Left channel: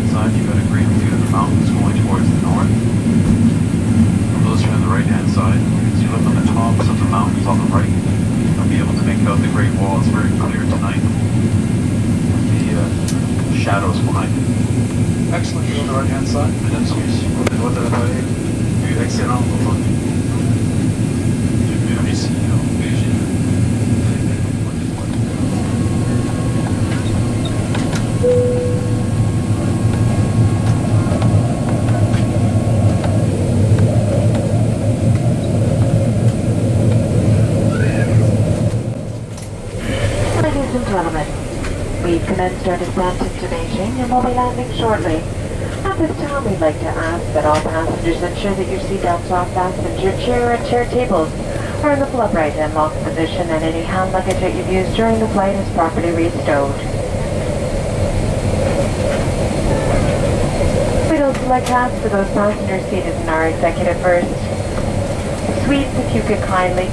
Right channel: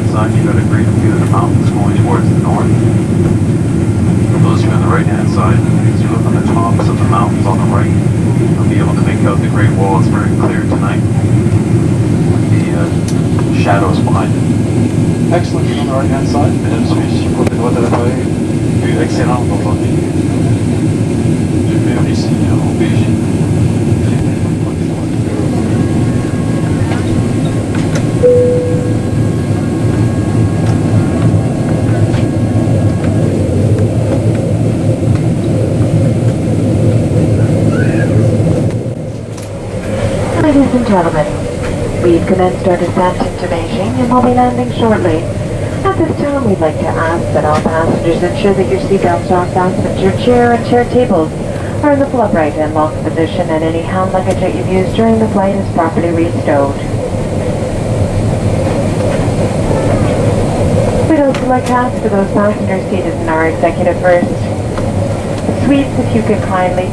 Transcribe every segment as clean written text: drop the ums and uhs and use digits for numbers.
left-hand side, you've got a great view of the mountains going towards the north. For those who are on the right-hand side, as you look on the tops of the mountains on the right, you'll be able to make out the Great Wall. It's very clear tonight. The shadows behind it. Excellent view on the right-hand side. Mesdames et messieurs, pour les droits de la vallée, vue excellente aujourd'hui. Je vais ici au Beijing. Ladies and gentlemen, we've commenced our descent into Beijing and will be landing shortly. At this time, we'd like to ask that all passengers ensure that your seatbelts are fastened, your chair and chair tables are in the full upright and locked position, and any hand luggage that you've used during the flight is properly restowed. We'd also like to ask for those passengers seated in our executive first suites if you could kindly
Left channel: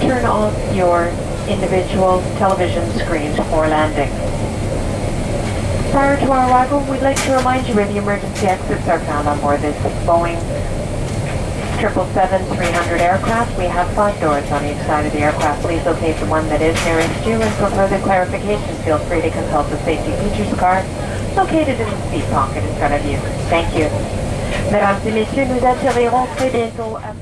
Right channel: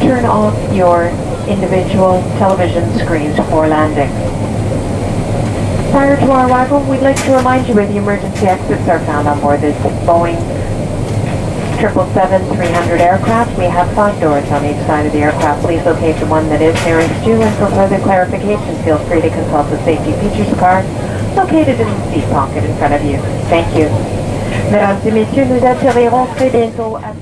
turn off your individual television screens before landing. Prior to our arrival, we'd like to remind you where the emergency exits are found on board this Boeing 777-300 aircraft. We have 5 doors on each side of the aircraft. Please locate the one that is nearest you, and for further clarification, feel free to consult the safety features card located in the seat pocket in front of you. Thank you. Mesdames et messieurs, nous atterrirons très bientôt à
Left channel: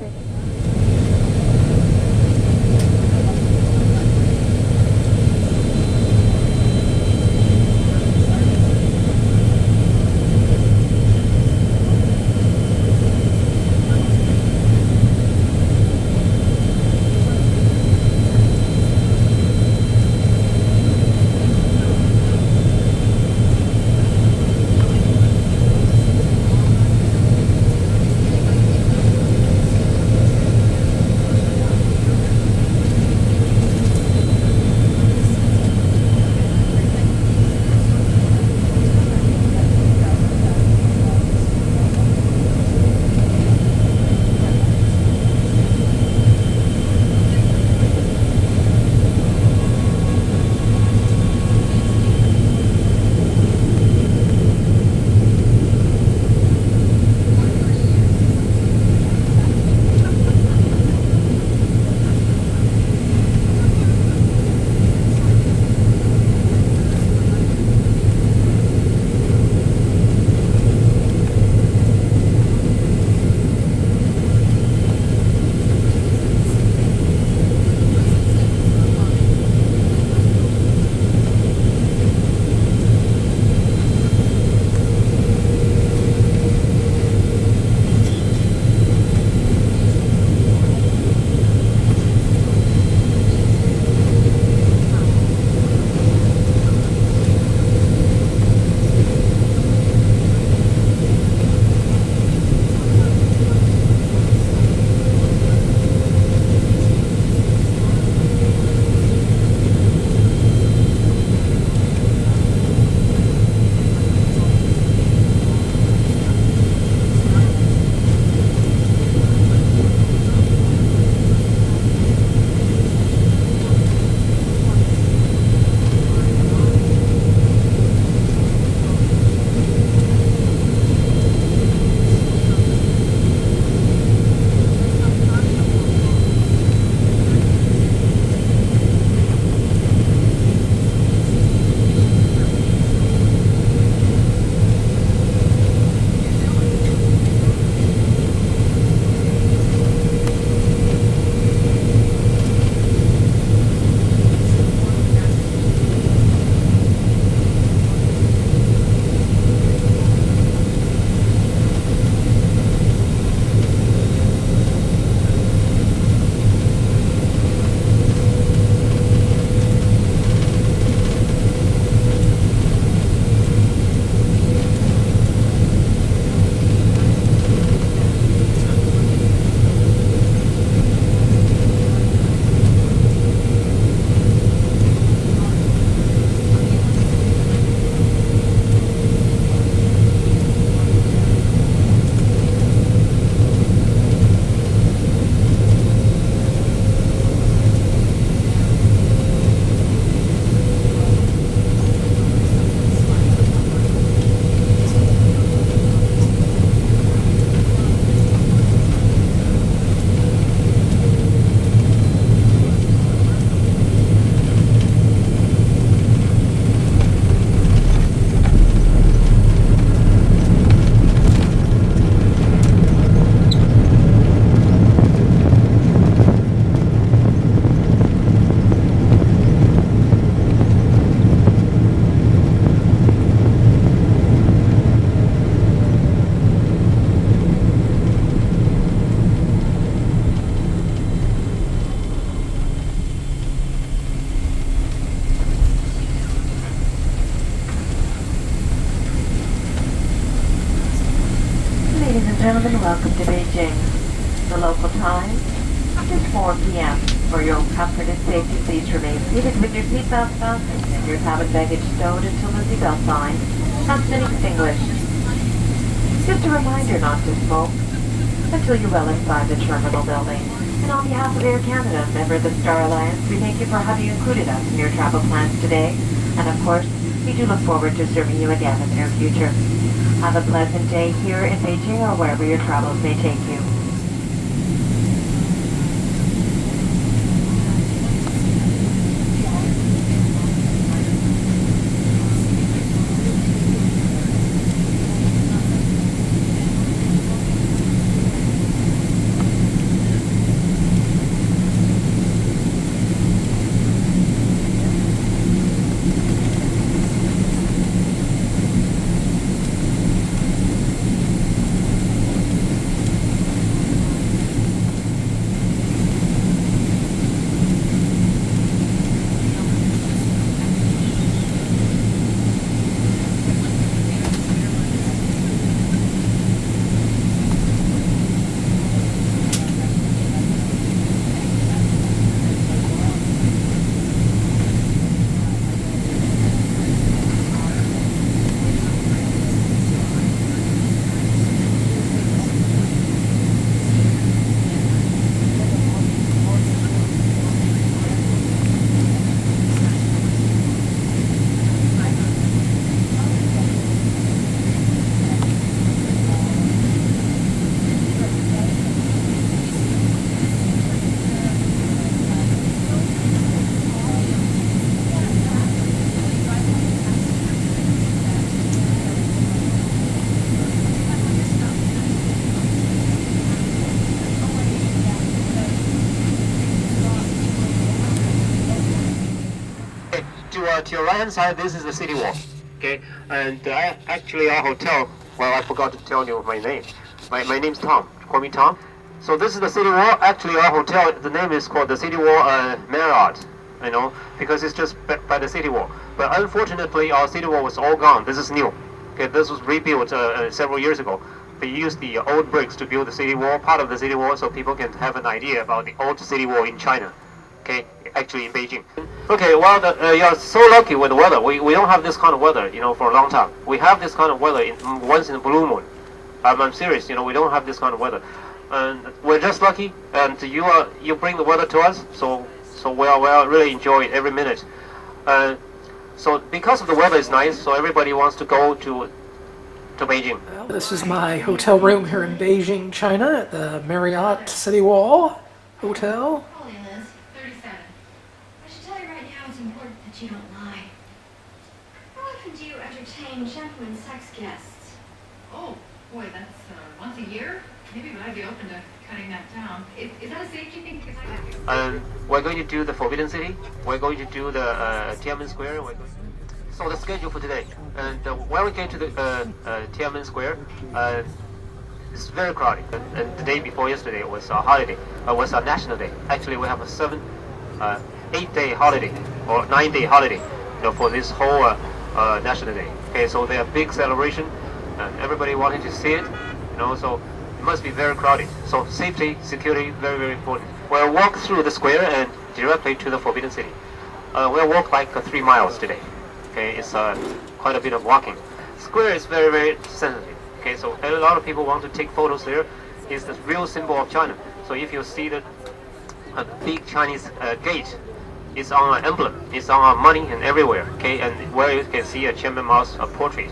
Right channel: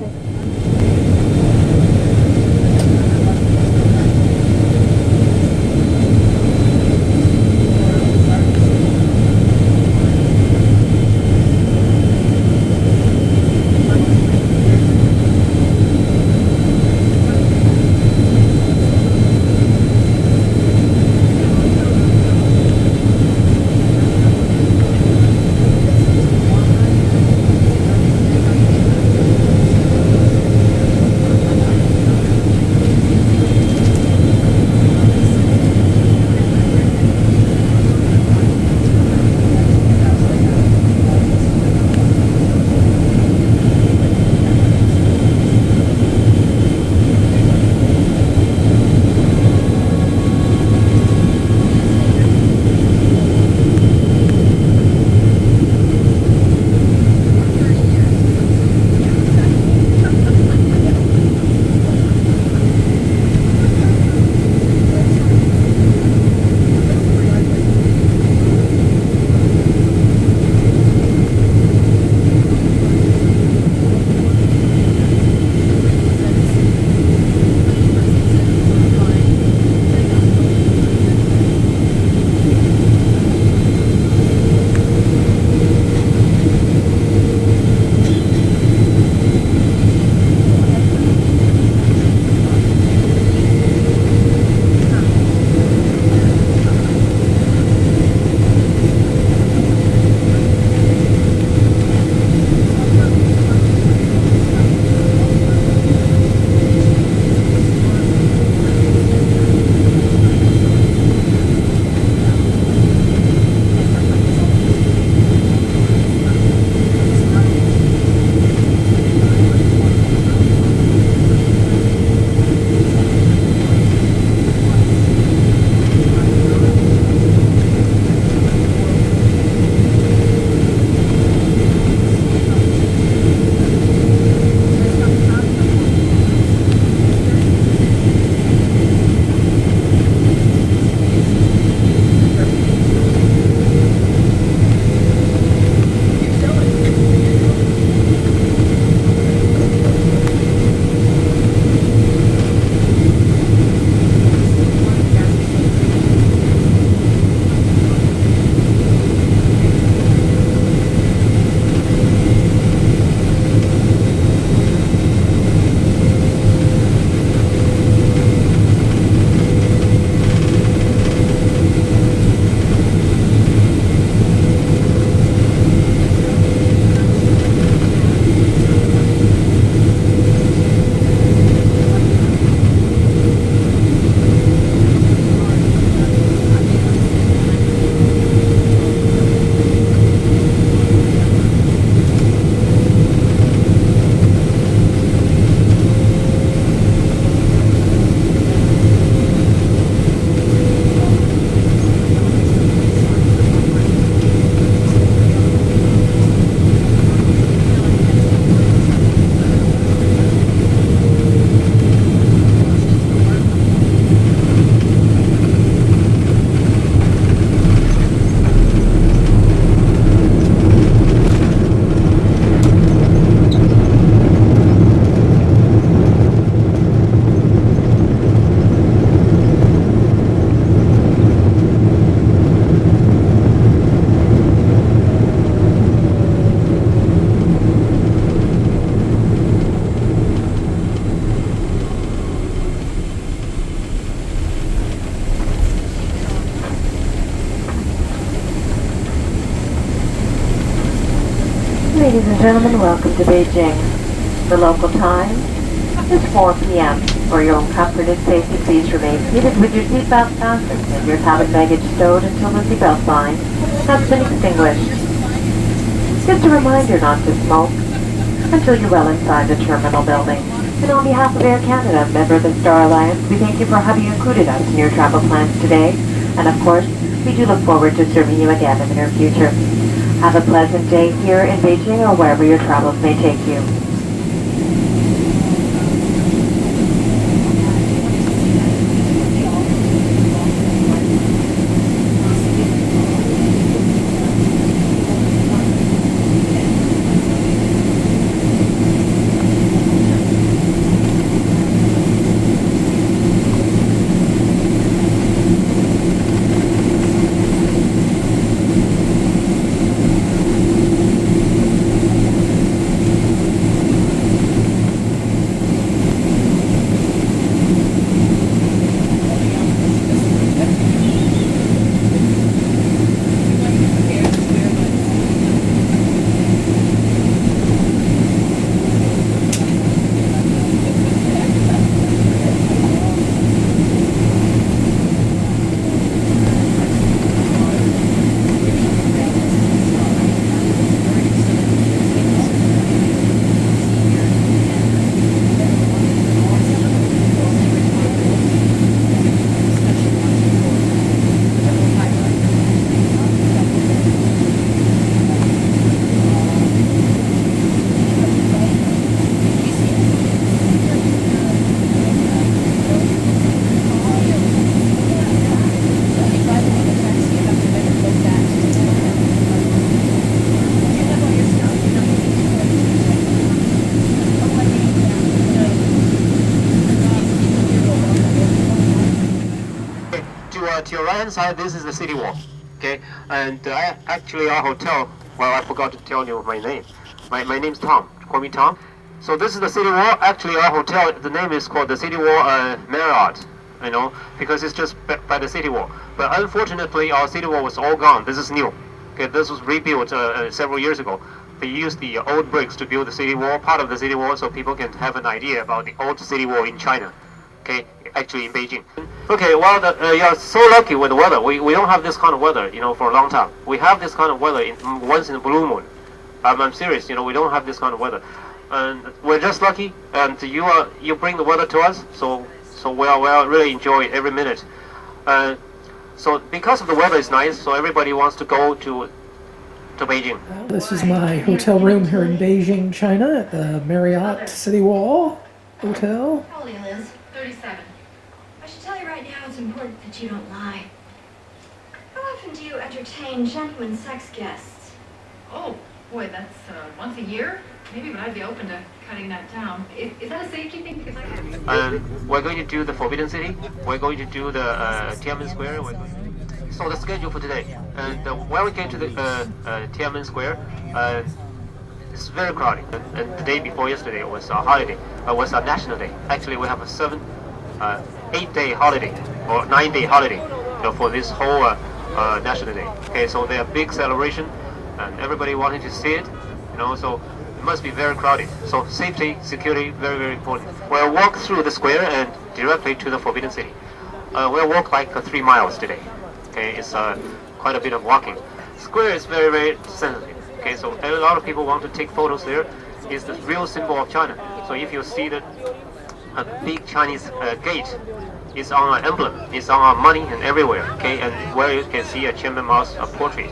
Ladies and gentlemen, welcome to Beijing. The local time is 4 p.m. For your own comfort and safety, please remain seated with your seatbelt fastened and your cabin baggage stowed until the seatbelt sign has been extinguished. Just a reminder not to smoke until you're well inside the terminal building. And on behalf of Air Canada, member of the Star Alliance, we thank you for having included us in your travel plans today. And of course, we do look forward to serving you again in the near future. Have a pleasant day here in Beijing or wherever your travels may take you. To your right hand side, this is the city wall. Okay, and actually our hotel. Well, I forgot to tell you my name. My name's Tom. Call me Tom. So this is the city wall. Actually, our hotel. The name is called the City Wall Marriott. You know, because it's just by the city wall. But unfortunately, our city wall was all gone. This is new. Okay, this was rebuilt several years ago. They used the old bricks to build the city wall, part of the city wall, so people can have an idea about the old city wall in China. Okay, actually in Beijing. Okay, well, you're so lucky with the weather. We don't have this kind of weather, you know, for a long time. We have this kind of weather once in a blue moon. I'm serious, you know, we don't have this kind of weather, and we're just lucky. And you bring the weather to us, so we really enjoy every minute. So because of the weather is nice, so everybody wants to go to Beijing. This is my hotel room here in Beijing, China, at the Marriott City Wall Hotel. How old are you, Liz? 37. I should tell you right now, it's important that you don't lie. How often do you entertain gentlemen sex guests? Oh, boy, that's once a year? Maybe, but I'd be open to cutting that down. Is that a safety thing? Because We're going to do the Forbidden City. We're going to do the Tian'anmen Square. So the schedule for today. And when we get to the Tian'anmen Square, it's very crowded. And the day before yesterday was a holiday. Was a national day. Actually, we have a 8-day holiday or 9-day holiday, you know, for this whole national day. Okay, so they are big celebration, and everybody wanting to see it, you know. So it must be very crowded. So safety, security, very, very important. We'll walk through the square and directly to the Forbidden City. We'll walk like 3 miles today. Okay, it's quite a bit of walking. Square is very, very sensitive. Okay, so a lot of people want to take photos there. It's the real symbol of China. So if you see the big Chinese gate, it's on an emblem, it's on our money and everywhere. Okay, and where you can see a Chairman Mao's portrait.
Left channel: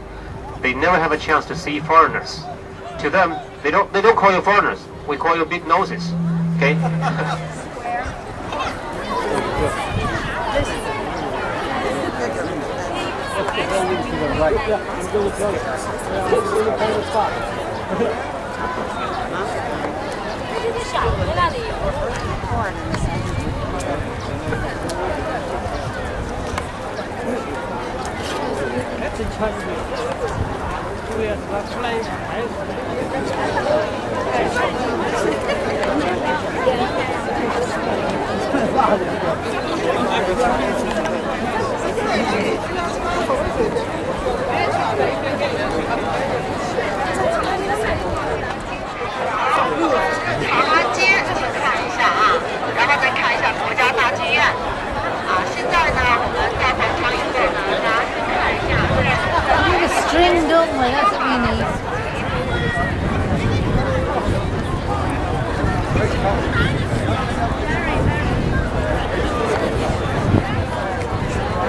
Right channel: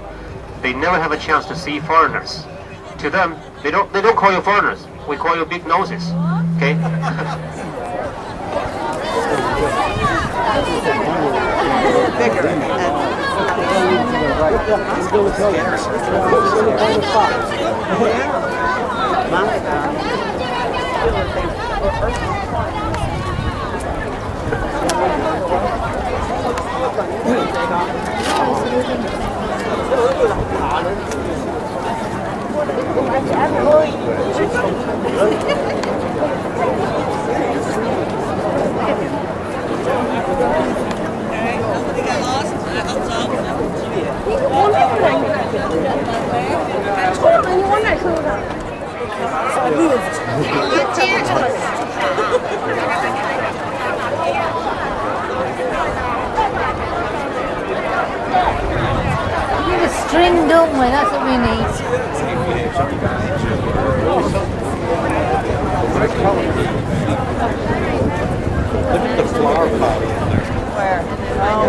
They never have a chance to see foreigners. To them, they don't call you foreigners. We call you big noses. Okay. Oh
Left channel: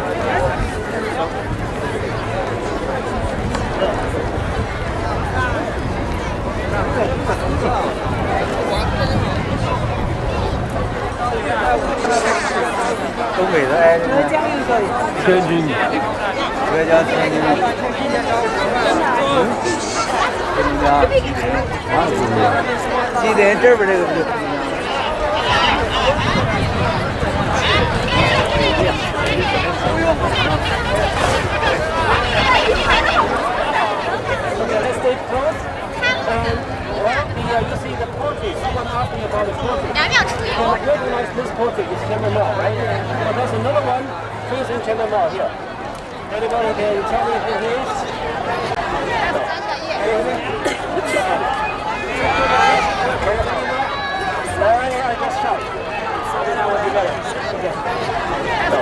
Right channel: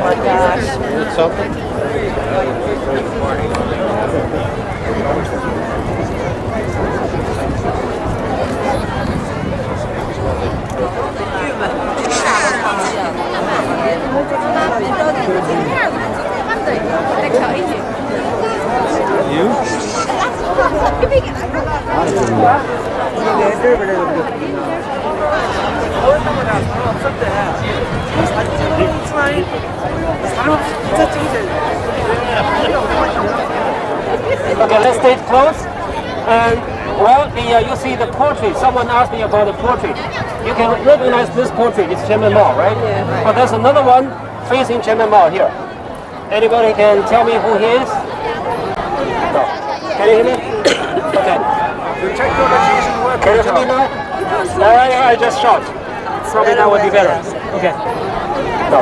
my gosh. Okay, let's stay close. And well, you see the portrait. Someone asked me about the portrait. You can recognize this portrait. It's Tian'anmen Mall, right? But there's another one facing Tian'anmen Mall here. Anybody can tell me who he is? No. Can you hear me? Okay. Can you hear me now? I just shout. Probably that would be better. Okay. No.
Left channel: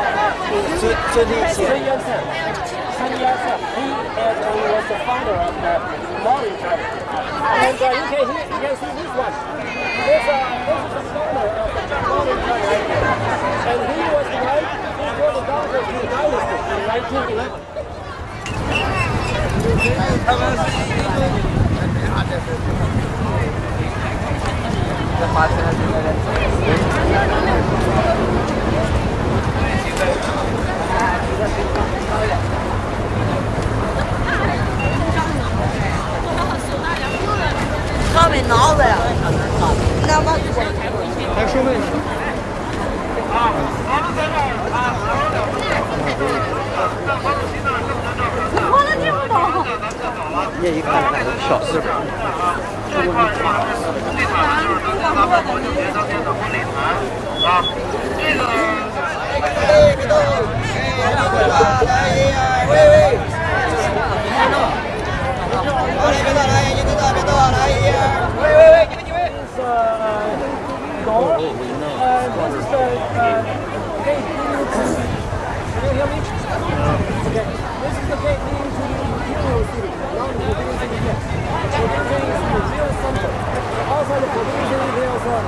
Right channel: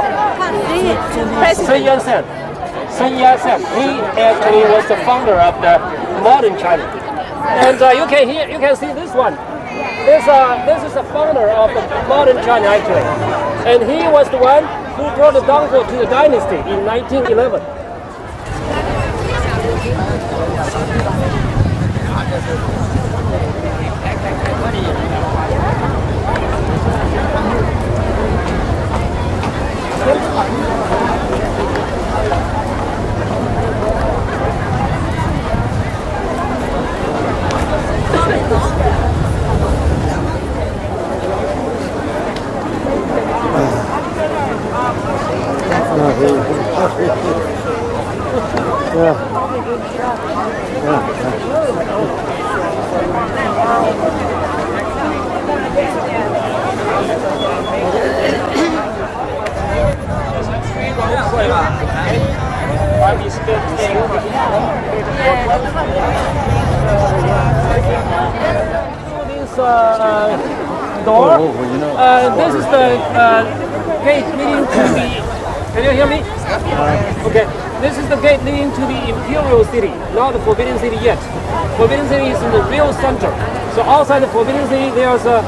Sun Yat-sen. He actually was the founder of the modern China. And you can see this one. This is the founder of the modern China actually. And he was the one who brought the downfall to the dynasty in 1911. Door. This is the gate leading to the. Can you hear me? Okay. This is the gate leading to the Imperial City, not the Forbidden City yet. Forbidden City is in the real center. So outside the Forbidden City, there's a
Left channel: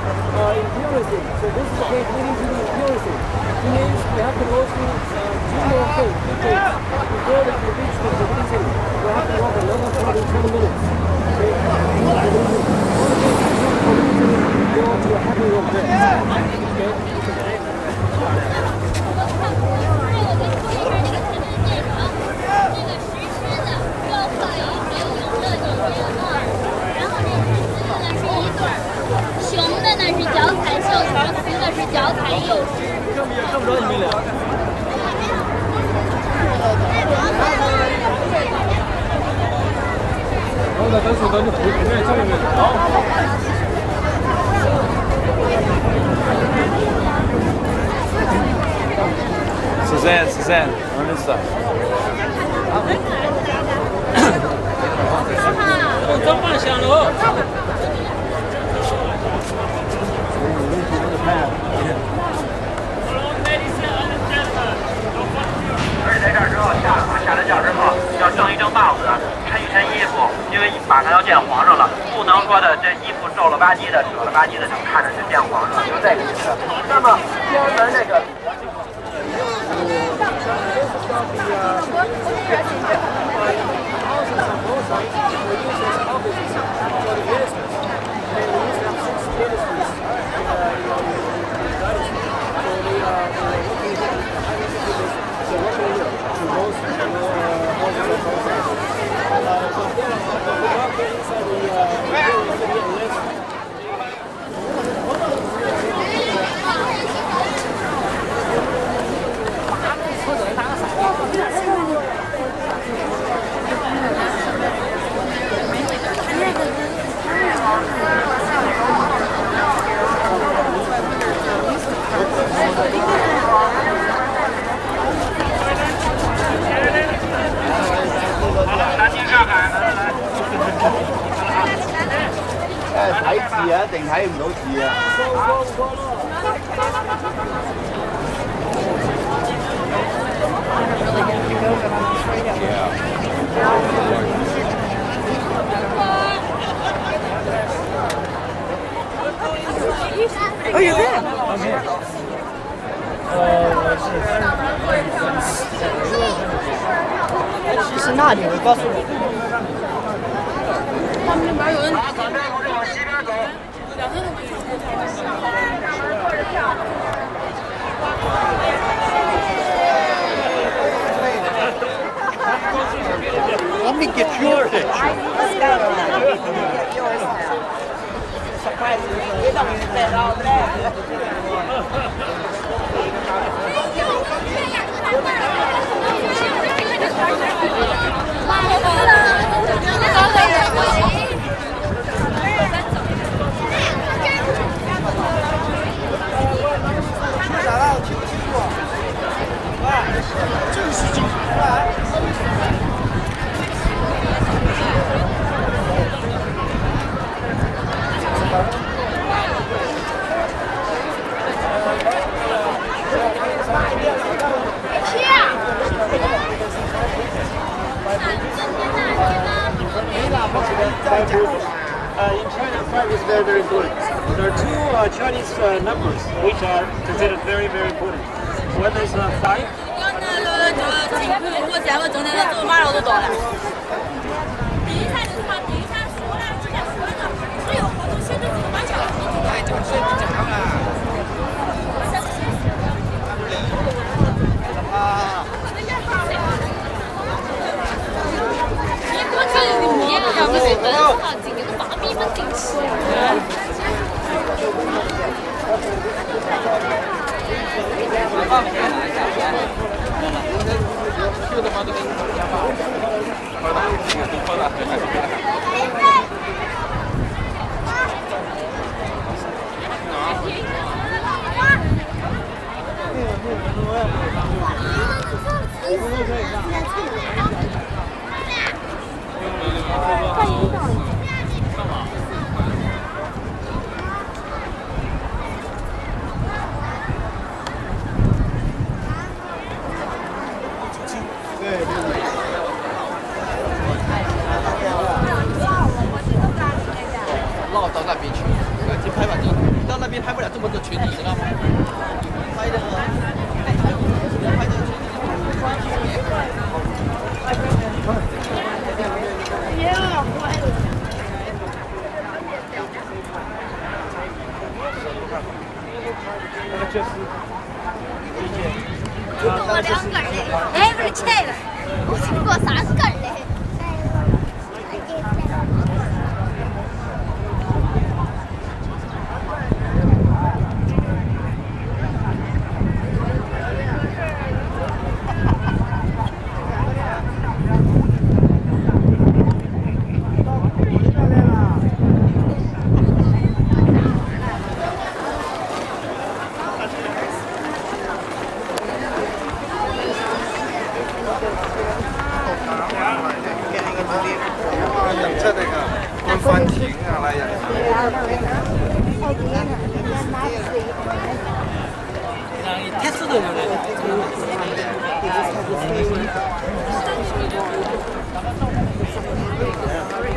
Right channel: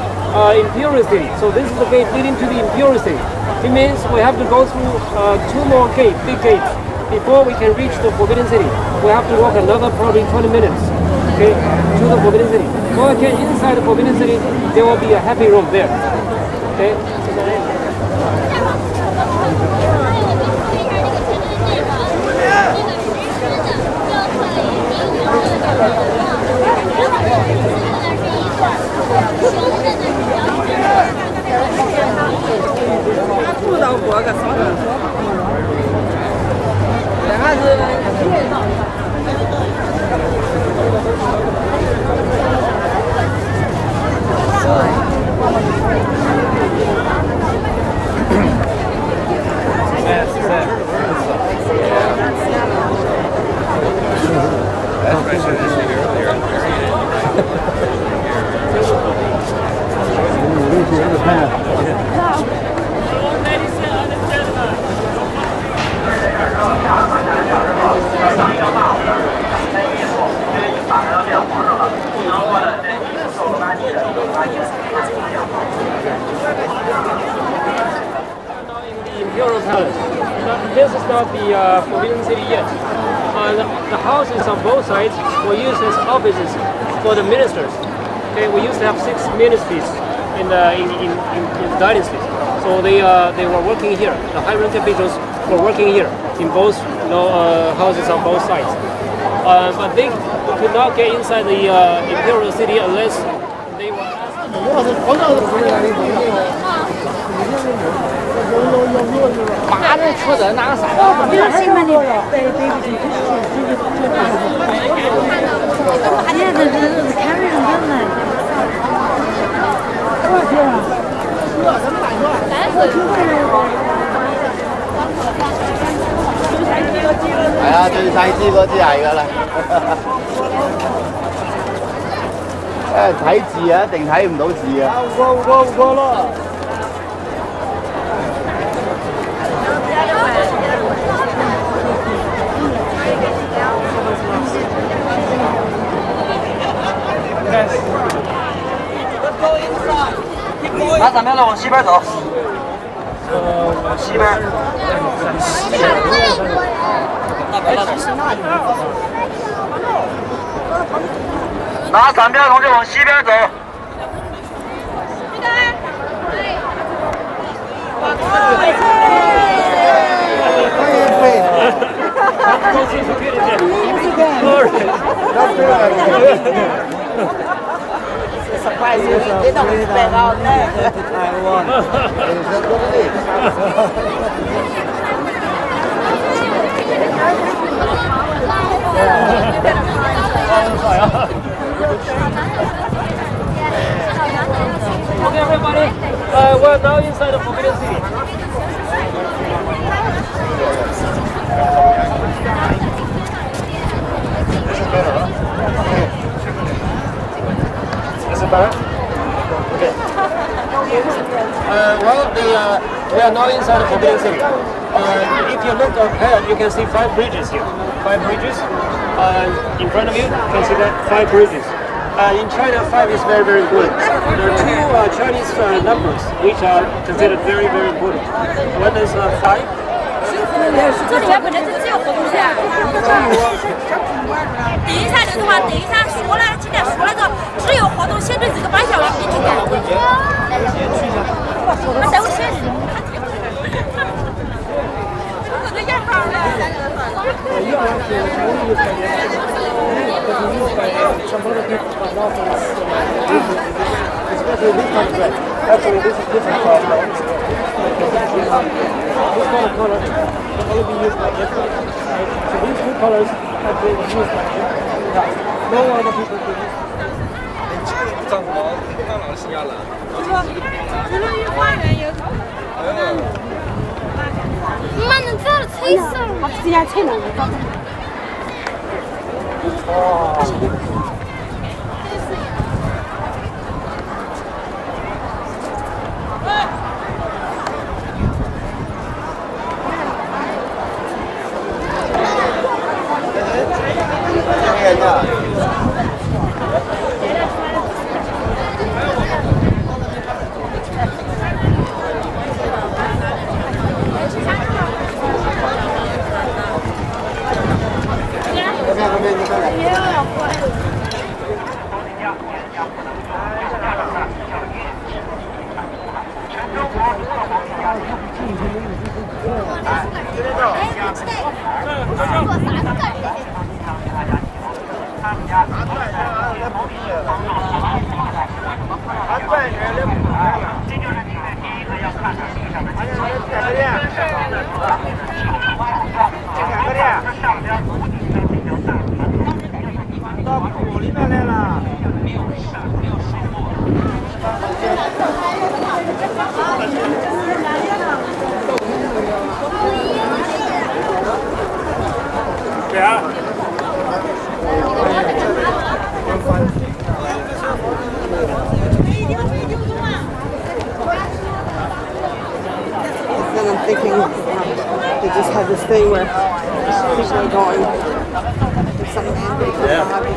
Imperial City. So this is the gate leading to the Imperial City. It means we have to go through 2 more gates, big gates, before we can reach the Forbidden City. We have to walk another probably 20 minutes. Okay, to the Forbidden City. When we get inside the Forbidden City, there will be a happy room there. Okay. Suzanne, what's up? This is not the Forbidden City yet. The houses on both sides were used as offices for the ministers. Okay, we used to have 6 ministries in the dynasty. So they were working here. The high-ranking officials were working here in both houses on both sides. But they could not get inside the Imperial City unless they were.睇字啊，一定睇唔到字啊！唔過咯。3秒钟往西边走。西边。哎，其实那你告诉我。拿3秒钟就往西边走。Surprise you, they don't expect all that. We're now inside the we are now inside the Forbidden City. If you look ahead, you can see 5 bridges here. 5 bridges. In front of you, you can see that 5 bridges. In China, 5 is very, very important. There are 2 Chinese numbers which are considered very, very important. One is 5. 这里面本来就讲了等一下就是话，等一下说了，今天说那个只有活动限制这个半小时，你去赶进去。那等我先。我的眼好了。妈，能这样吹死？这样吹能？They just have this thing where people are going. There's some landing for the Harbour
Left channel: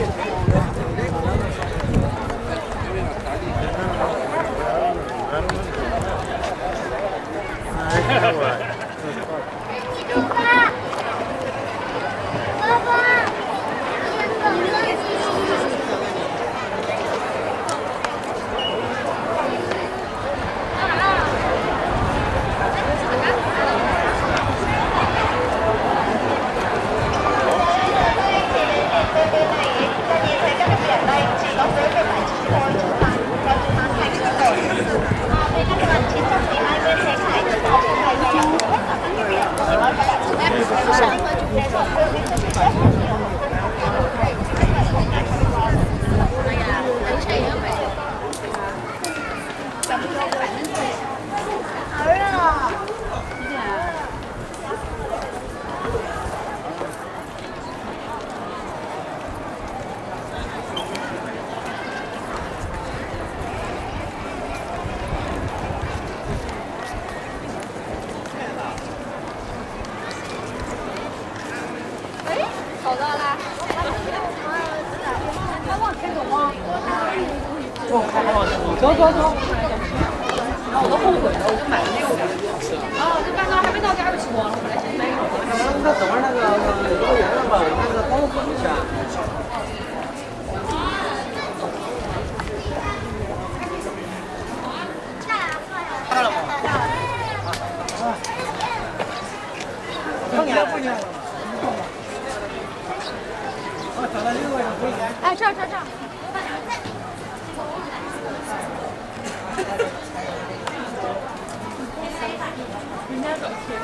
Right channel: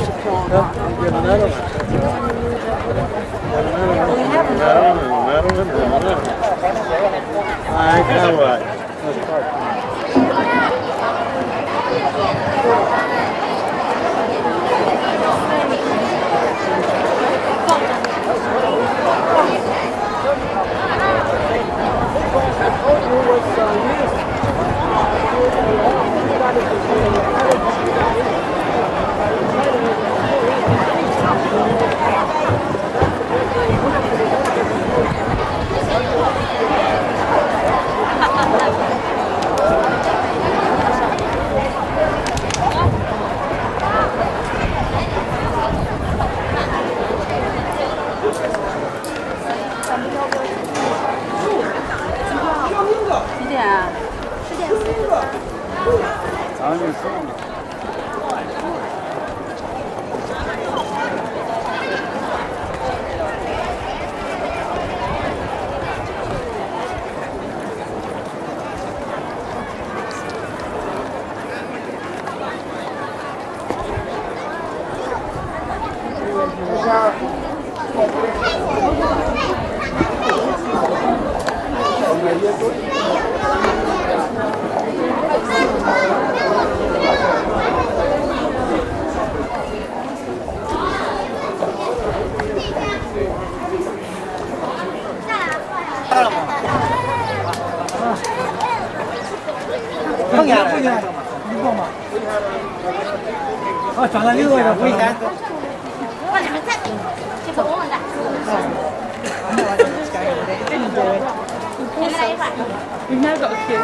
碰见了，碰见了，你过吗？哦，转了6位了，回钱。往哪在？这个我们的。We now got a queue.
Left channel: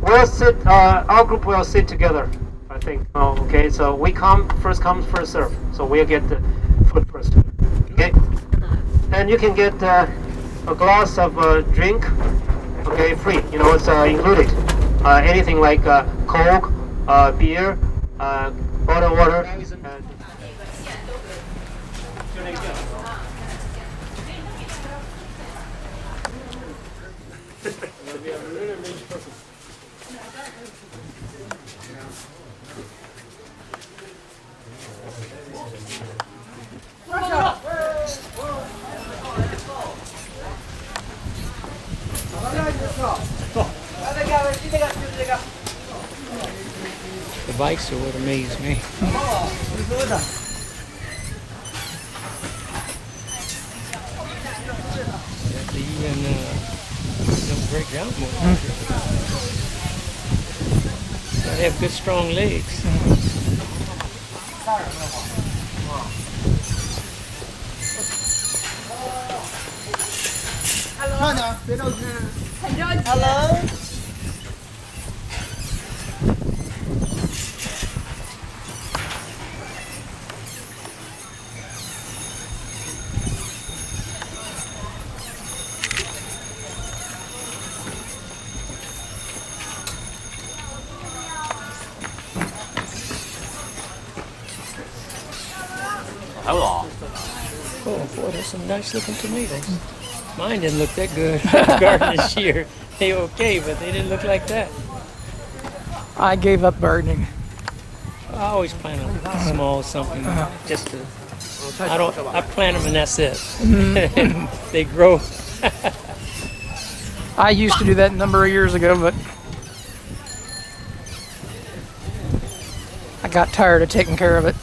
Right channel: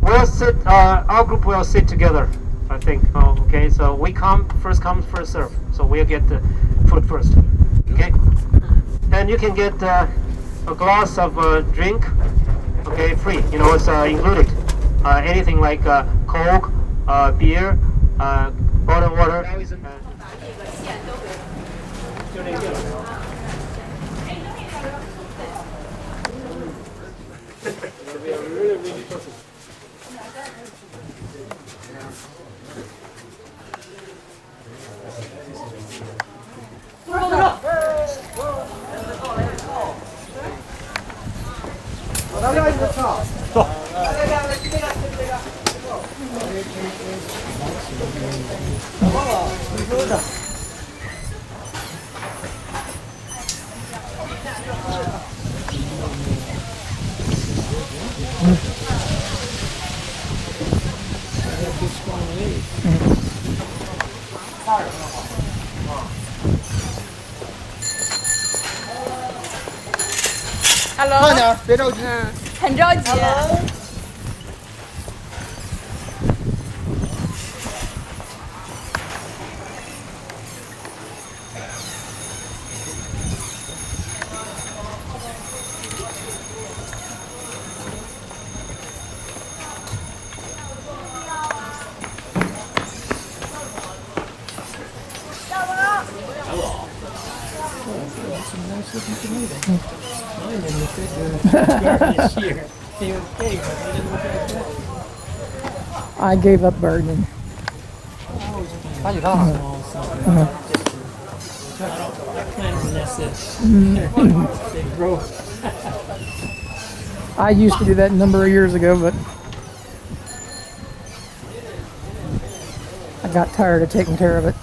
We'll sit. Our group will sit together. I think. Oh, okay. So we first come, first serve. So we'll get the food first. Okay. And you can get a glass of drink. Okay, free. You know, it's included. Anything like Coke, beer, bottled water. The bikes are what amaze me. Don't break down. I have good strong legs. Hello. 慢点，别着急。很着急。Hello. Hello. Oh, there's some nice looking tomatoes. Mine didn't look that good. Garden this year, they were okay, but they didn't look like that. I gave up gardening. I always plant a small something. Just to, I plant them and that's it. They grow. I used to do that a number of years ago, but I got tired of taking care of it.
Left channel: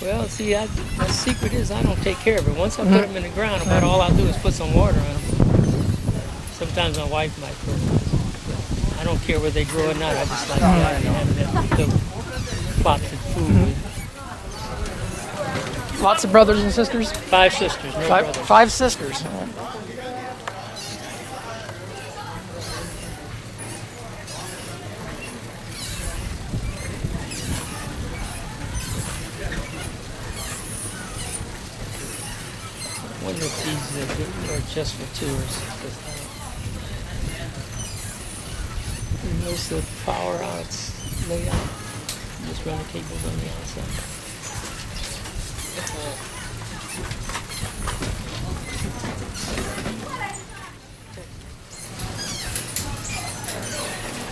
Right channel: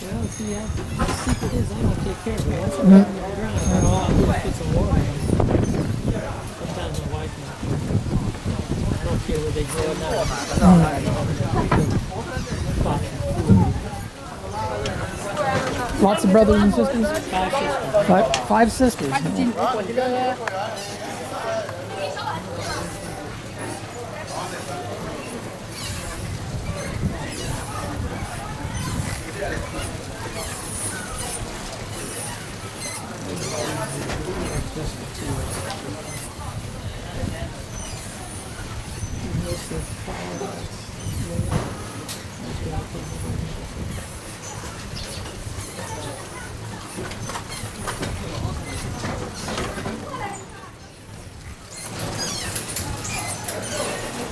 Well, see, my secret is I don't take care of it. Once I put them in the ground, about all I'll do is put some water on them. Sometimes my wife might put them. I don't care where they grow or not. I just like having that little pot of food. Lots of brothers and sisters? 5 sisters. Right? Five sisters. Just for tourists. And there's the power house layout. Just going to take over on the other side.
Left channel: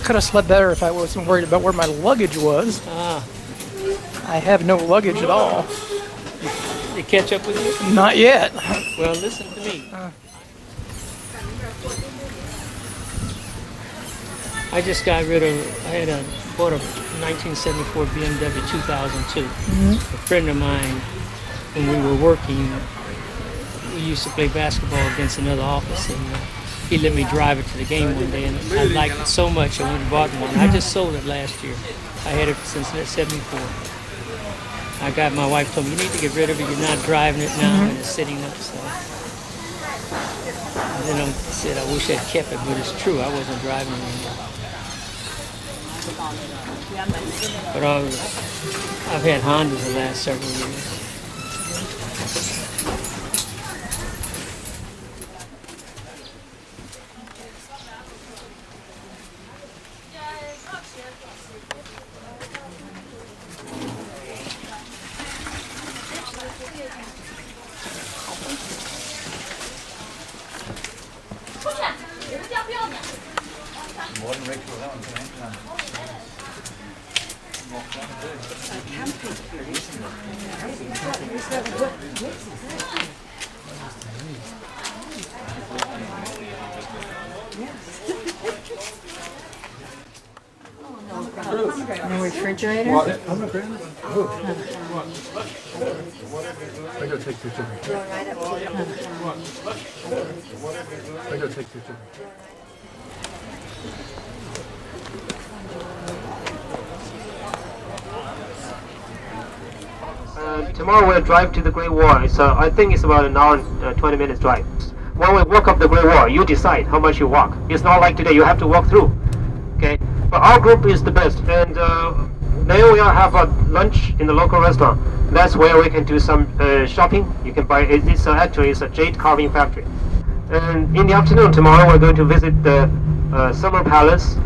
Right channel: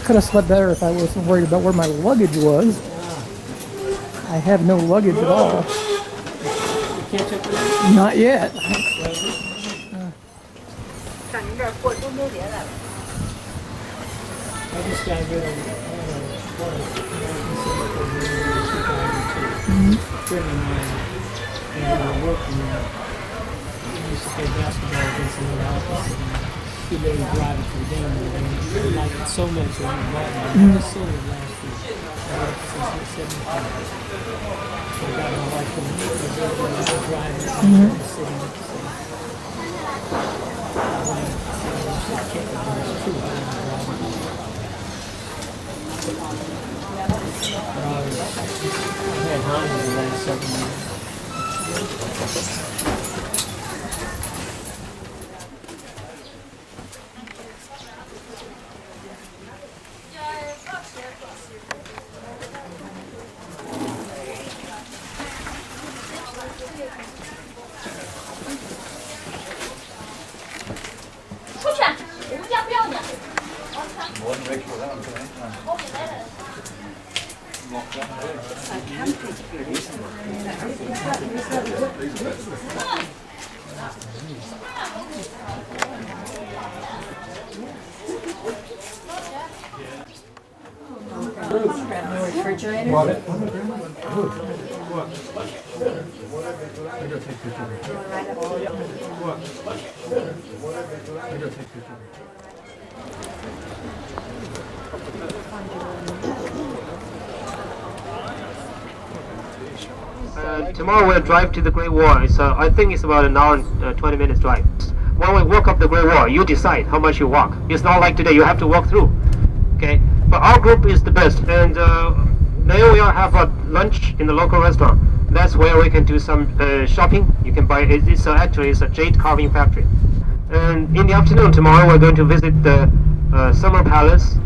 Could have slept better if I wasn't worried about where my luggage was. I have no luggage at all. You catch up with it? Not yet. Well, listen to me. I just got rid of, bought a 1974 BMW 2002. A friend of mine, when we were working, we used to play basketball against another office, and he let me drive it to the game one day, and I liked it so much I went and bought one. I just sold it last year. I had it since 74. My God, my wife told me, you need to get rid of it, you're not driving it now, it's sitting up. And then I said, I wish I'd kept it, but it's true, I wasn't driving it. But I've had Honda the last several years. The refrigerator? I gotta take pictures. I gotta take pictures. Tomorrow we'll drive to the Great Wall. I think it's about an hour and 20 minutes drive. When we walk up the Great Wall, you decide how much you walk. It's not like today, you have to walk through. Okay, but our group is the best, and then we'll have a lunch in the local restaurant. That's where we can do some shopping. You can buy it. Actually it's a jade carving factory. And in the afternoon tomorrow we're going to visit the Summer Palace.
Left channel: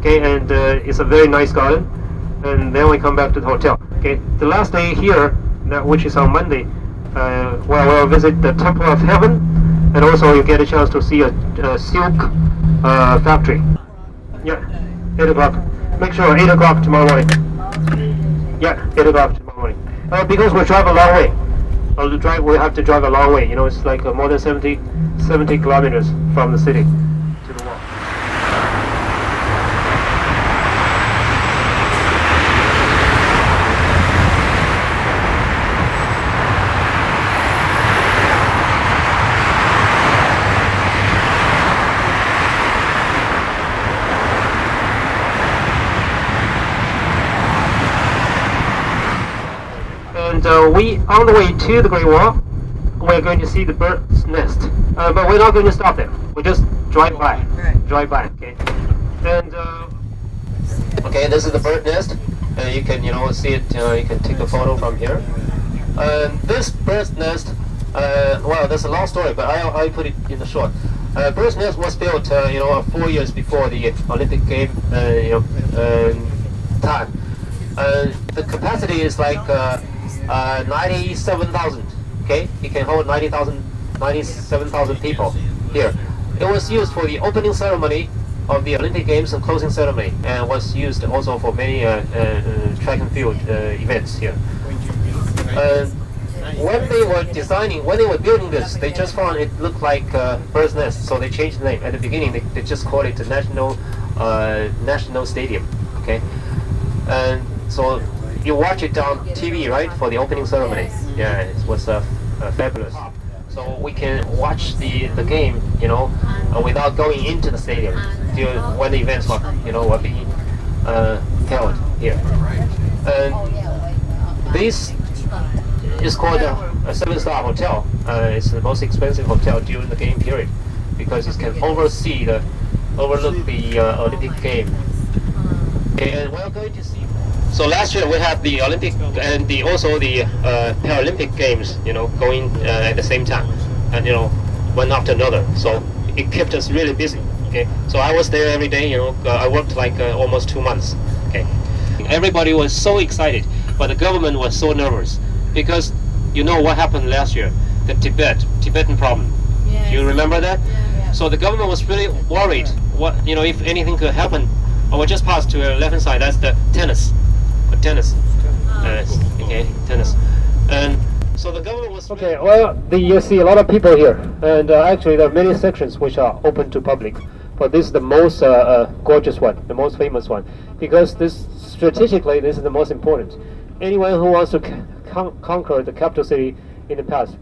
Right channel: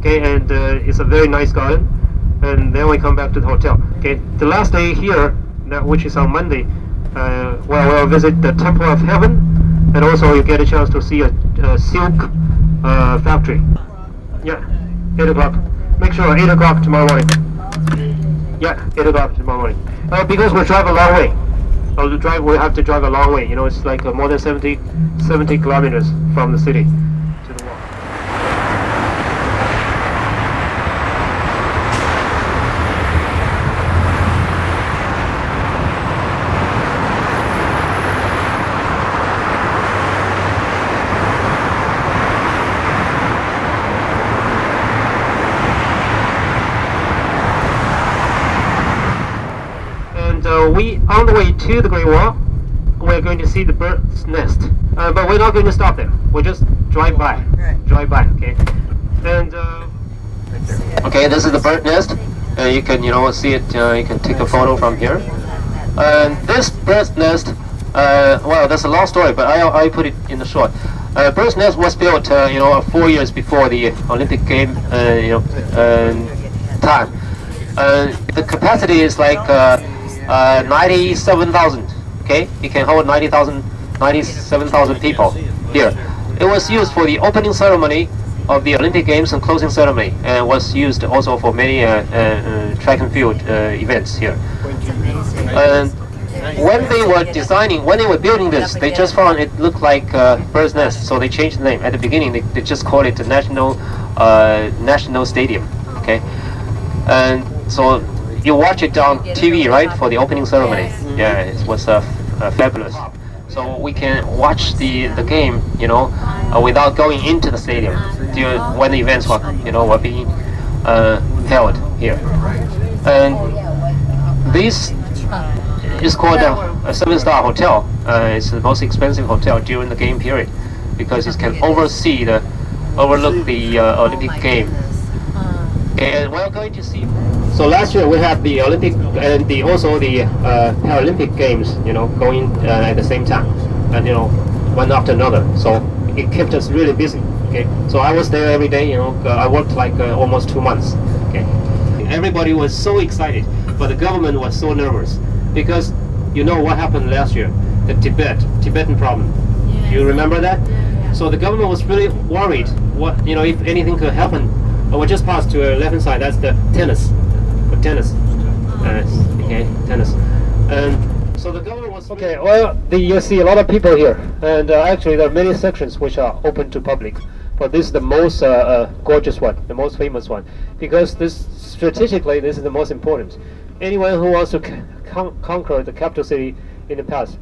Okay, and it's a very nice garden. And then we come back to the hotel. Okay, the last day here, which is on Monday, we'll visit the Temple of Heaven, and also you get a chance to see a silk factory. Yeah, 8 o'clock. Make sure 8 o'clock tomorrow morning. Yeah, 8 o'clock tomorrow morning. Because we drive a long way. We have to drive a long way. You know, it's like more than 70 kilometers from the city to the wall. We on the way to the Great Wall, we're going to see the bird's nest, but we're not going to stop there. We'll just drive by. Drive by, okay. And okay, this is the bird nest. You can see it. You can take a photo from here. This bird's nest, well, that's a long story, but I put it in the short. Bird's nest was built, 4 years before the Olympic game, time. The capacity is like 97,000. Okay, it can hold 97,000 people here. It was used for the opening ceremony of the Olympic Games and closing ceremony, and was used also for many track and field events here. And when they were building this, they just found it looked like bird's nest, so they changed the name. At the beginning, they just called it the National Stadium. Okay, and so you watch it on TV, right, for the opening ceremony. Yeah, it was fabulous. So we can watch the game, without going into the stadium when the events were being held here. And this is called a 7-star hotel. It's the most expensive hotel during the game period because it can overlook the Olympic game. And we're going to see. So last year we had the Olympic and also the Paralympic Games, going at the same time, and one after another. So it kept us really busy. Okay, so I was there every day. I worked like almost 2 months. Okay, everybody was so excited, but the government was so nervous because what happened last year, the Tibetan problem. Yeah. Do you remember that? Yeah. So the government was really worried. What if anything could happen. We just passed to the left-hand side. That's the tennis. Tennis. And so the government was. Okay. Well, you see a lot of people here, and actually there are many sections which are open to public, but this is the most gorgeous one, the most famous one, because strategically this is the most important. Anyone who wants to conquer the capital city in the past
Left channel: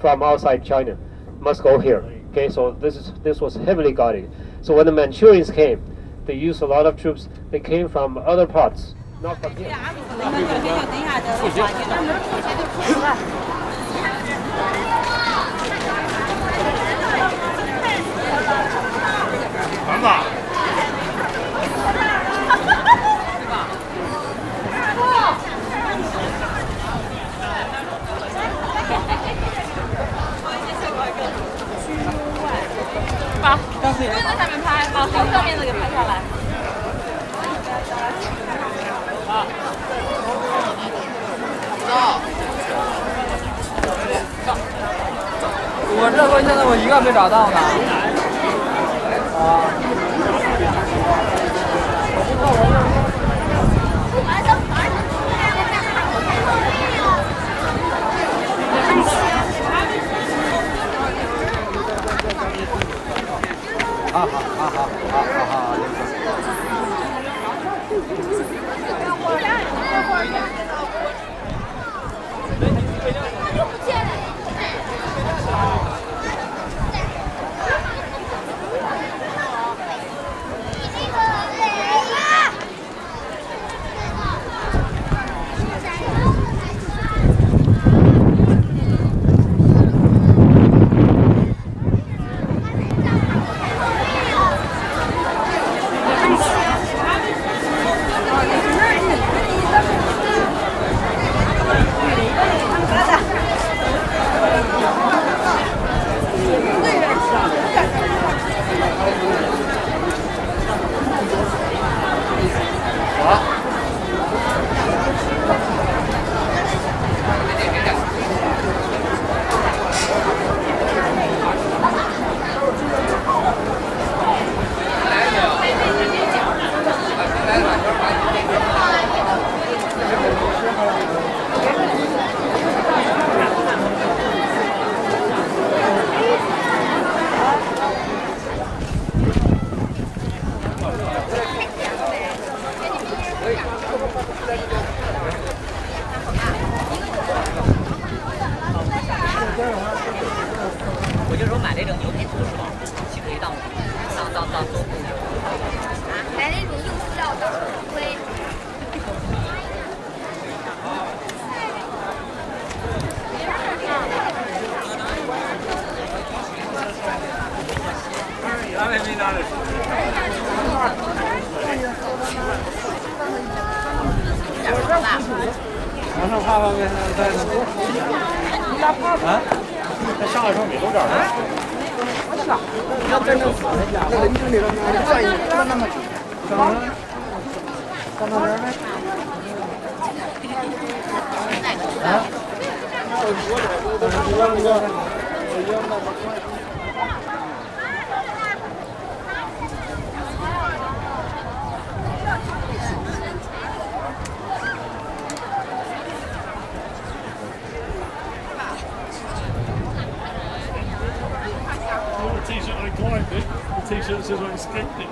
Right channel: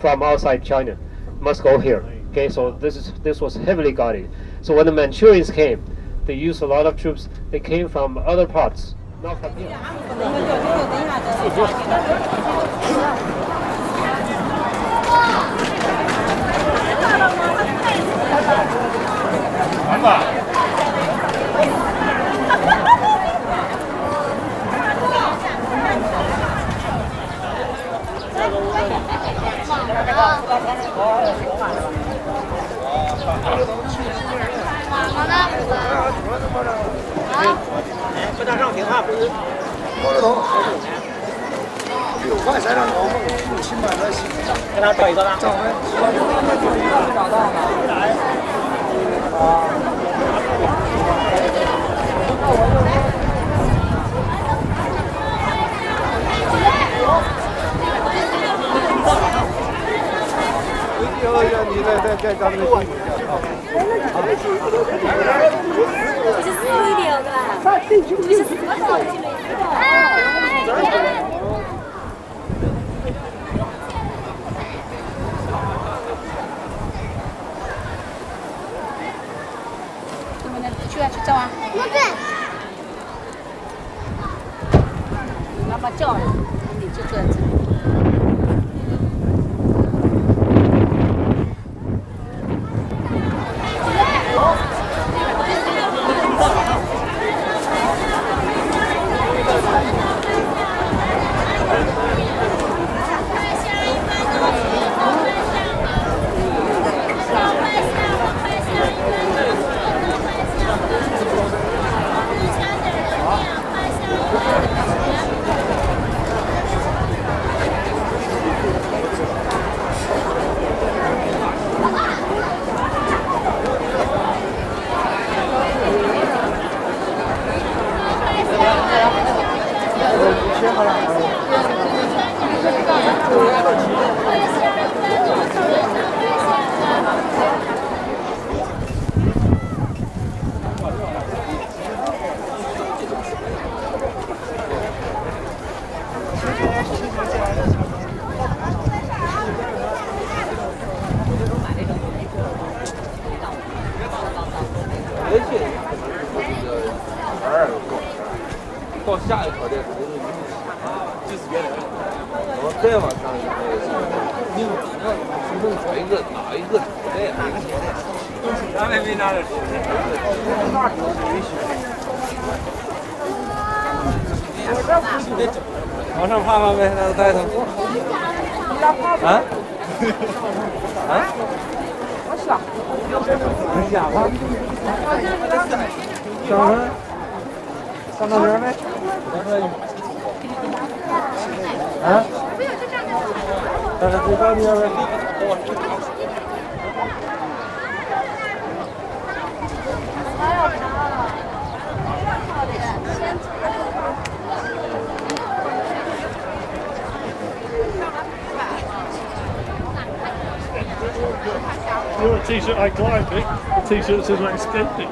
from outside China must go here. Okay. So this was heavily guarded. So when the Manchurians came, they used a lot of troops. They came from other parts. Not from here. 往上爬爬呗，那带他。啊？上来上没多少啊？我下。要真的下吧。上来。上到这儿呗。啊？上到这边呗。The t-shirt I climbed it, the t-shirt says I escaped it.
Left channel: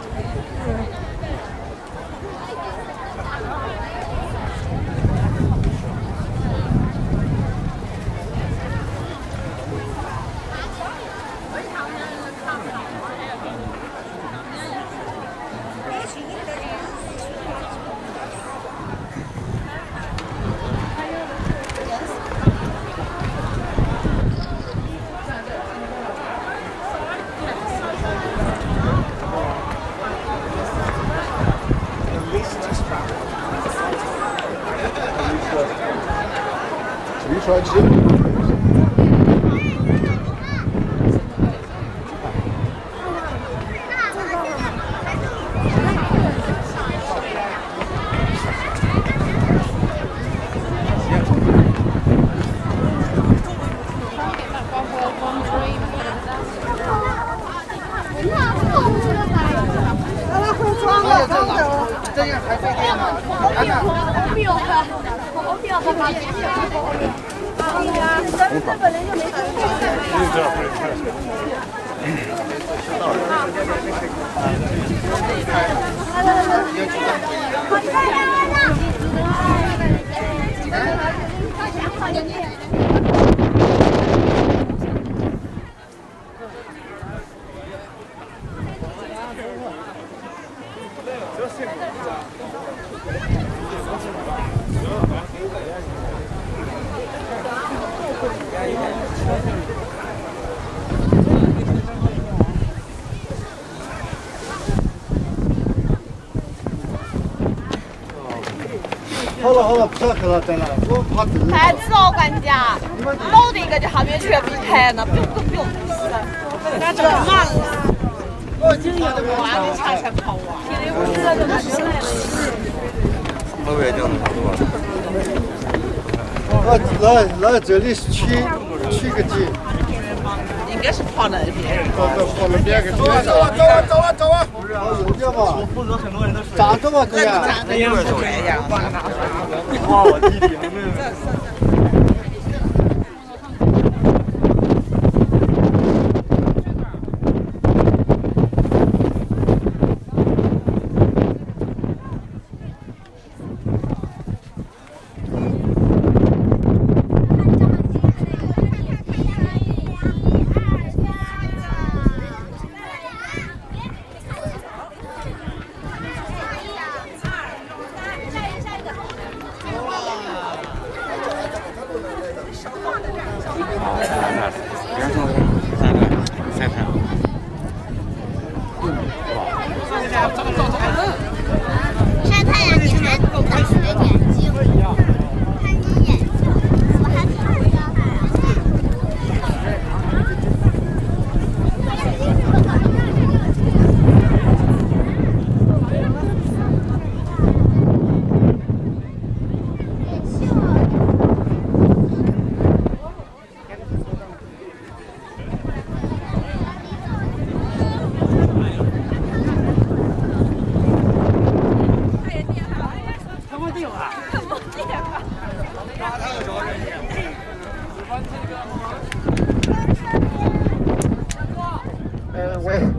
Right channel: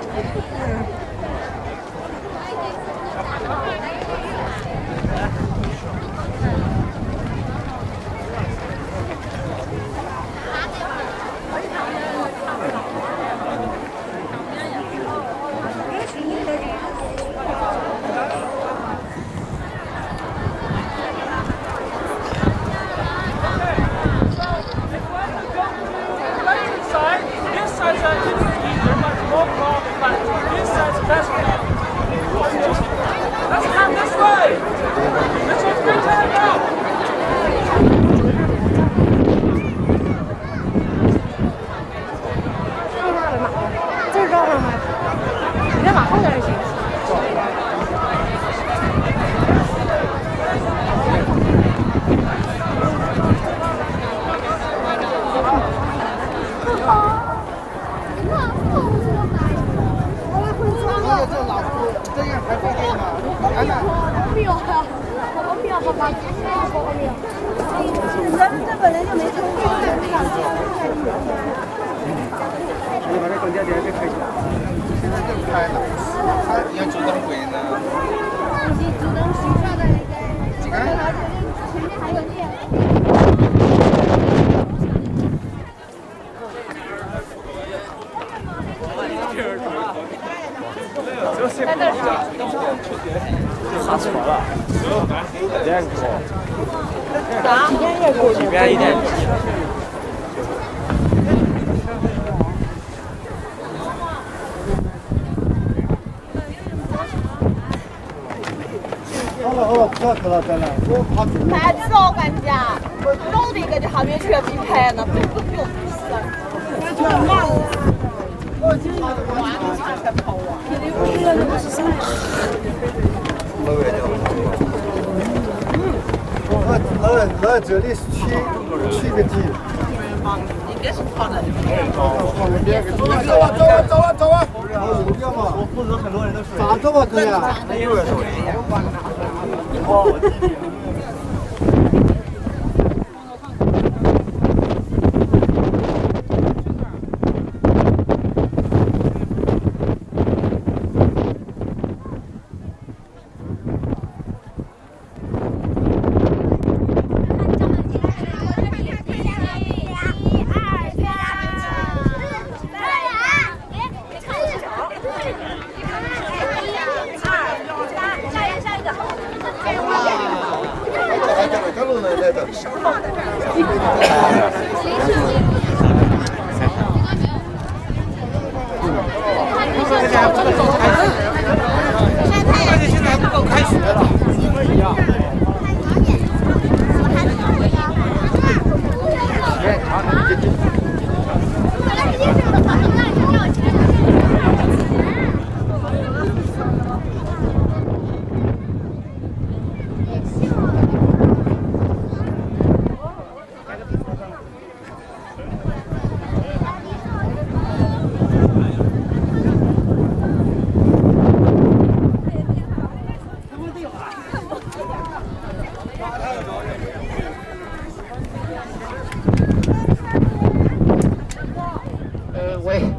太子哦，管家，老的一个就还没全被拍呢，不用，那这么慢了，我今天晚上恰恰跑啊，老远讲的差不多。来这里取个景。应该是胖的。我们别给走啊走啊走啊走啊！我负责很多人的水。咋这么可以啊？那有点水呀。我弟弟。晒太阳现在不够开学了，不一样。看你眼睛，怎么还看不到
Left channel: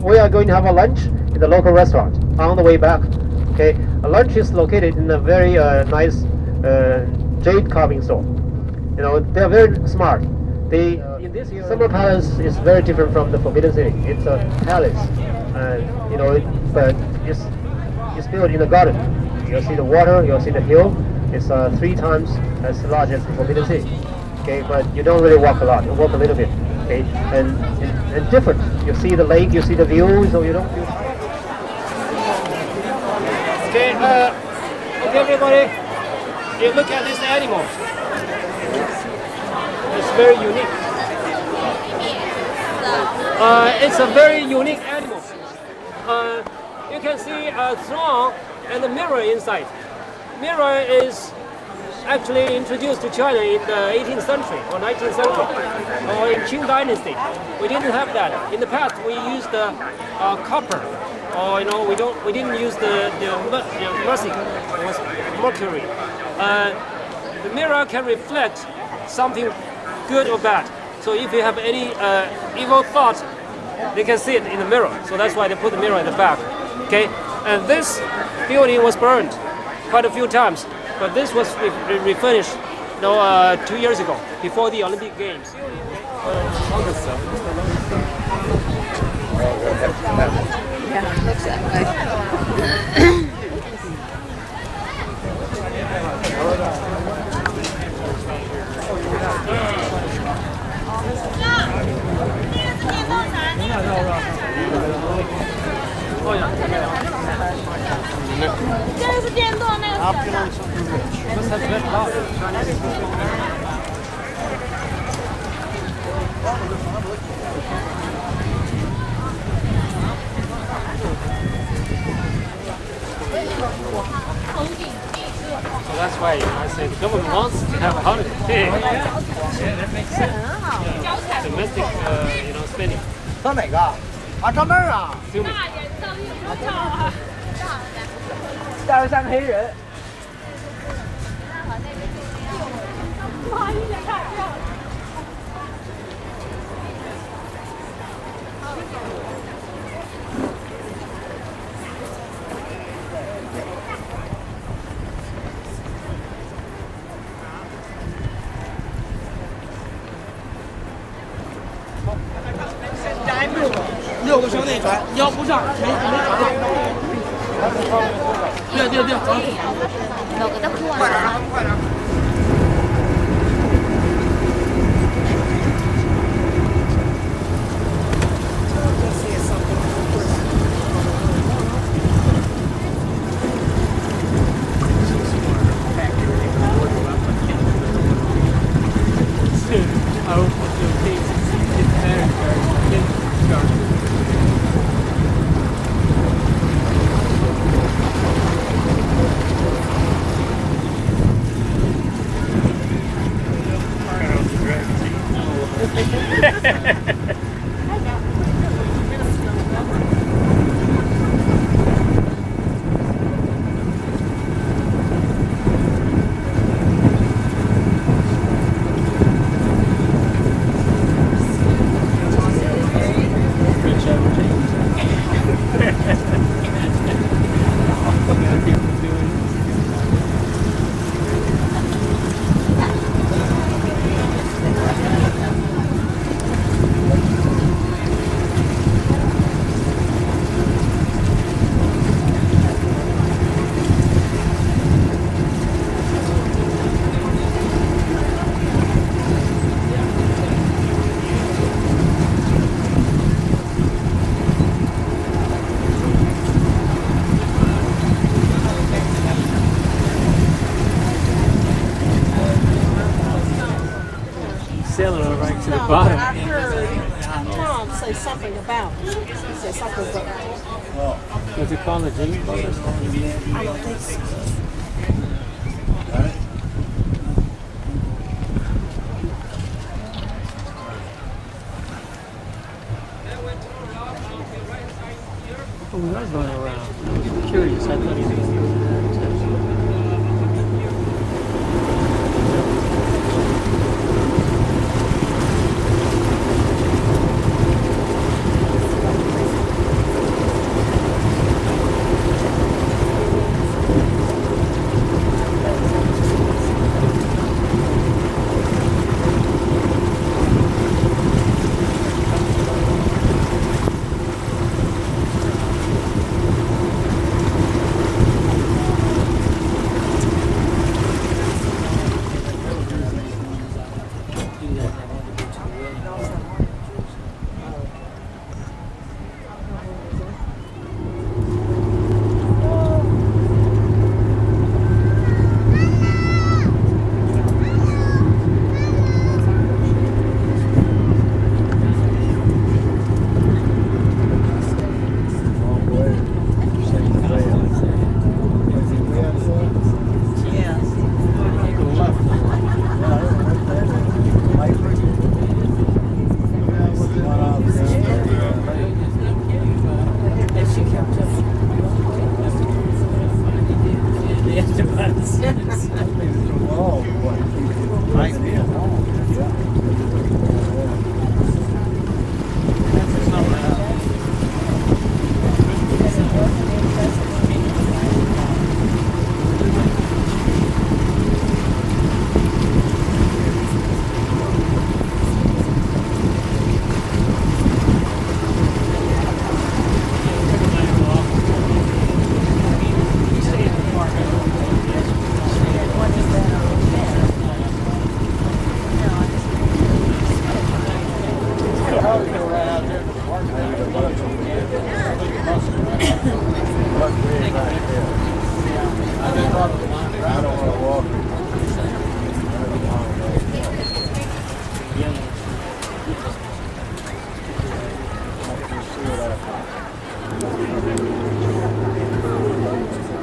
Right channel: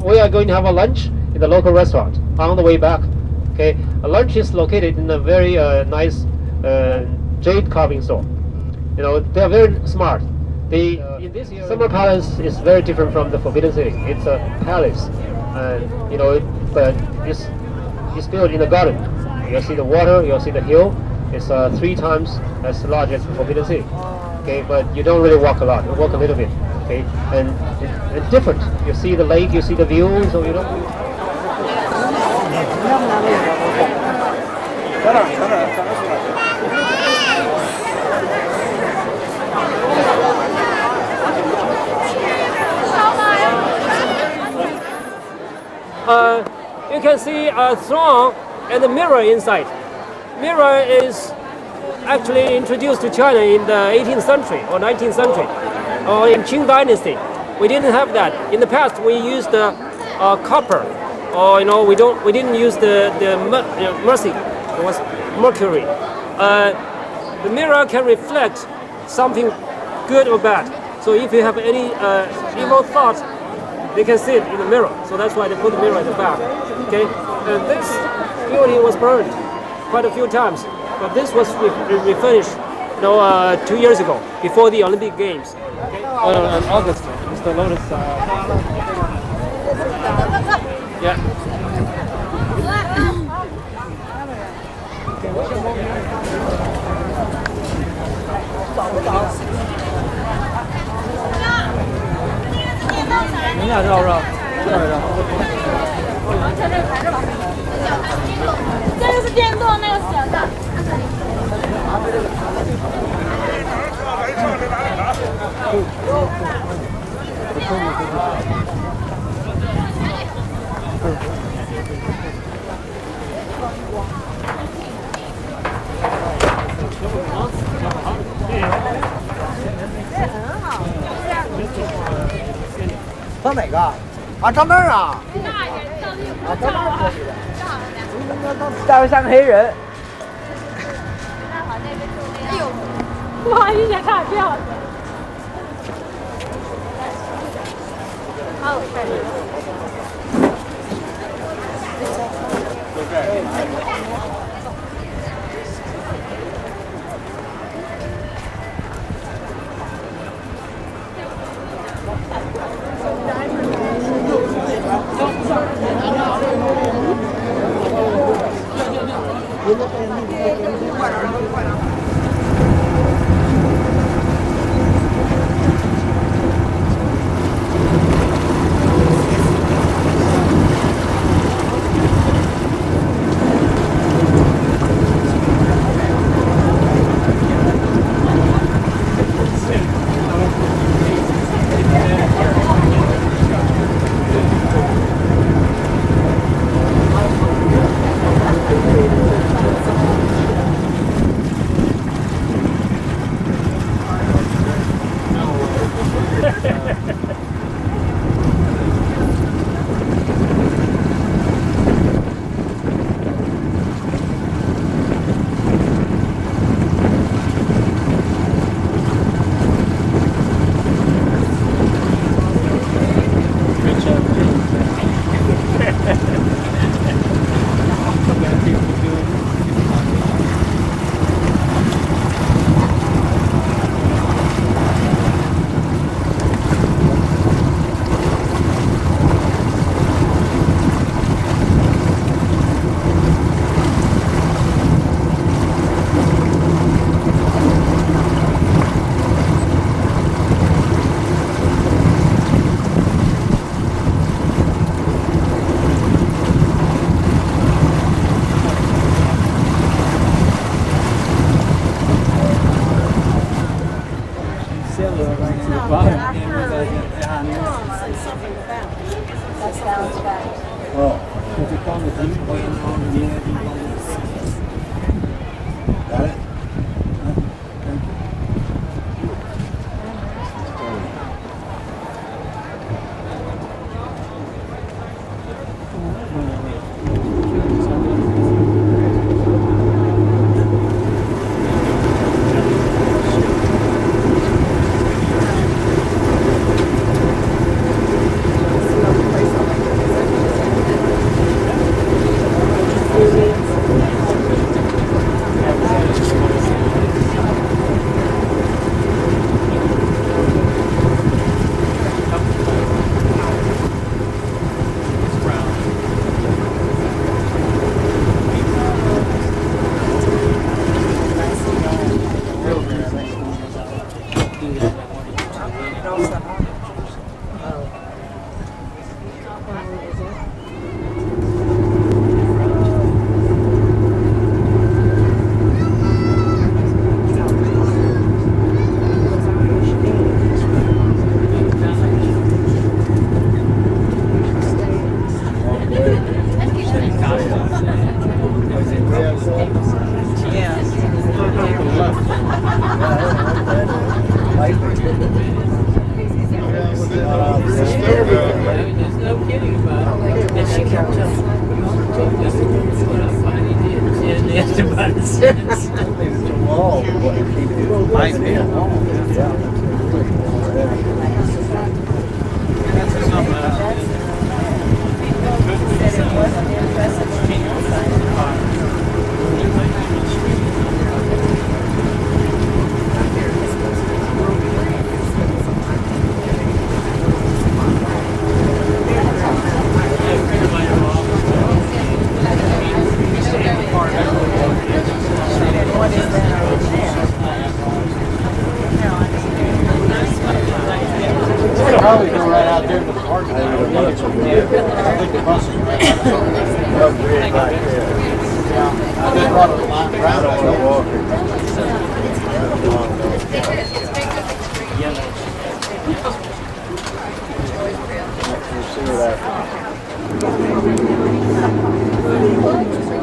We are going to have a lunch in the local restaurant on the way back. Okay, a lunch is located in a very nice jade carving store. You know, they are very smart. They in this summer palace is very different from the Forbidden City. It's a palace, and you know, but it's built in a garden. You'll see the water, you'll see the hill. It's 3 times as large as the Forbidden City. Okay, but you don't really walk a lot. You walk a little bit. Okay, and different. You see the lake, you see the view, so you don't. Okay, everybody, you look at this animal. It's very unique. It's a very unique animal. You can see a throne and a mirror inside. Mirror is actually introduced to China in the 18th century or 19th century, or in Qing Dynasty. We didn't have that. In the past, we used copper, or we didn't use the mercury. It was mercury. The mirror can reflect something good or bad. So if you have any evil thoughts, they can see it in the mirror. So that's why they put the mirror at the back. Okay, and this building was burned quite a few times, but this was refinished 2 years ago, before the Olympic Games. August, Mr. Lotus. That's why I say the government wants to have a holiday. That makes sense. Domestic, spending. 上哪个？啊，上那儿啊！大卫像个黑人。哎呦，哇，一眼看漂亮。6个兄弟船，腰不上，对，快点啊，快点！ Sailaway right to the bottom. I heard Tom say something about it. Say something about it. What's it called? The Jin Mao Tower? Got it?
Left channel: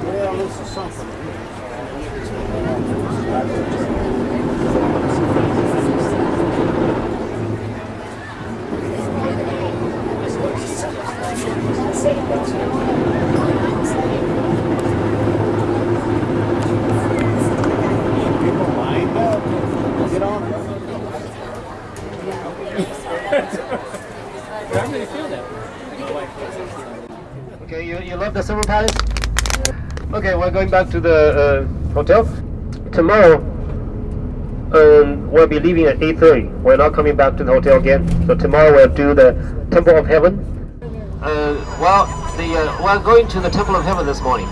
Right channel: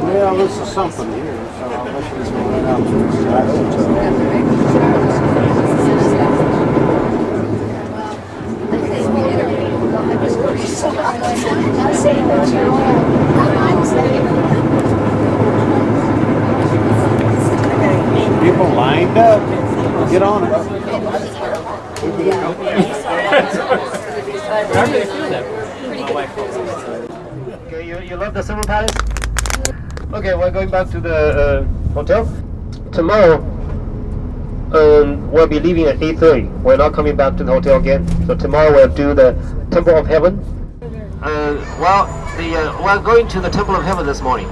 Well, this is something here, so I'll let this one out to the side. People lined up. Get on it. But I really feel that way. My wife was. Okay, you love the Summer Palace? Okay, we're going back to the hotel. Tomorrow, we'll be leaving at 8:30. We're not coming back to the hotel again. So tomorrow we'll do the Temple of Heaven. We're going to the Temple of Heaven this morning.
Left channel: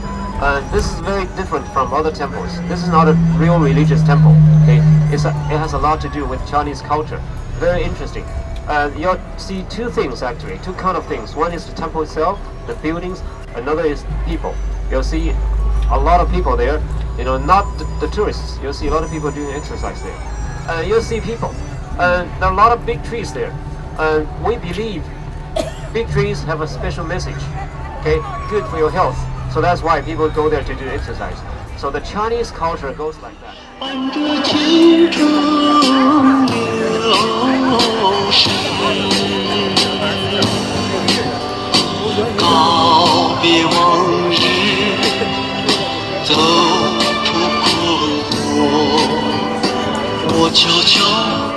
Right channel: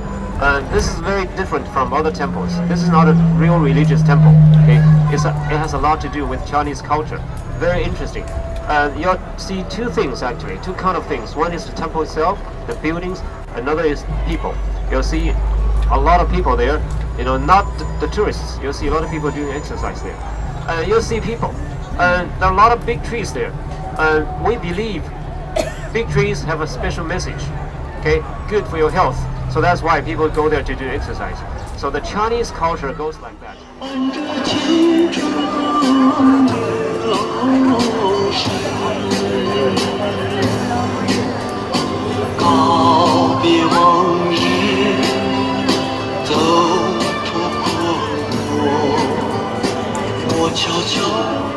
This is very different from other temples. This is not a real religious temple. Okay, it has a lot to do with Chinese culture. Very interesting. You'll see two things actually, two kind of things. One is the temple itself, the buildings. Another is people. You'll see a lot of people there. You know, not the tourists. You'll see a lot of people doing exercise there. You'll see people. There are a lot of big trees there. We believe big trees have a special message. Okay, good for your health. So that's why people go there to do exercise. So the Chinese culture goes like that. 告别往日，走出困惑，我悄悄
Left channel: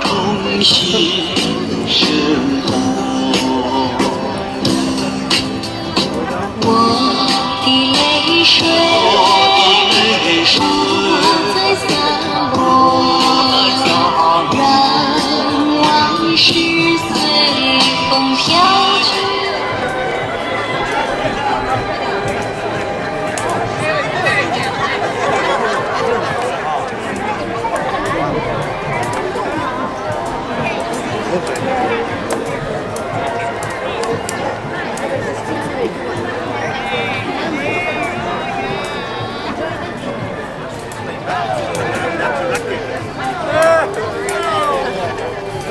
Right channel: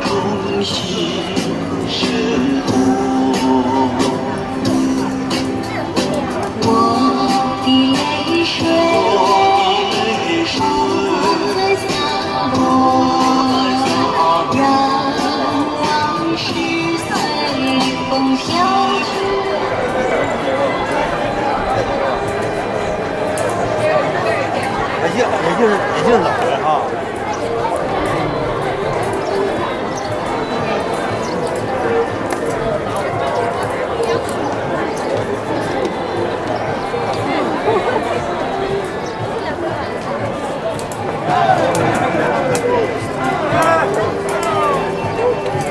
重新生活。我的泪水，在洒落，让往事随风飘去。 这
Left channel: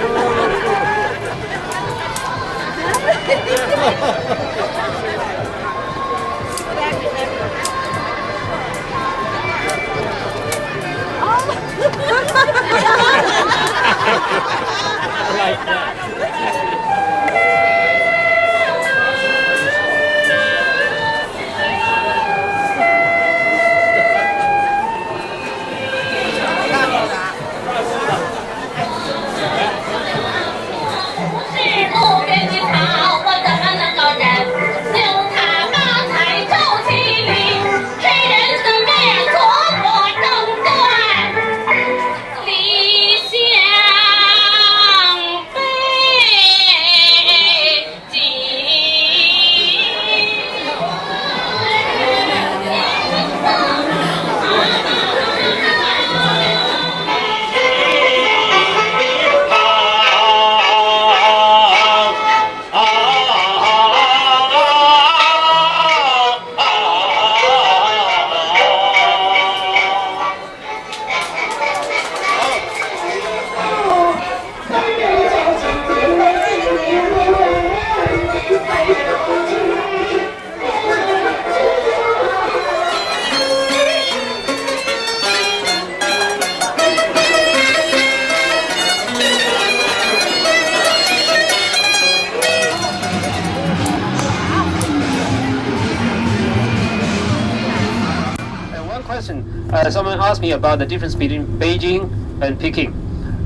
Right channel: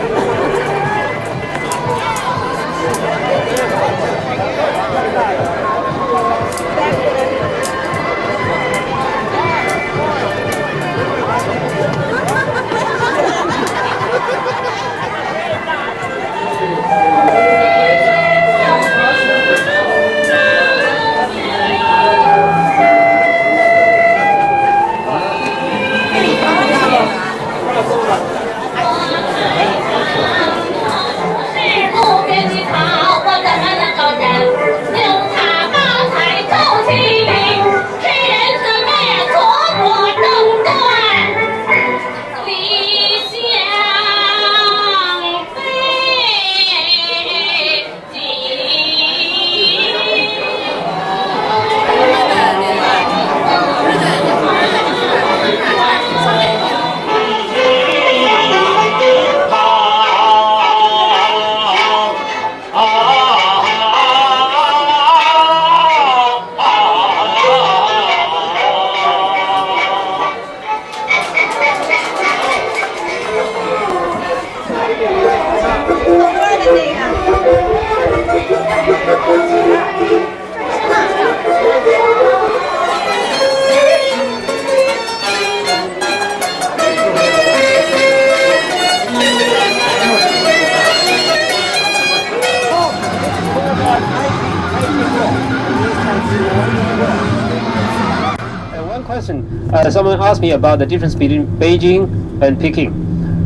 Someone asked me about the difference between Beijing and Peking.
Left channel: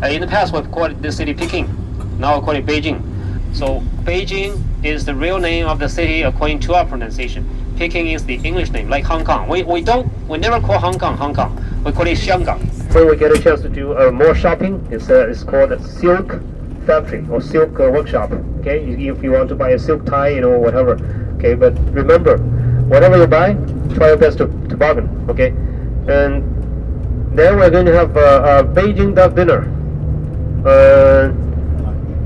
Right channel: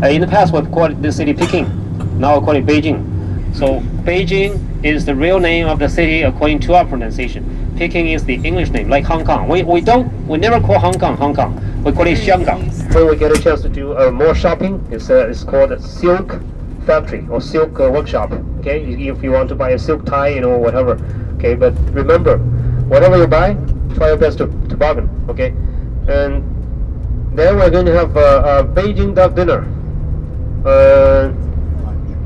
In the past, we've called the city Peking. Now we call it Beijing. So Beijing is the real name of the city according to our pronunciation. Peking is the English name, like Hong Kong. We never call Hong Kong Hong Kong. We call it Xingang. When we get a chance to do more shopping, it's called a silk factory or silk workshop. Okay, if you want to buy a silk tie, whatever. Okay, but remember, whatever you buy, try your best to bargain. Okay, and then we're going to have a Beijing duck dinner.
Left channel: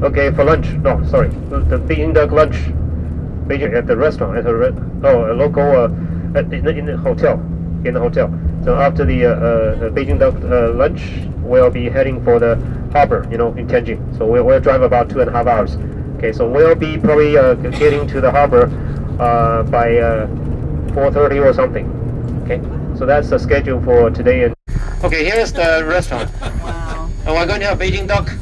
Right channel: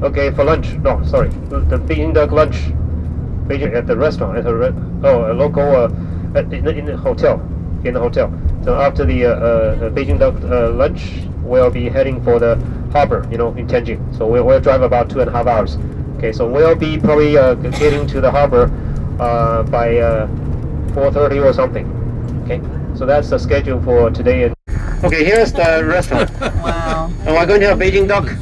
Okay, for lunch. No, sorry, the Beijing duck lunch. Beijing at the restaurant, a local in the hotel. In the hotel. So after the Beijing duck lunch, we'll be heading for the harbor, in Tianjin. So we'll drive about 2.5 hours. Okay, so we'll be probably getting to the harbor by 4:30 or something. Okay, so that's the schedule for today. And okay, here's the restaurant. Wow. And we're going to have Beijing duck.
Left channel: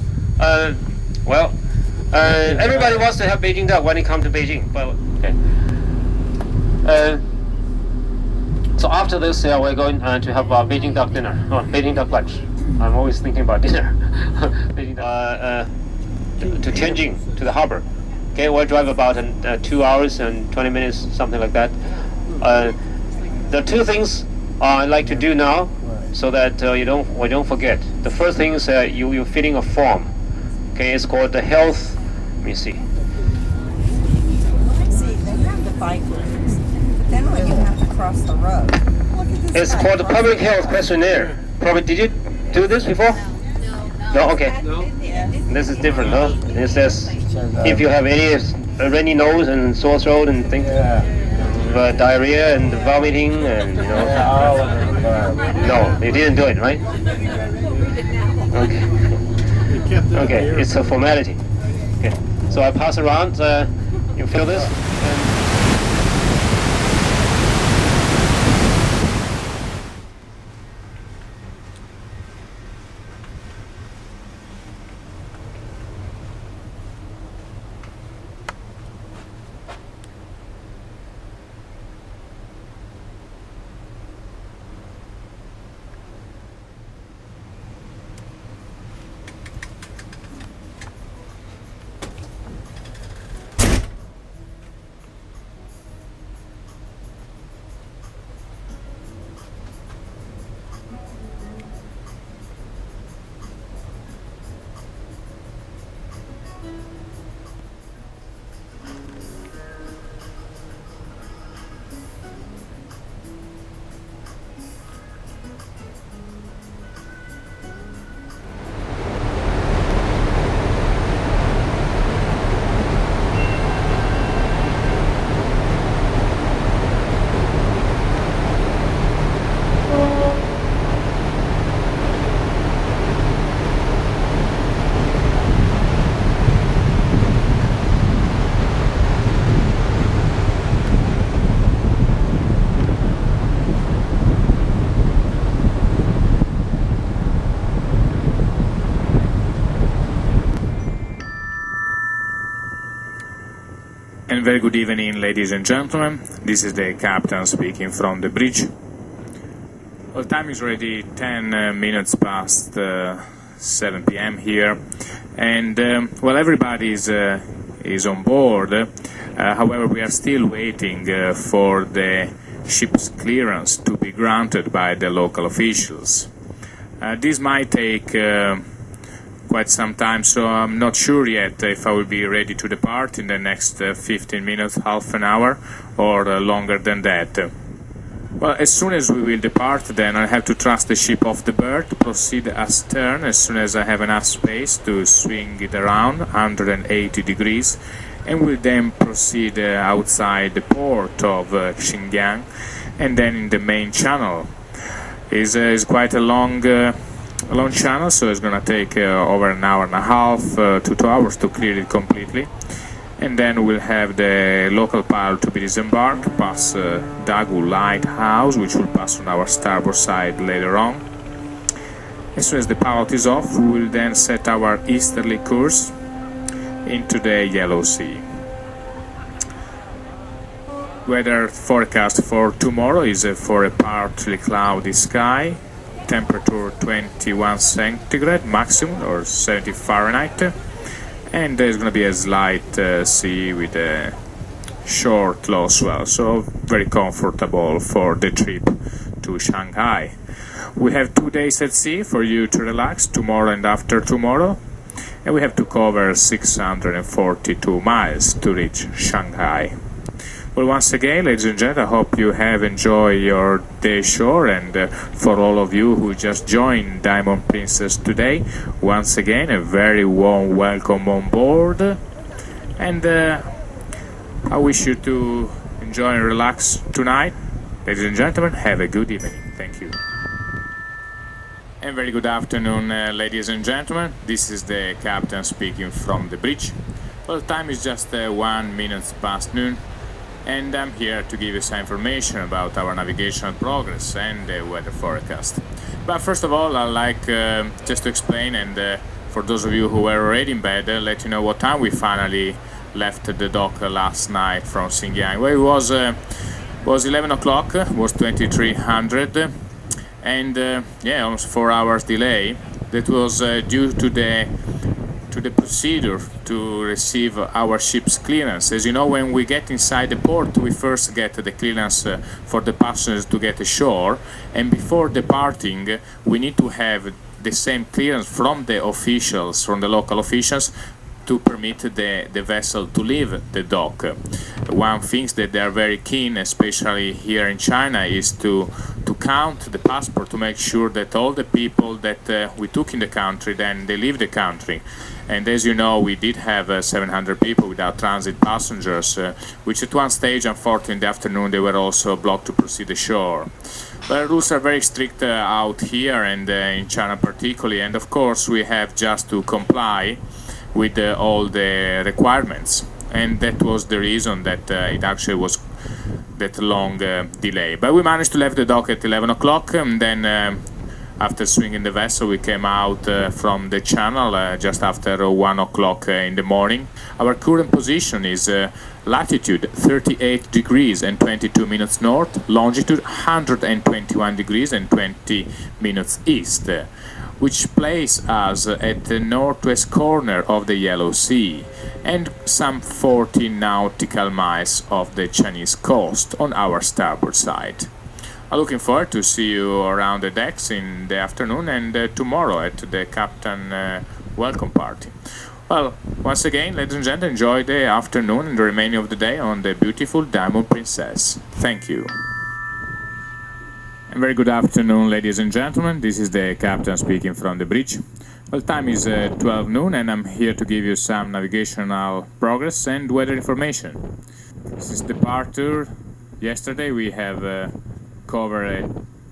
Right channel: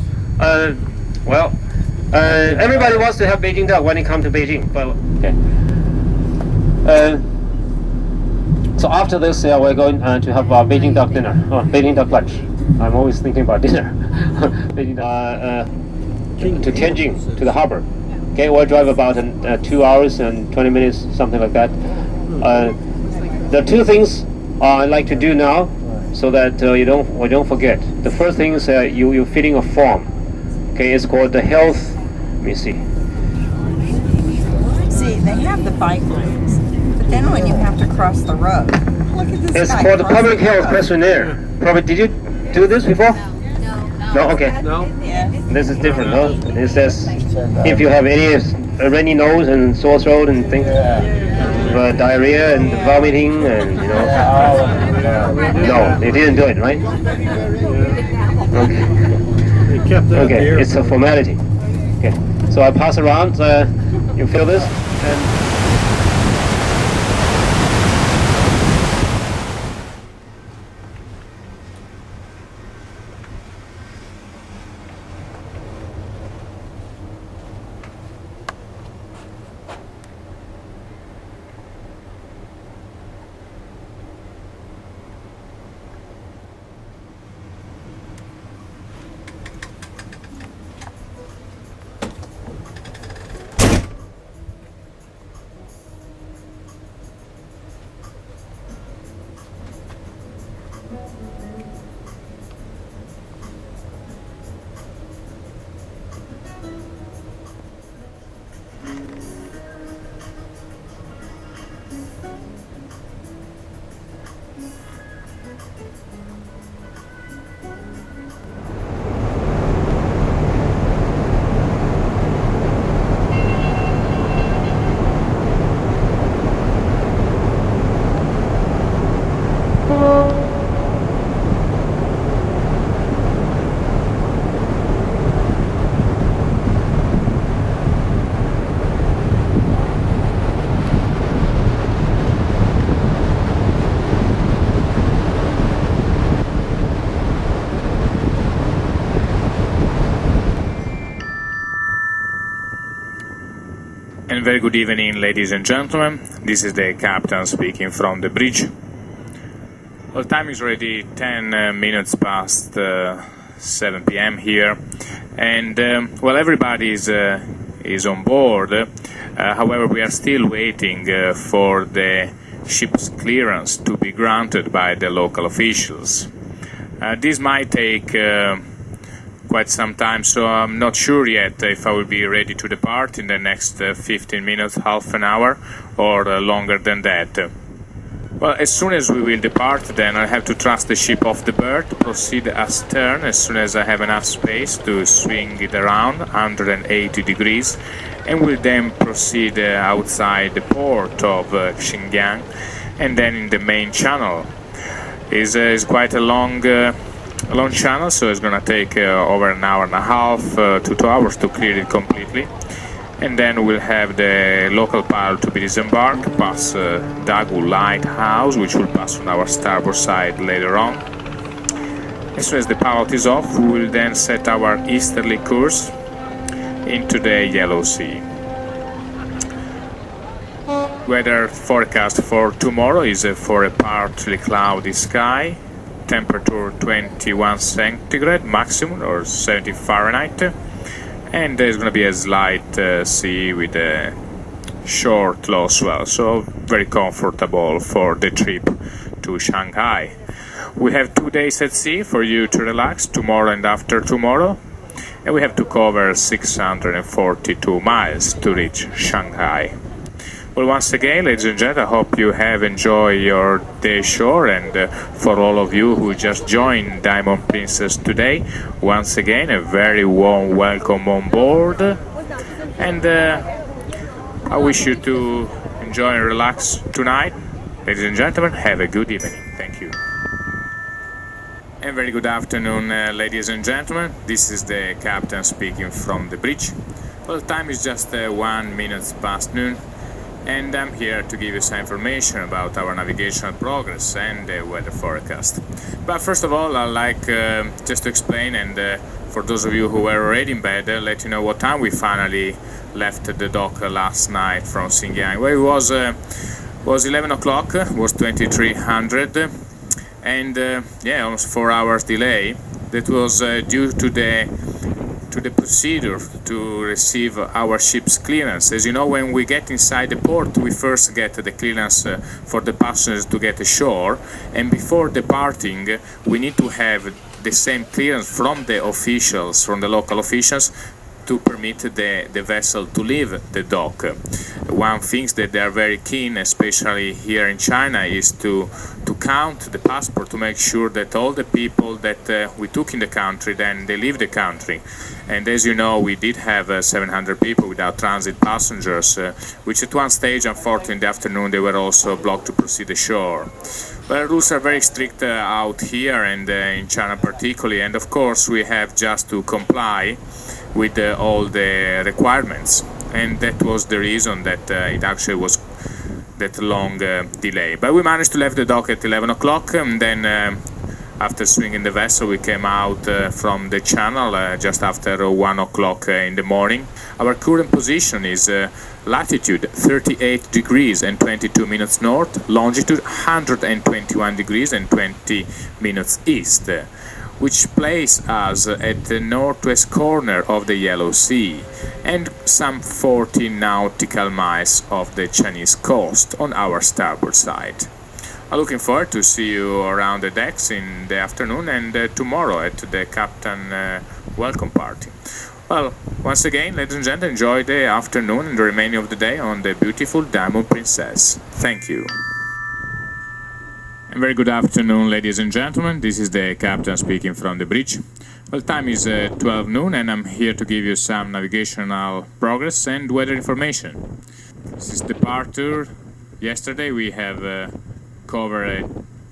Everybody wants to have Beijing duck when they come to Beijing. But okay. So after this, we're going to have Beijing duck dinner or Beijing duck lunch. I'm always thinking about dinner. Beijing, to Tianjin, to the harbor. Okay, we'll drive about 2 hours and 20 minutes, something like that. The two things I like to do now, so that we don't forget. The first thing is you're filling a form. Okay, it's called the health. Let me see. See, they have the bike lanes, but then when you have to cross the road, look at this. It's called the public health questionnaire. Probably, did you do this before? No. Okay. No. This is different, no? It says if you have any runny nose and sore throat and things, diarrhea and vomiting and No, they didn't do it, right? Okay. Okay, it's a formality. Okay, so I pass around. You fill this. And very good evening, ladies and gentlemen. This is the captain speaking from the bridge. Well, time is already 10 minutes past 7 p.m. here, and everybody is on board. However, we are still waiting for the ship's clearance to be granted by the local officials. This might take quite some time, so I'm not sure yet if I will be ready to depart in the next 15 minutes, half an hour, or longer than that. Well, as soon as we will depart, then I have to thrust the ship off the berth, proceed astern as soon as I have enough space to swing it around 180 degrees, and will then proceed outside the port of Xingang, and then in the main channel. Is quite a long channel, so it's going to take over an hour and a half to 2 hours to clear it completely, and then we'll have the local pilot to be disembarked, pass Dagu Lighthouse, which will pass on our starboard side later on. As soon as the pilot is off, we will then set our easterly course into the Yellow Sea. Weather forecast for tomorrow is for a partly cloudy sky, temperature 21 centigrade maximum or 70 Fahrenheit, and there's going to be a slight sea with a short low swell, so very comfortable for the trip to Shanghai. We have 2 days at sea for you to relax, tomorrow and after tomorrow, and we have to cover 642 miles to reach Shanghai. Well, once again, ladies and gentlemen, I hope you have enjoyed your day shore, and for all of you who just joined Diamond Princess today, once again, a very warm welcome on board, and I wish you to enjoy and relax tonight. Ladies and gentlemen, have a good evening. Thank you. And very good afternoon, ladies and gentlemen. This is the captain speaking from the bridge. Well, time is just 1 minute past noon, and I'm here to give you some information about our navigational progress and the weather forecast. But first of all, I'd like just to explain, and for those of you who were already in bed, let you know what time we finally left the dock last night from Xingang. Well, it was 11 o'clock, was 2300, and yeah, almost 4 hours delay. That was due to the procedure to receive our ship's clearance. As you know, when we get inside the port, we first get the clearance for the passengers to get ashore, and before departing, we need to have the same clearance from the officials, from the local officials, to permit the vessel to leave the dock. One thing that they are very keen, especially here in China, is to count the passport, to make sure that all the people that we took in the country, then they leave the country. And as you know, we did have 700 people without transit passengers, which at one stage, unfortunately, in the afternoon, they were also blocked to proceed ashore. Well, rules are very strict out here, and in China particularly, and of course we have just to comply with all the requirements, and that was the reason that it actually was that long delay. But we managed to leave the dock at 11 o'clock, and then after swinging the vessel, we came out from the channel just after 1 o'clock in the morning. Our current position is latitude 38 degrees and 22 minutes north, longitude 121 degrees and 20 minutes east, which places us at the northwest corner of the Yellow Sea and some 40 nautical miles off the Chinese coast on our starboard side. I'm looking forward to see you around the decks in the afternoon and tomorrow at the Captain welcome party. Well, once again, ladies and gentlemen, enjoy the afternoon and the remaining of the day on the beautiful Diamond Princess. Thank you. And very good afternoon, ladies and gentlemen. This is the captain speaking from the bridge. Well, time is 12 noon, and I'm here to give you some navigational progress and weather information. Since departure yesterday, we have covered a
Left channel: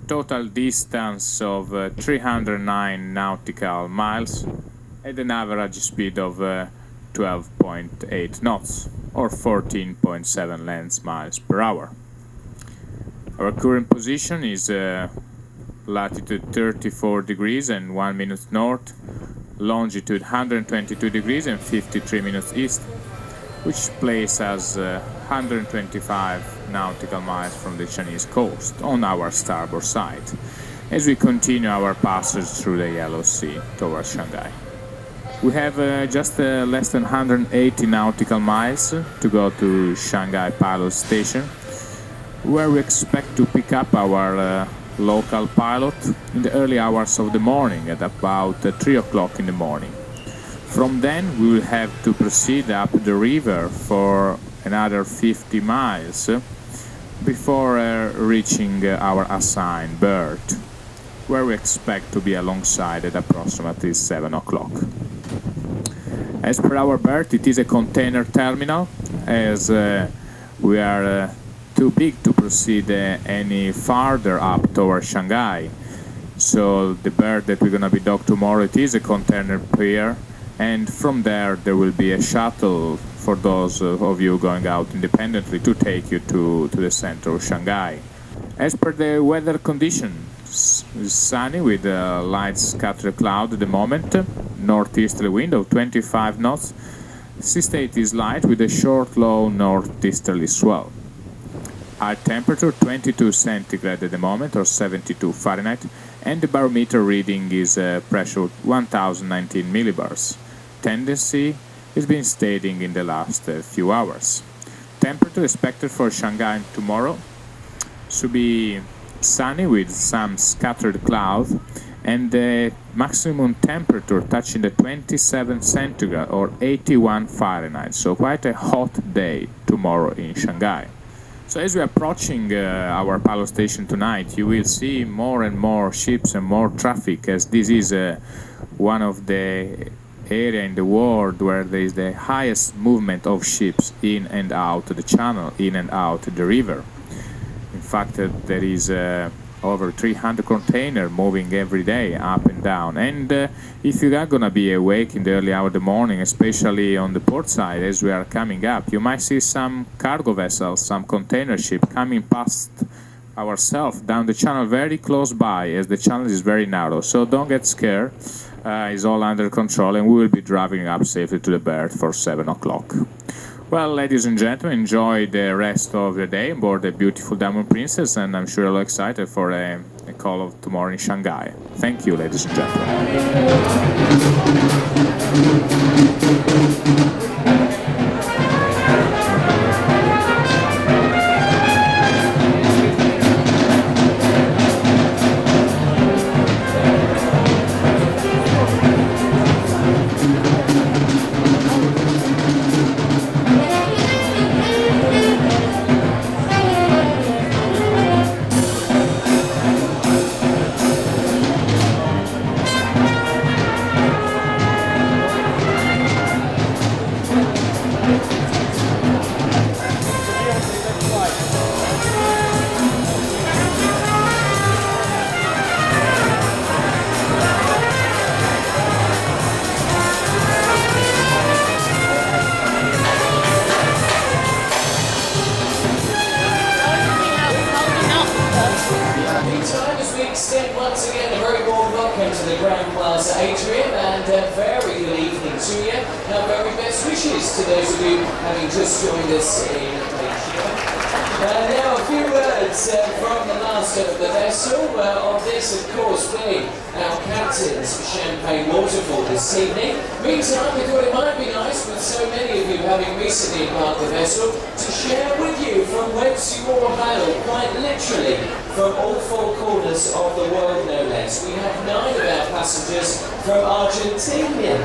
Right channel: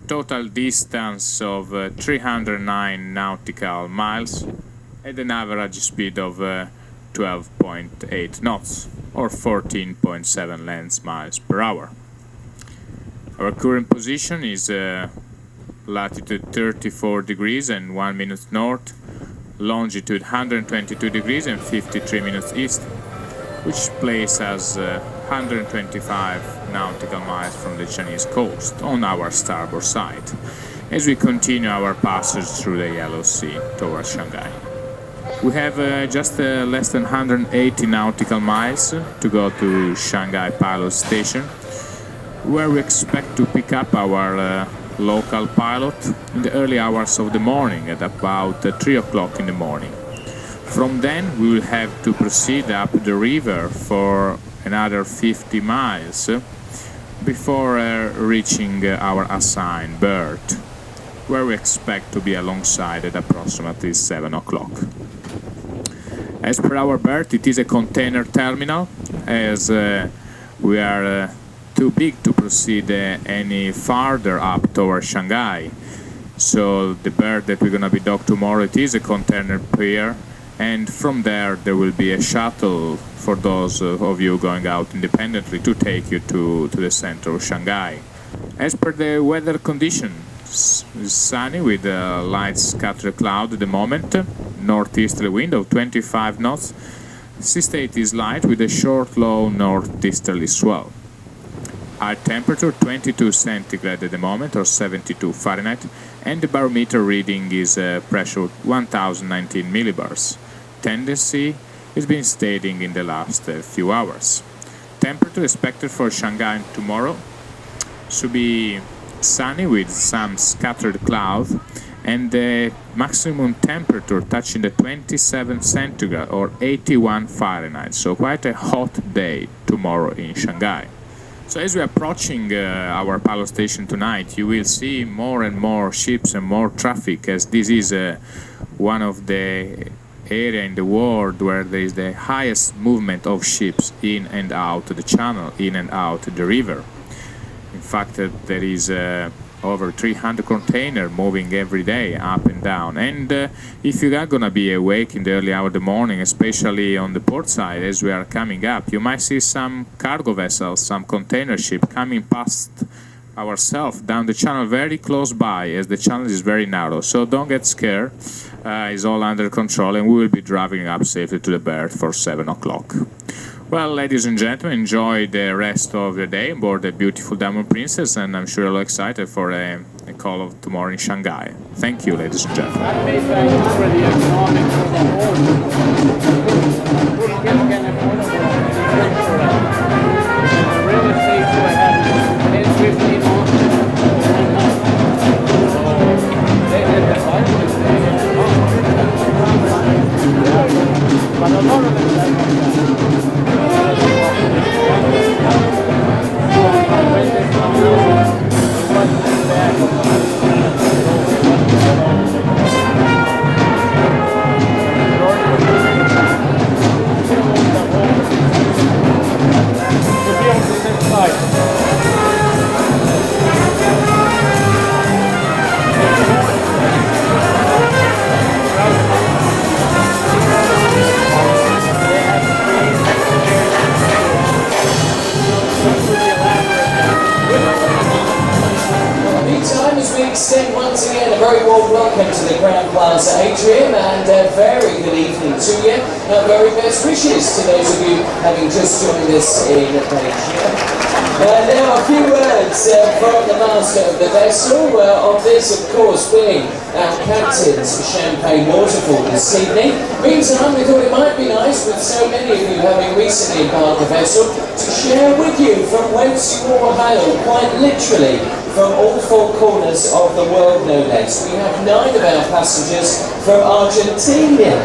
total distance of 309 nautical miles at an average speed of 12.8 knots or 14.7 lens miles per hour. Our current position is latitude 34 degrees and 1 minute north, longitude 122 degrees and 53 minutes east, which places us 125 nautical miles from the Chinese coast on our starboard side, as we continue our passage through the Yellow Sea towards Shanghai. We have just less than 180 nautical miles to go to Shanghai Pilot Station, where we expect to pick up our local pilot in the early hours of the morning at about 3 o'clock in the morning. From then we will have to proceed up the river for another 50 miles before reaching our assigned berth, where we expect to be alongside at approximately 7 o'clock. As per our berth, it is a container terminal, as we are too big to proceed any farther up towards Shanghai. So the berth that we're going to be docked tomorrow, it is a container pier, and from there will be a shuttle for those of you going out independently to take you to the center of Shanghai. As per the weather conditions, it's sunny with a light scattered cloud at the moment, northeasterly wind of 25 knots. Sea state is light with a short low northeasterly swell. high temperature 22 centigrade at the moment, or 72 Fahrenheit, and the barometer reading is pressure 1019 millibars. Tendency has been steadying in the last few hours. Temperature expected for Shanghai tomorrow should be sunny with some scattered clouds, and the maximum temperature touching the 27 centigrade or 81 Fahrenheit. So quite a hot day tomorrow in Shanghai. So as we're approaching our pilot station tonight, you will see more and more ships and more traffic, as this is one of the area in the world where there is the highest movement of ships in and out the channel, in and out the river. In fact, there is over 300 containers moving every day up and down. And if you are going to be awake in the early hour of the morning, especially on the port side as we are coming up, you might see some cargo vessels, some container ship coming past ourselves down the channel very close by, as the channel is very narrow. So don't get scared. It's all under control, and we will be driving up safely to the berth for 7 o'clock. Well, ladies and gentlemen, enjoy the rest of the day aboard the beautiful Diamond Princess, and I'm sure you're all excited for a call of tomorrow in Shanghai. Thank you, ladies and gentlemen. Atrium, and a very good evening to you. Very best wishes to those of you having just joined us in Beijing. Now a few words from the master of the vessel, of this of course being our captain's champagne waterfall this evening. Meantime, we thought it might be nice, with so many of you having recently embarked the vessel, to share with you from whence you all hail, quite literally, from all four corners of the world, no less. We have 9 of our passengers from Argentina.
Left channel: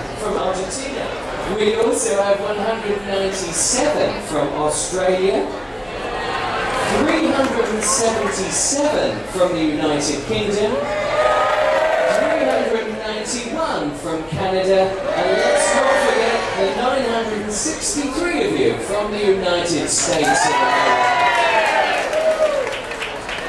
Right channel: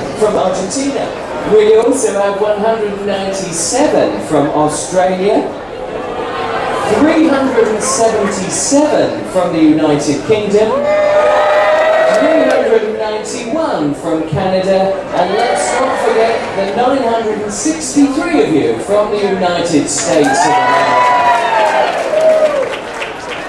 We also have 197 from Australia, 377 from the United Kingdom, 391 from Canada, and let's not forget the 963 of you from the United States of America.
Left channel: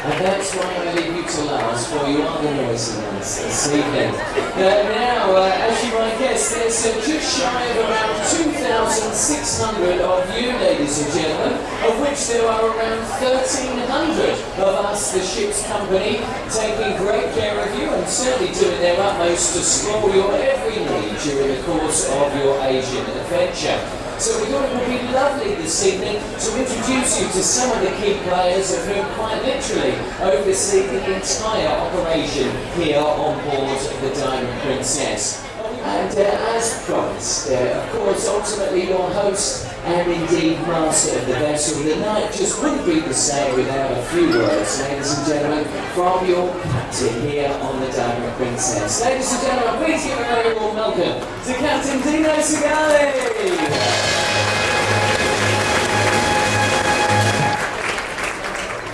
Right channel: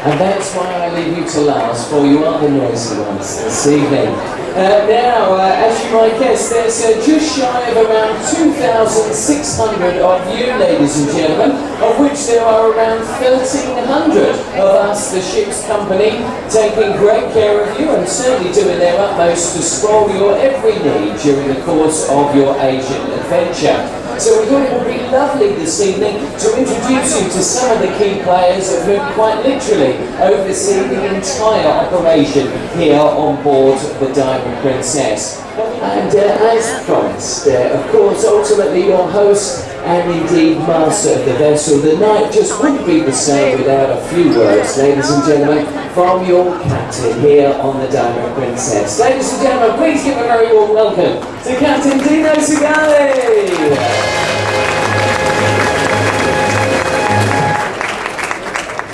And that's why I leave you to last, for you are the noisy ones this evening. Now, as you might guess, there's just shy of around 2,600 of you, ladies and gentlemen, of which there are around 1,300 of us, the ship's company, taking great care of you and certainly doing their utmost to spoil your every need during the course of your Asian adventure. So we thought it would be lovely this evening to introduce you to some of the key players of whom quite literally oversee the entire operation here on board the Diamond Princess. And as promised, of course, ultimately your host and indeed master of the vessel, the night just wouldn't be the same without a few words, ladies and gentlemen, from your captain here on the Diamond Princess. Ladies and gentlemen, please give a very warm welcome to Captain Dino Sagani.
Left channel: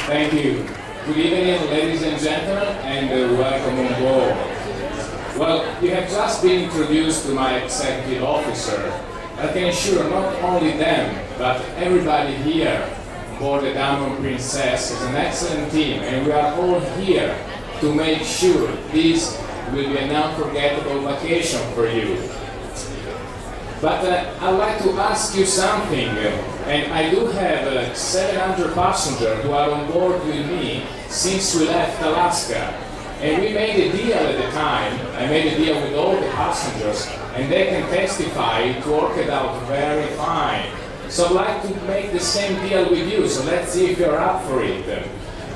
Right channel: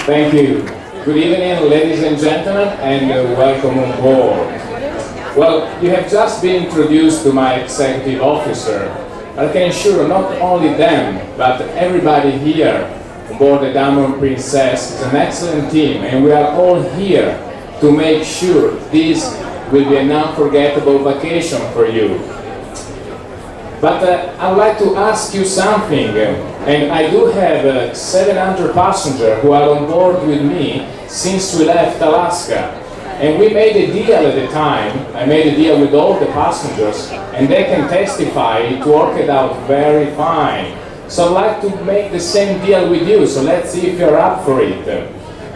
Thank you. Good evening, ladies and gentlemen, and welcome on board. Well, you have just been introduced to my executive officer. I can assure not only them, but everybody here on board the Diamond Princess is an excellent team, and we are all here to make sure this will be an unforgettable vacation for you. But I'd like to ask you something, and I do have 700 passengers who are on board with me since we left Alaska. And we made a deal at the time. I made a deal with all the passengers, and they can testify it worked out very fine. So I'd like to make the same deal with you, so let's see if you're up for it.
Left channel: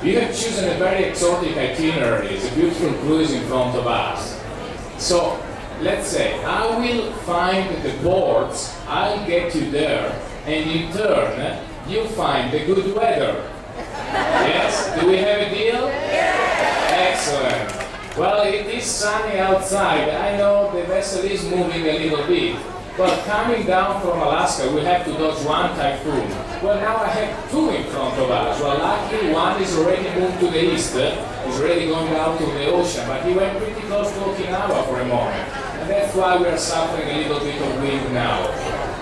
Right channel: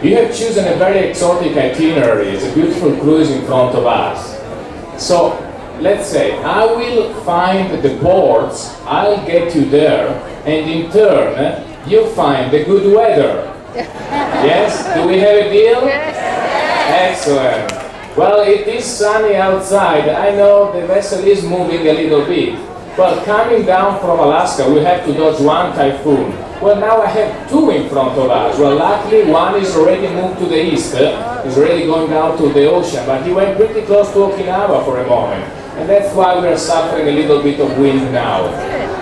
You have chosen a very exotic itinerary. It's a beautiful cruise in front of us. So let's say I will find the ports, I'll get you there, and in turn you find the good weather. Yes? Do we have a deal? Excellent. Well, it is sunny outside. I know the vessel is moving a little bit. But coming down from Alaska, we have to dodge one typhoon. Well, now I have two in front of us. Well, luckily one is already moved to the east. He's already going down to the ocean, but he went pretty close to Okinawa for a moment. And that's why we are suffering a little bit of wind now.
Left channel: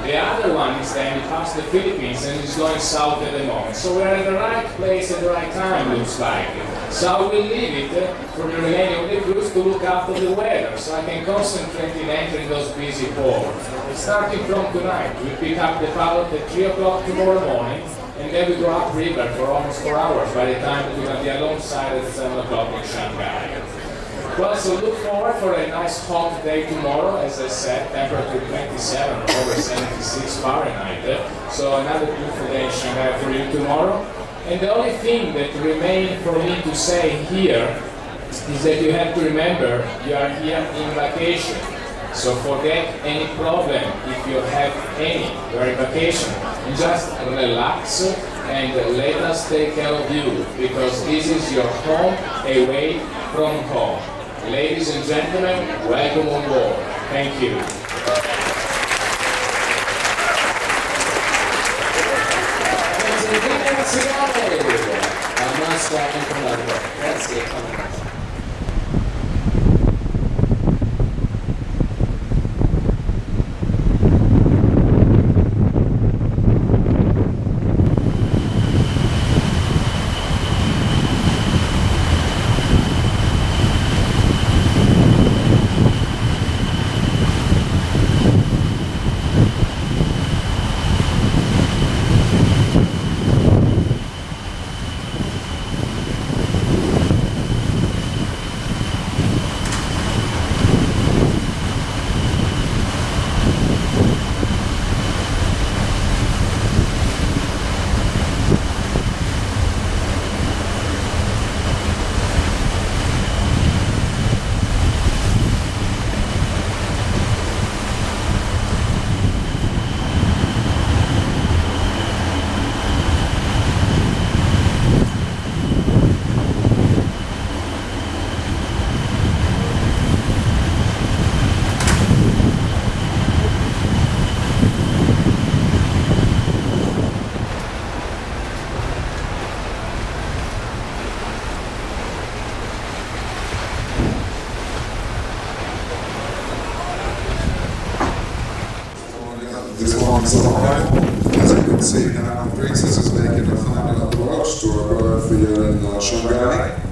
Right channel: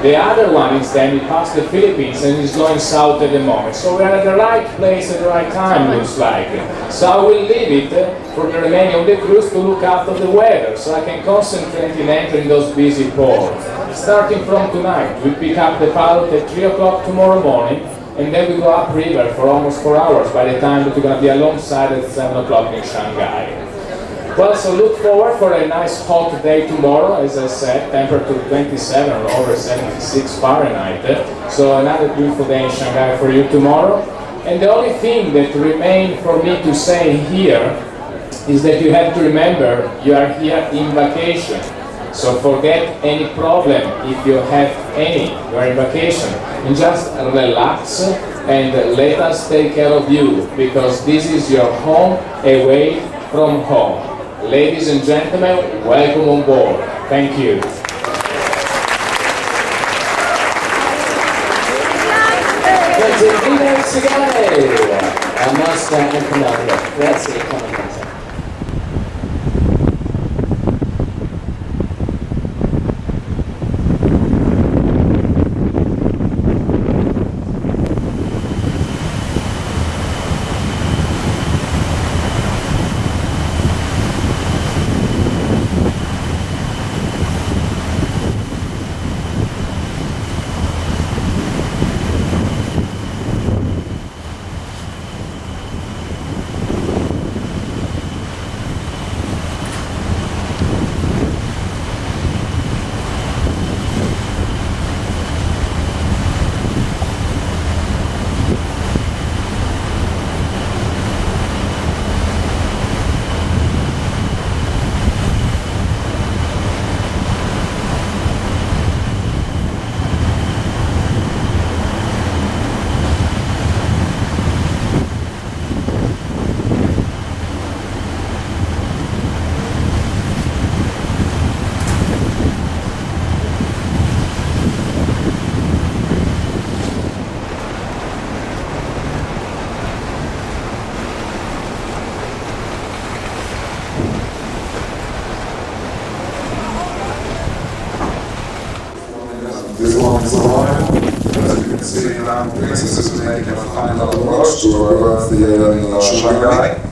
The other one is then he passed the Philippines and is going south at the moment. So we are at the right place at the right time, looks like. So I will leave it for the remaining of the cruise to look after the weather, so I can concentrate in entering those busy ports. Starting from tonight, we pick up the pilot at 3 o'clock tomorrow morning, and then we go upriver for almost 4 hours by the time that we're going to be alongside at 7 o'clock in Shanghai. Well, so look forward for a nice hot day tomorrow, as I said, temperature 27 or over 76 Fahrenheit. So another beautiful day in Shanghai for you tomorrow. And the only thing that remains for me to say here is that you have to remember you are here in vacation. So forget any problem if you have any. You are in vacation. And just relax and let us take care of you, because this is your home away from home. Ladies and gentlemen, welcome on board. Thank you. Dino Sagani, master and commander. Grazie, commander. This one's arrival. As you can see, Princess is making a final approach to her berth here in Shanghai.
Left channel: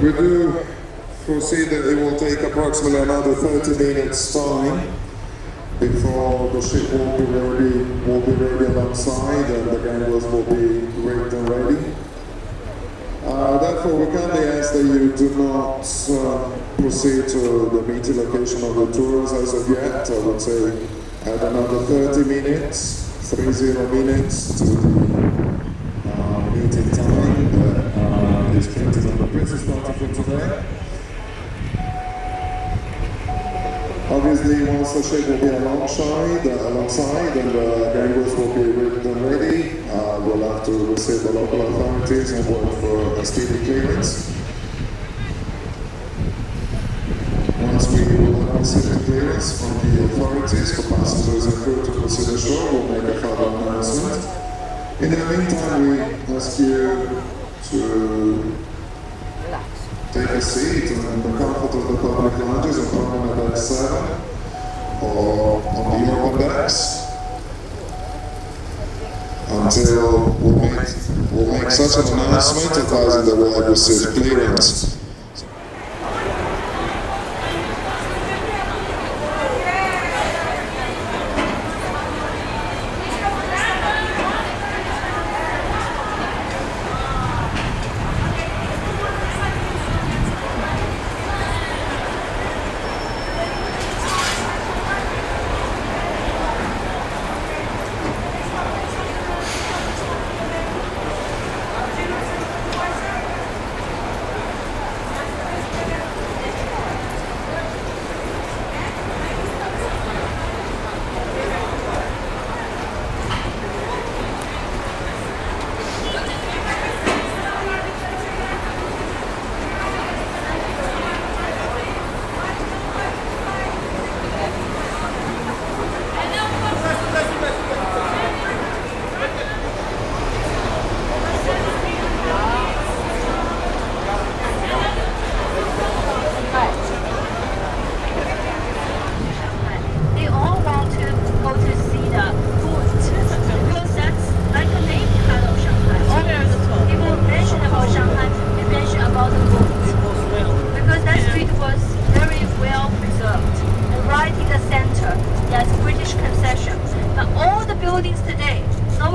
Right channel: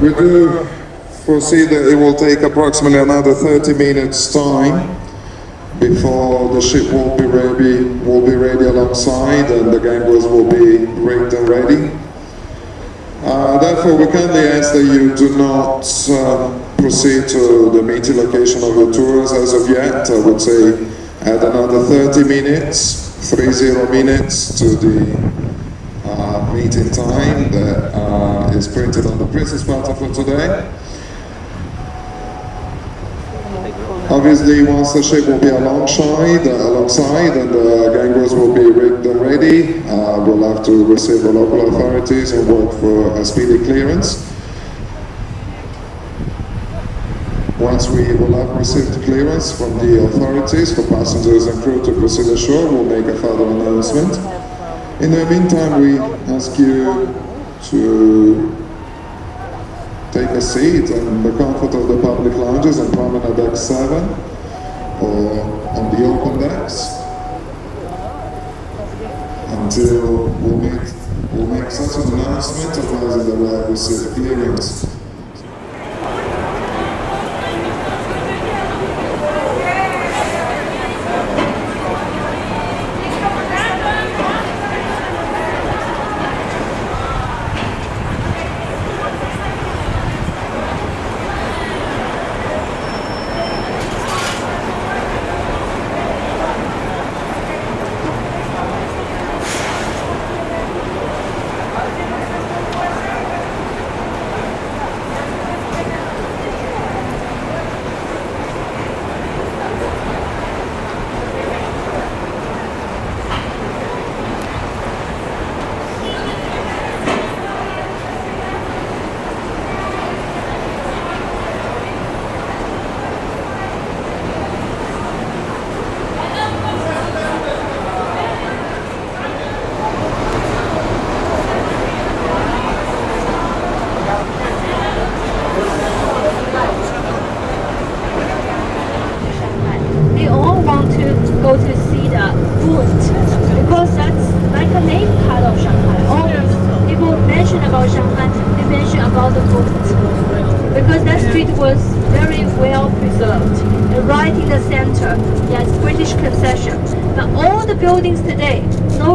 We do foresee that it will take approximately another 30 minutes time before the ship will be ready alongside and the gamblers will be rigged and ready. Therefore, we kindly ask that you do not proceed to the meeting location of your tours as of yet. I would say add another 30 minutes, 30 minutes to the meeting time that is printed on the Princess Platter for today. Obviously, once the ship will be alongside and the gamblers will be rigged and ready, we'll have to receive the local authorities and work for a speedy clearance. Once we will have received clearance from the authorities for passengers and crew to proceed ashore, we'll make a further announcement. In the meantime, we ask you to take a seat in the comfort of the public lounges and promenade deck 7 or on the open decks until we'll make such an announcement advising that we'll have received clearance.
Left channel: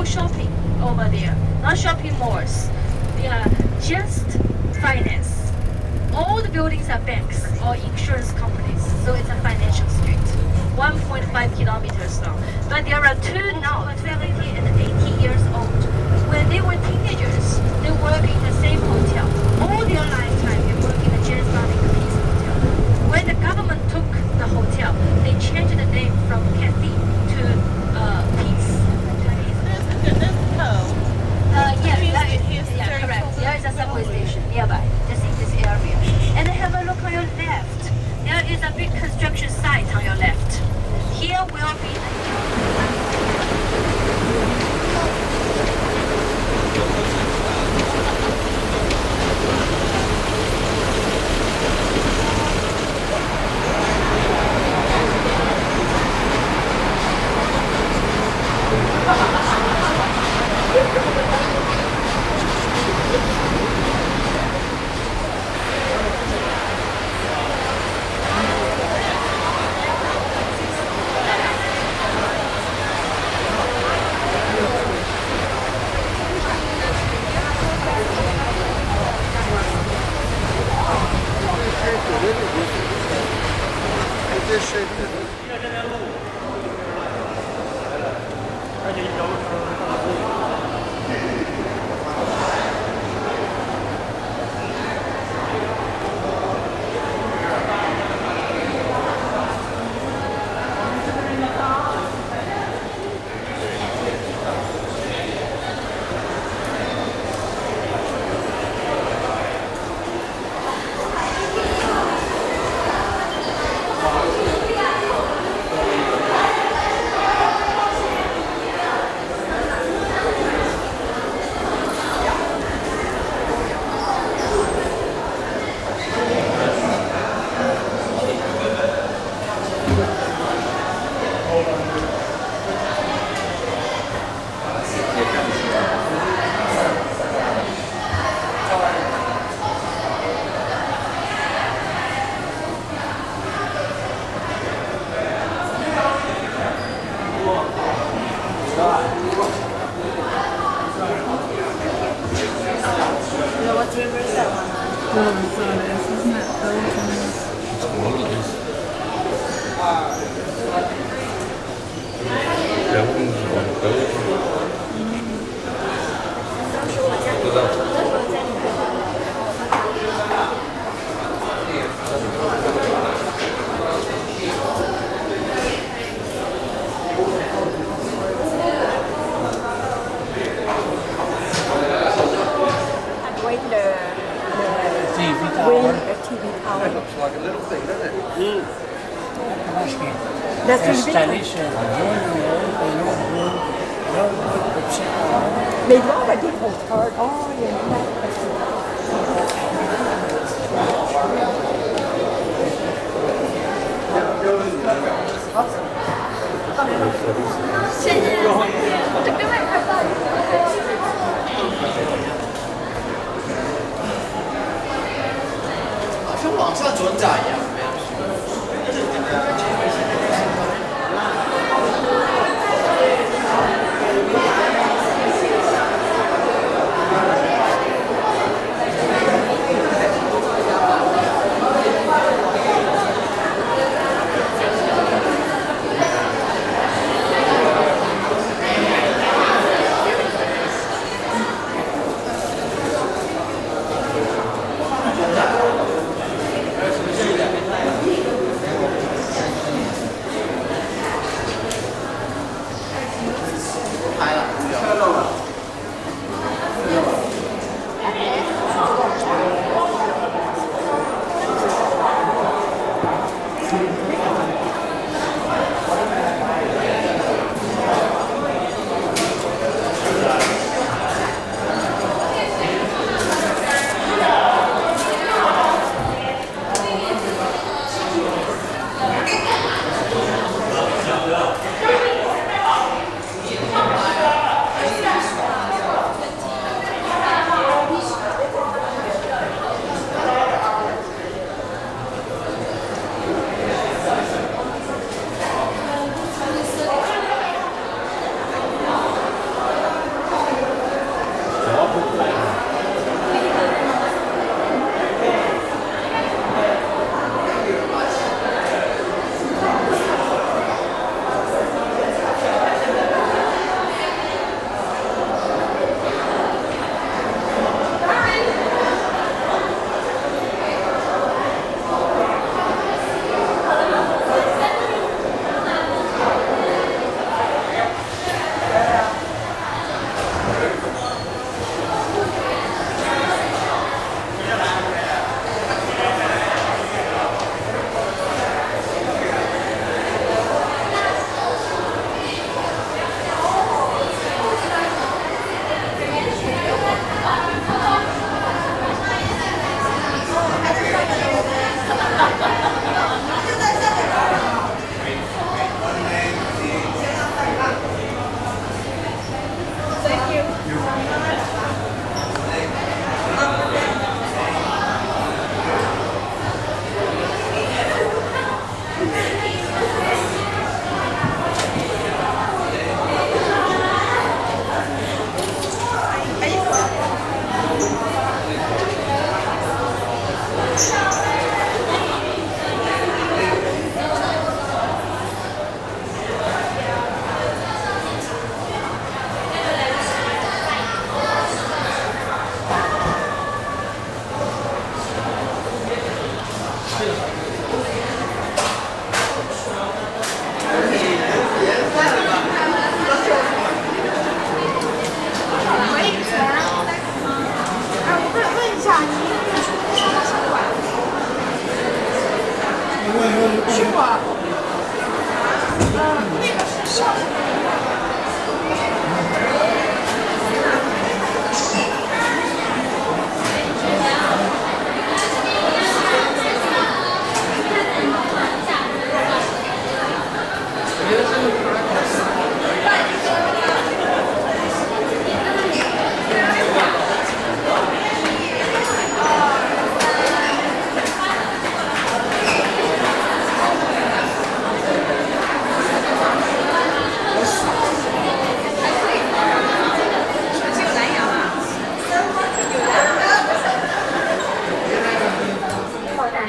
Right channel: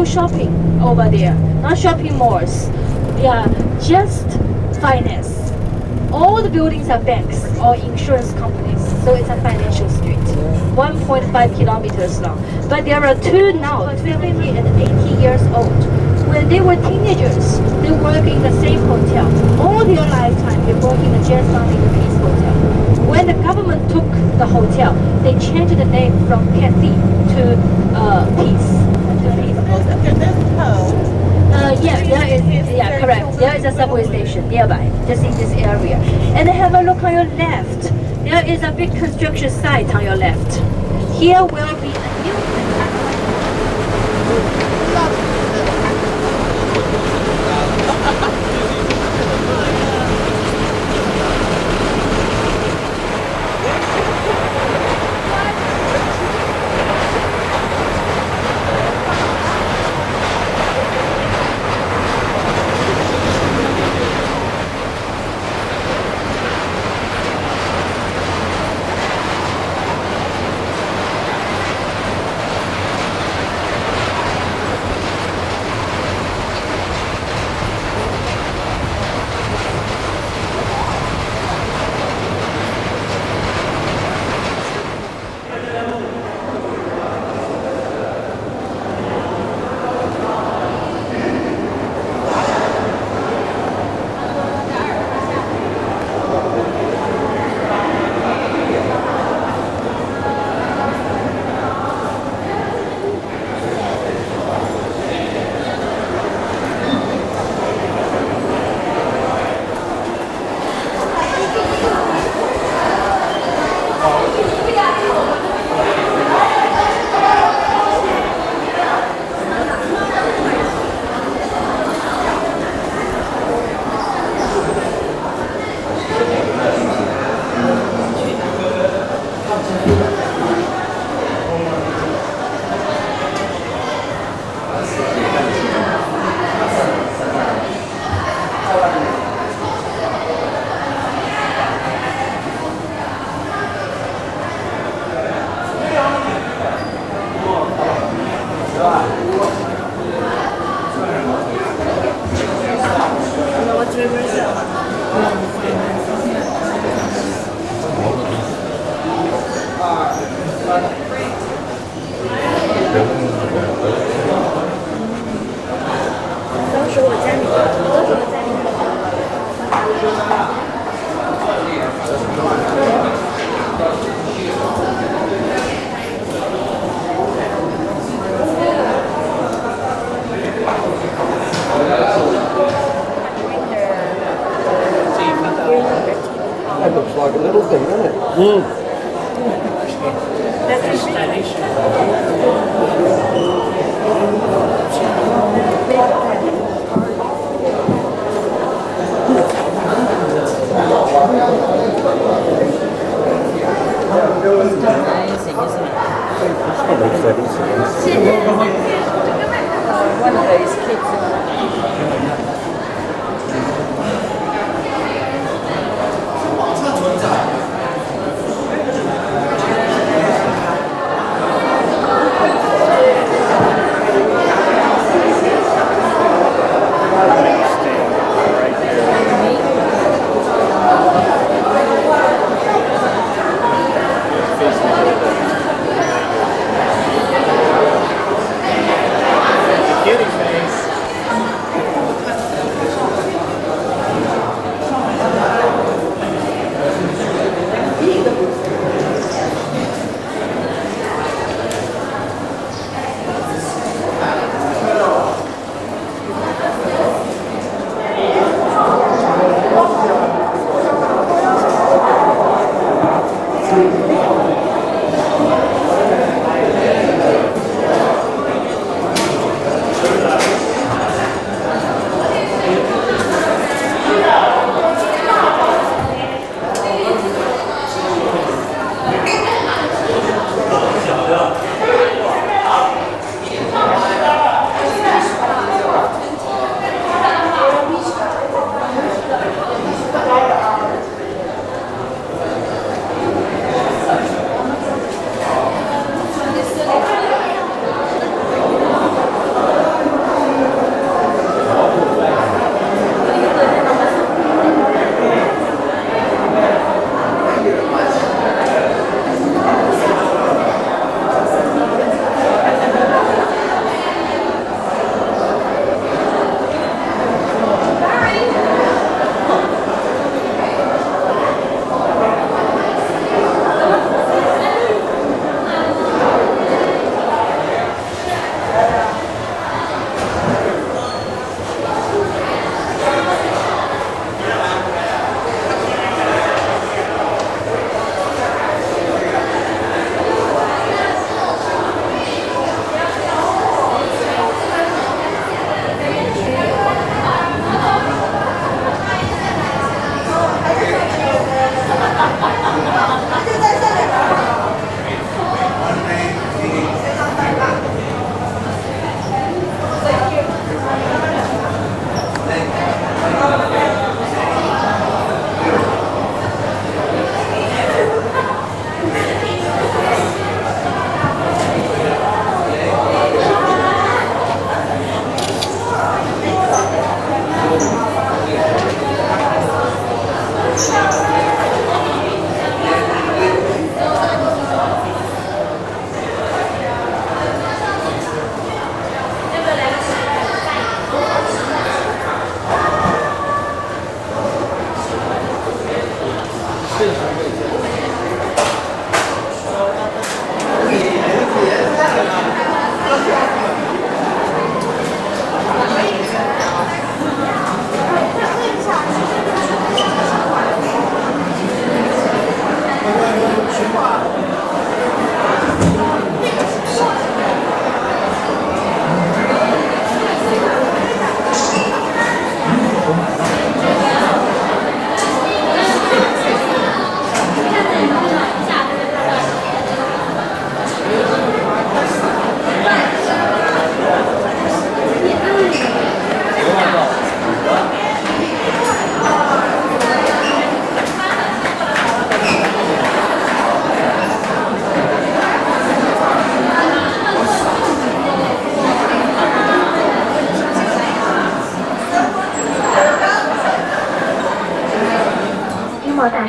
shopping over there, not shopping malls. They are just finance. All the buildings are banks or insurance companies, so it's a financial street. 1.5 kilometers long. But there are two now, 70 and 80 years old. When they were teenagers, they work in the same hotel. All their lifetime, they work in the Jian'anmen Peace Hotel. When the government took the hotel, they changed the name from Cathay to Peace. Yeah, correct. There is a subway station nearby, just in this area. And have a look on your left. There is a big construction site on your left. Here will be a new... That looks like a little thing, doesn't it?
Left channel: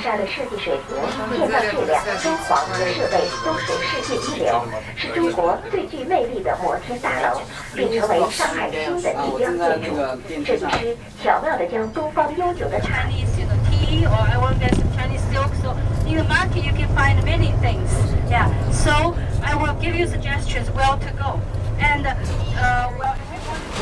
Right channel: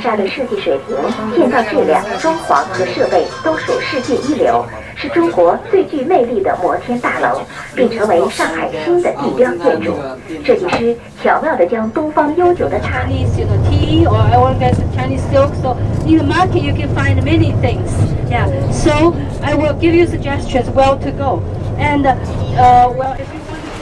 山的设计水平、建造质量、装潢和设备都属世界一流，是中国最具魅力的摩天大楼，并成为上海新的地标建筑。设计师巧妙地将东方悠久的茶。 tea or I want to get some Chinese silk. So in the market you can find many things. Yeah. So I will give you suggestions where to go. And well, if you want to.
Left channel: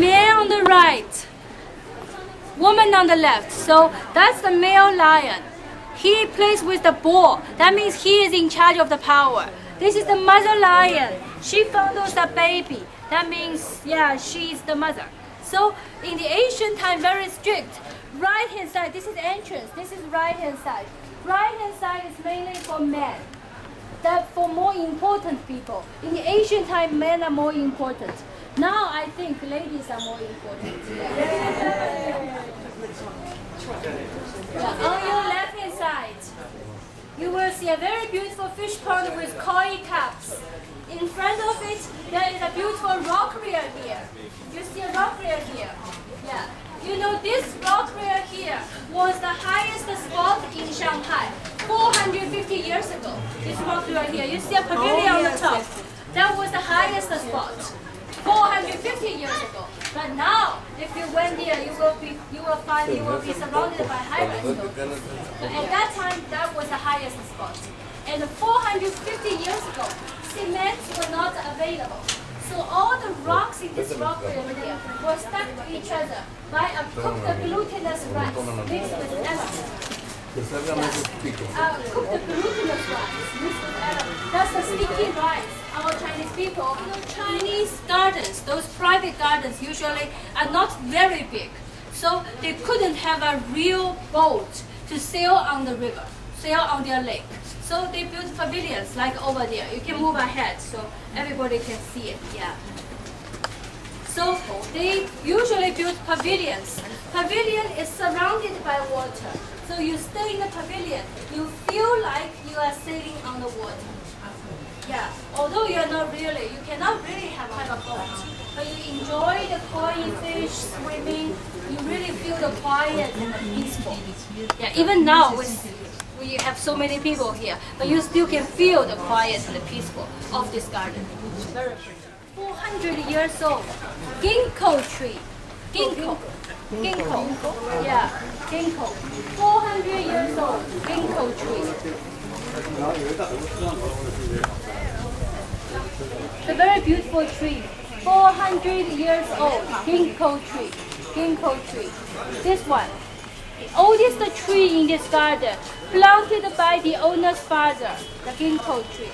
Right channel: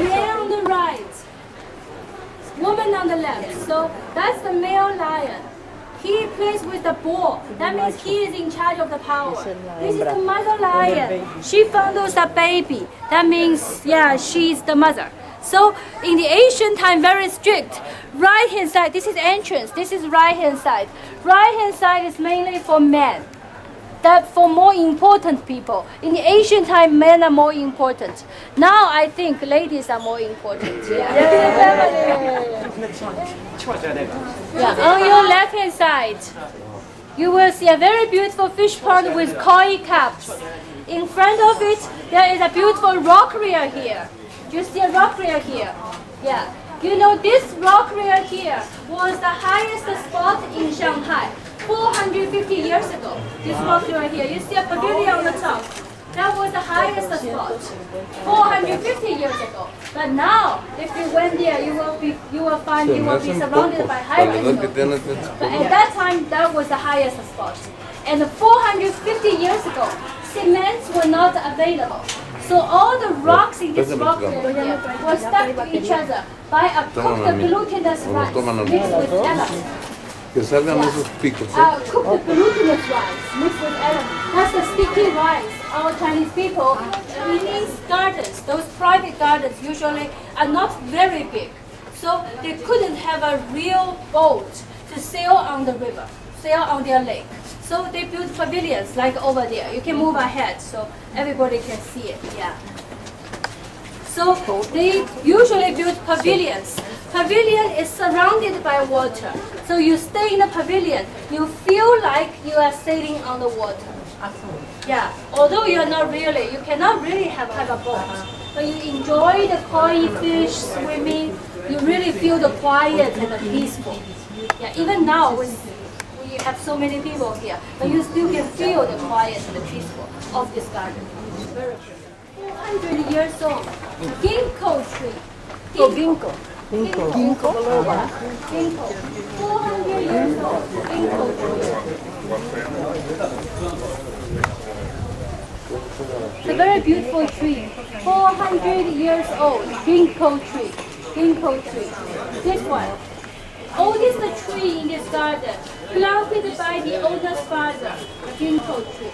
Man on the right, woman on the left. So that's the male lion. He plays with the ball. That means he is in charge of the power. This is the mother lion. She fondles the baby. That means, yeah, she's the mother. So in the ancient time, very strict. Right hand side, this is entrance. This is right hand side. Right hand side is mainly for men. That for more important people. In the ancient time, men are more important. Now I think ladies are more important. On your left hand side, you will see a very beautiful fish pond with koi cups. In front of it, there is a beautiful rock reel here. You see a rock reel here? Yeah. You know this rock reel here was the highest spot in Shanghai 450 years ago. This rock reel here, you see a pavilion on the top. That was the highest spot 450 years ago. But now, if you went there, you will be surrounded by high windows. But at that time, that was the highest spot. And 450 years ago, cements were not available. So all the rocks in this rock area were stuck to each other by a cooked glutinous rice mixed with lemon. Cooked glutinous rice mixed with lemon. That's the sticky rice. Our Chinese people, Chinese gardens, those private gardens usually are not very big. So they couldn't have a real boat to sail on the river, sail on their lake. So they built pavilions like over there. You can move ahead so everybody can see it. Yeah. So they usually build pavilions. Pavilion is surrounded by water. So you stay in the pavilion, you feel like you are sailing on the water. Yeah. Although you are not really, you cannot really have a boat, but you enjoy the koi fish swimming. You really feel the quiet and the peaceful. Yeah. Even now we have so many people here, but you still can feel the quiet and the peaceful of this garden. Very 400 years old. Ginkgo tree. Ginkgo. Yeah, ginkgo. 400 years old. Ginkgo tree. It's a very beautiful tree. 400 years old. Ginkgo tree. Ginkgo tree. This one. Oldest tree in this garden, planted by the owner's father, the ginkgo tree.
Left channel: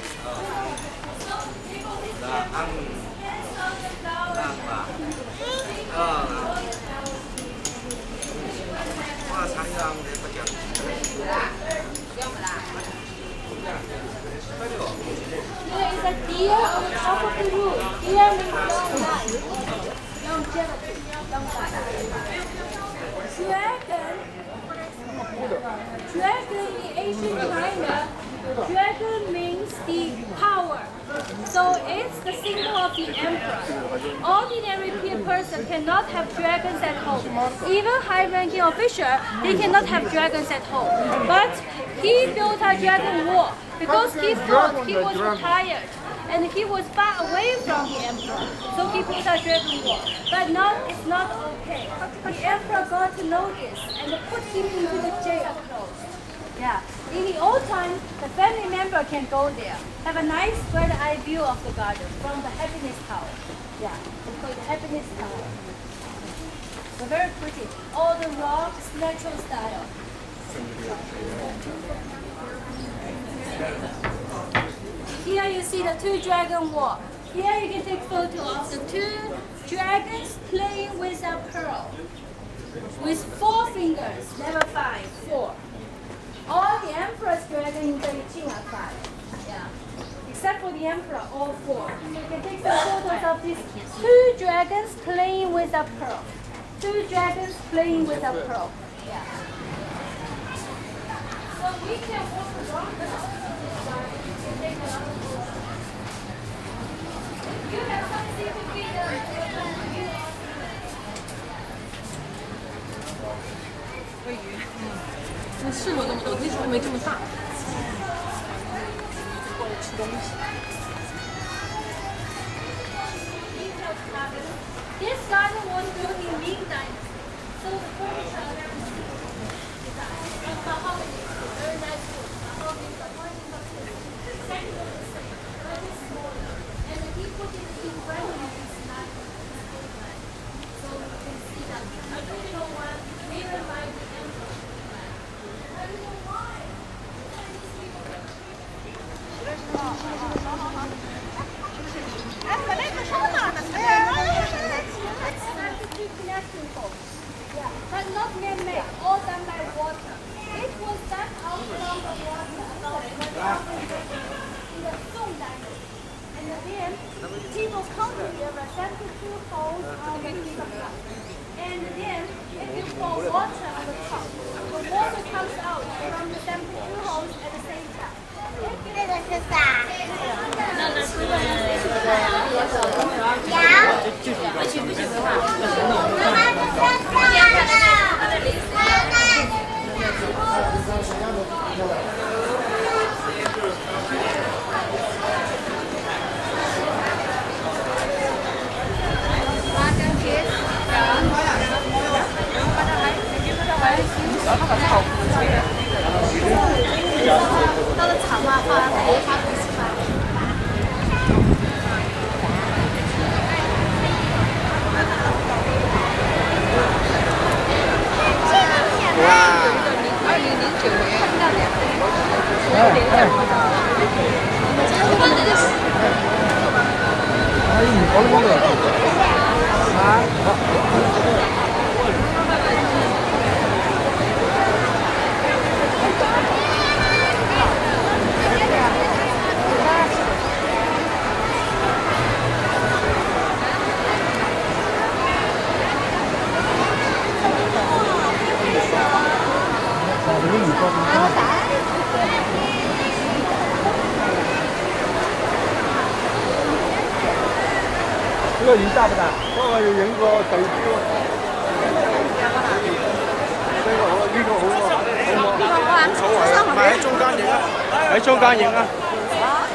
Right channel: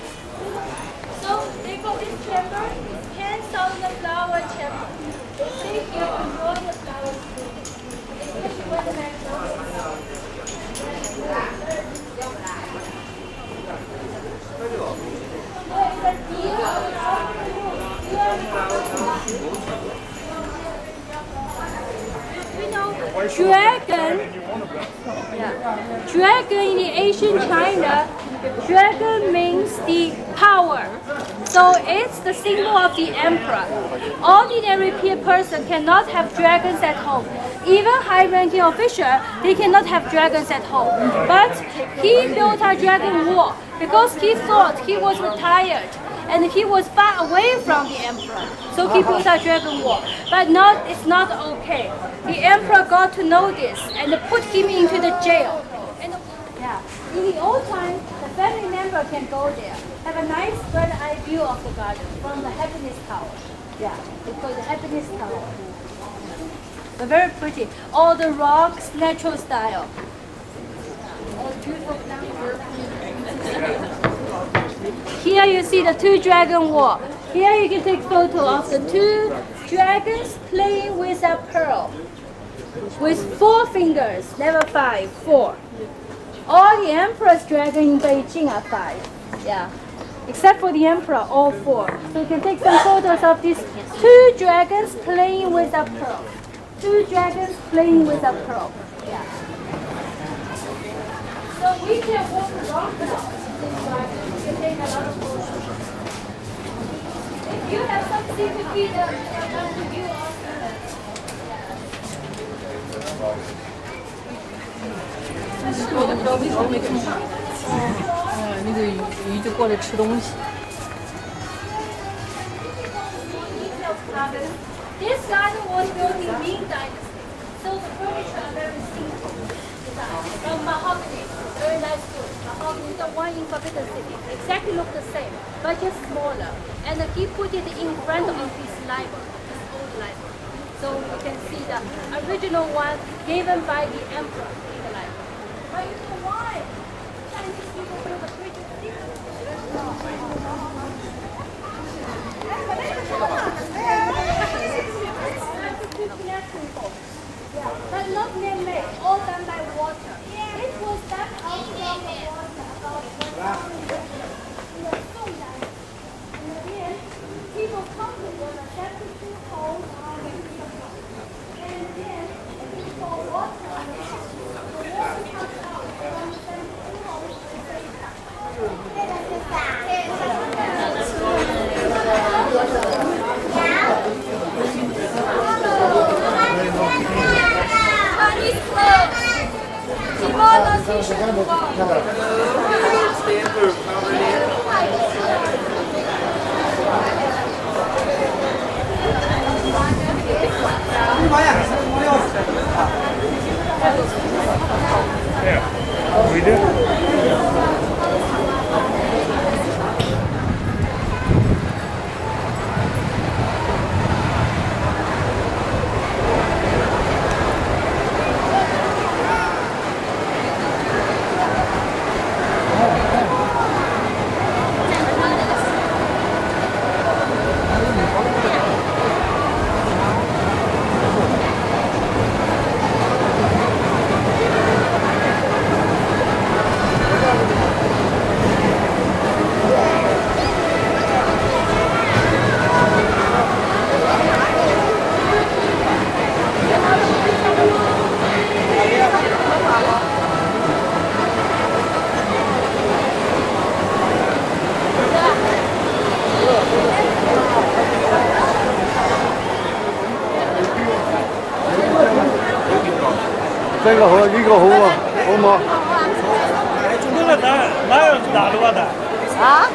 So they got this camera, hands on the flowers and they can grow the flowers. There is a deer on the top of the roof. Dragon in the ancient China, dragon means the power. So it's the symbol of the emperor. Ordinary person cannot have dragons at home. Even high-ranking official, they cannot have dragons at home. But he built a dragon wall because he thought he was retired and he was far away from the emperor. So he built a dragon wall. But it's not okay. The emperor got to know this and put him into the jail. Yeah. In the old time, the family member can go there, have a nice bird-eye view of the garden from the Happiness Tower. Yeah, it's called the Happiness Tower. But very pretty. All the rocks, natural style. Here you see the two dragon wall. Here you can take photo of the two dragons playing with a pearl. With 4 fingers, never 5, 4. All the emperor's dragons in Beijing are 5. Yeah. Except for the emperor, all 4. So you can take some photos of these 2 dragons playing with a pearl. 2 dragons playing with a pearl. Yeah. So we can walk around this garden. You can take a lot of photos. If you have something to feed them, you also 那是我都不知道为什么没这么大。那个鱼就过来吃东西。This garden was built in Ming Dynasty, so the furniture are very simple design. From mahogany, very nice wood. Mahogany, the one in Forbidden City, exactly look the same, but just smaller. And he put it in front of his library, his old library. So you can see the original one given by the emperor. But not man-made, all done by water. It was done out from the water about 1,000 years in the Song Dynasty. And then people come together, set the two holes on the piece of rock. And then if you pour water on the top, the water comes out from the two holes at the same time. 这个是啥？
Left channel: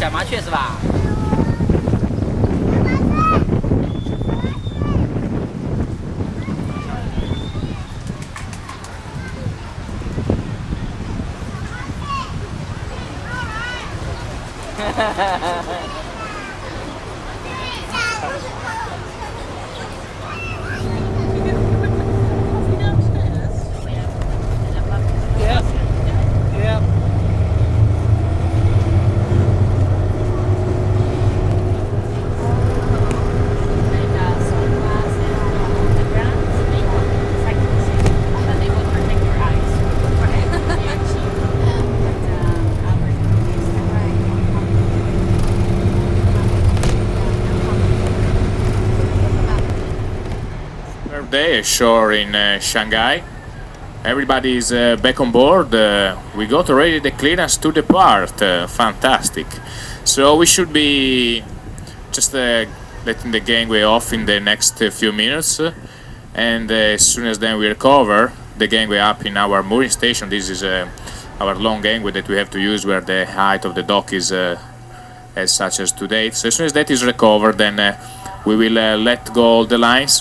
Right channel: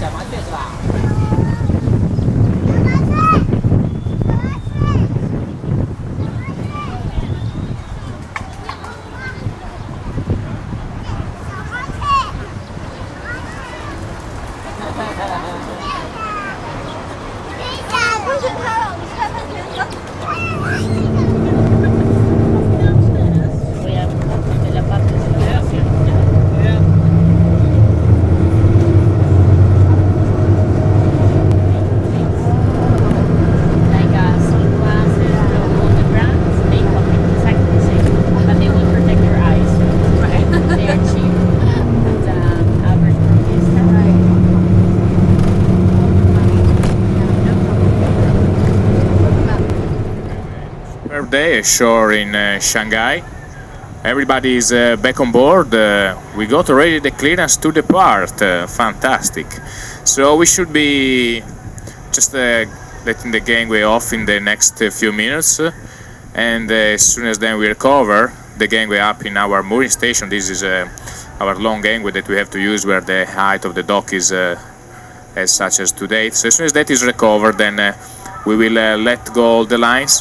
小麻雀是吧？Day ashore in Shanghai. Everybody is back on board. We got already the clearance to depart. Fantastic. So we should be just letting the gangway off in the next few minutes, and as soon as then we recover the gangway up in our mooring station. This is our long gangway that we have to use where the height of the dock is as such as today. So as soon as that is recovered, then we will let go all the lines.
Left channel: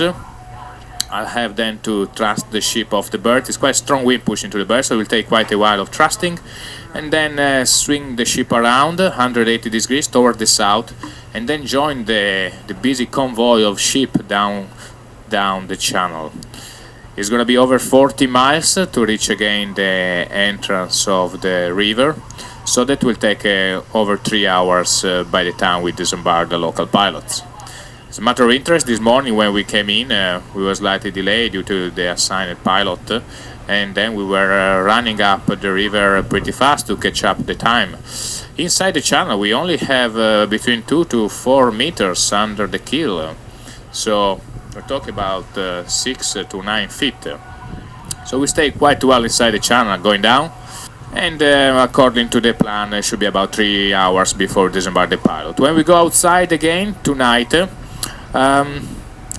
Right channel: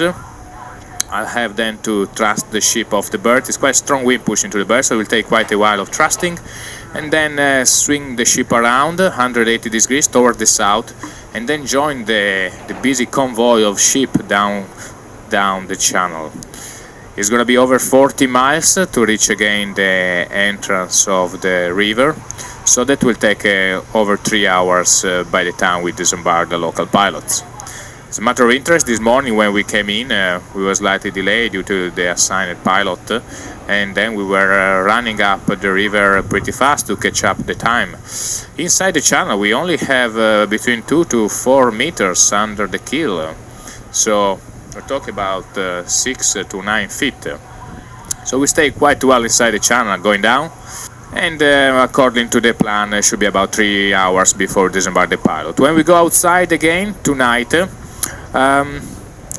I'll have then to thrust the ship off the berth. It's quite a strong wind pushing to the berth, so it will take quite a while of thrusting, and then swing the ship around 180 degrees toward the south, and then join the busy convoy of ship down the channel. It's going to be over 40 miles to reach again the entrance of the river, so that will take over 3 hours by the time we disembark the local pilots. As a matter of interest, this morning when we came in, we were slightly delayed due to the assigned pilot, and then we were running up the river pretty fast to catch up the time. Inside the channel we only have between 2 to 4 meters under the keel, so we're talking about 6 to 9 feet. So we stay quite well inside the channel going down, and according to the plan it should be about 3 hours before disembark the pilot. When we go outside again tonight,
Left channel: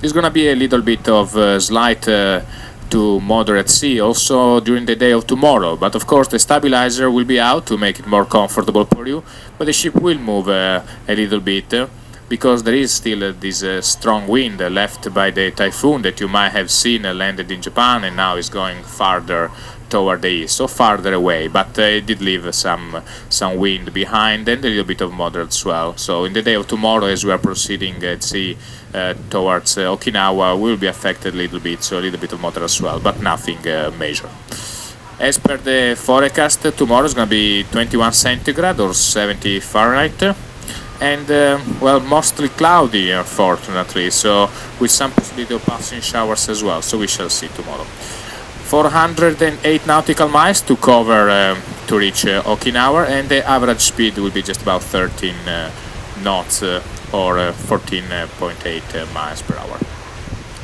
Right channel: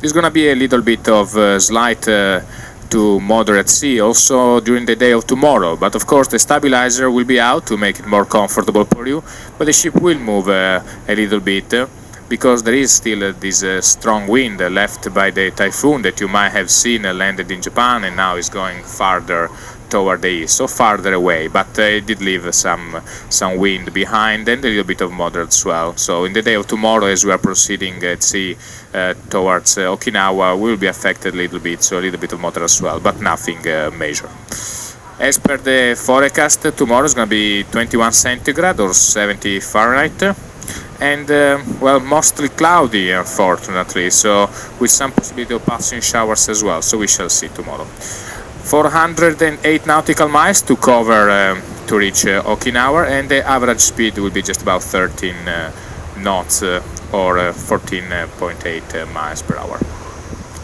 it's gonna be a little bit of slight to moderate sea also during the day of tomorrow, but of course the stabilizer will be out to make it more comfortable for you, but the ship will move a little bit because there is still this strong wind left by the typhoon that you might have seen landed in Japan and now is going farther toward the east, so farther away, but it did leave some wind behind and a little bit of moderate swell. So in the day of tomorrow, as we are proceeding at sea towards Okinawa, we will be affected a little bit, so a little bit of moderate swell, but nothing major. As per the forecast, tomorrow is going to be 21 centigrade or 70 Fahrenheit, and well, mostly cloudy, unfortunately, so with some possibility of passing showers as well, so we shall see tomorrow. 408 nautical miles to cover to reach Okinawa, and the average speed will be just about 13 knots or 14.8 miles per hour.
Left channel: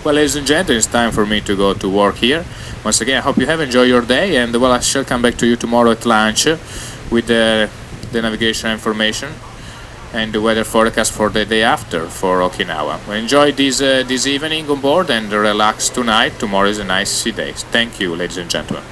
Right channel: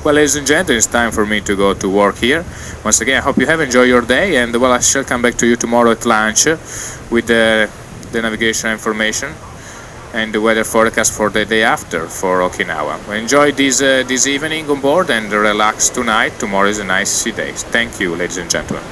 Well, ladies and gentlemen, it's time for me to go to work here. Once again, I hope you have enjoyed your day, and well, I shall come back to you tomorrow at lunch with the navigation information and the weather forecast for the day after for Okinawa. Well, enjoy this evening on board and relax tonight. Tomorrow is a nice sea day. Thank you, ladies and gentlemen.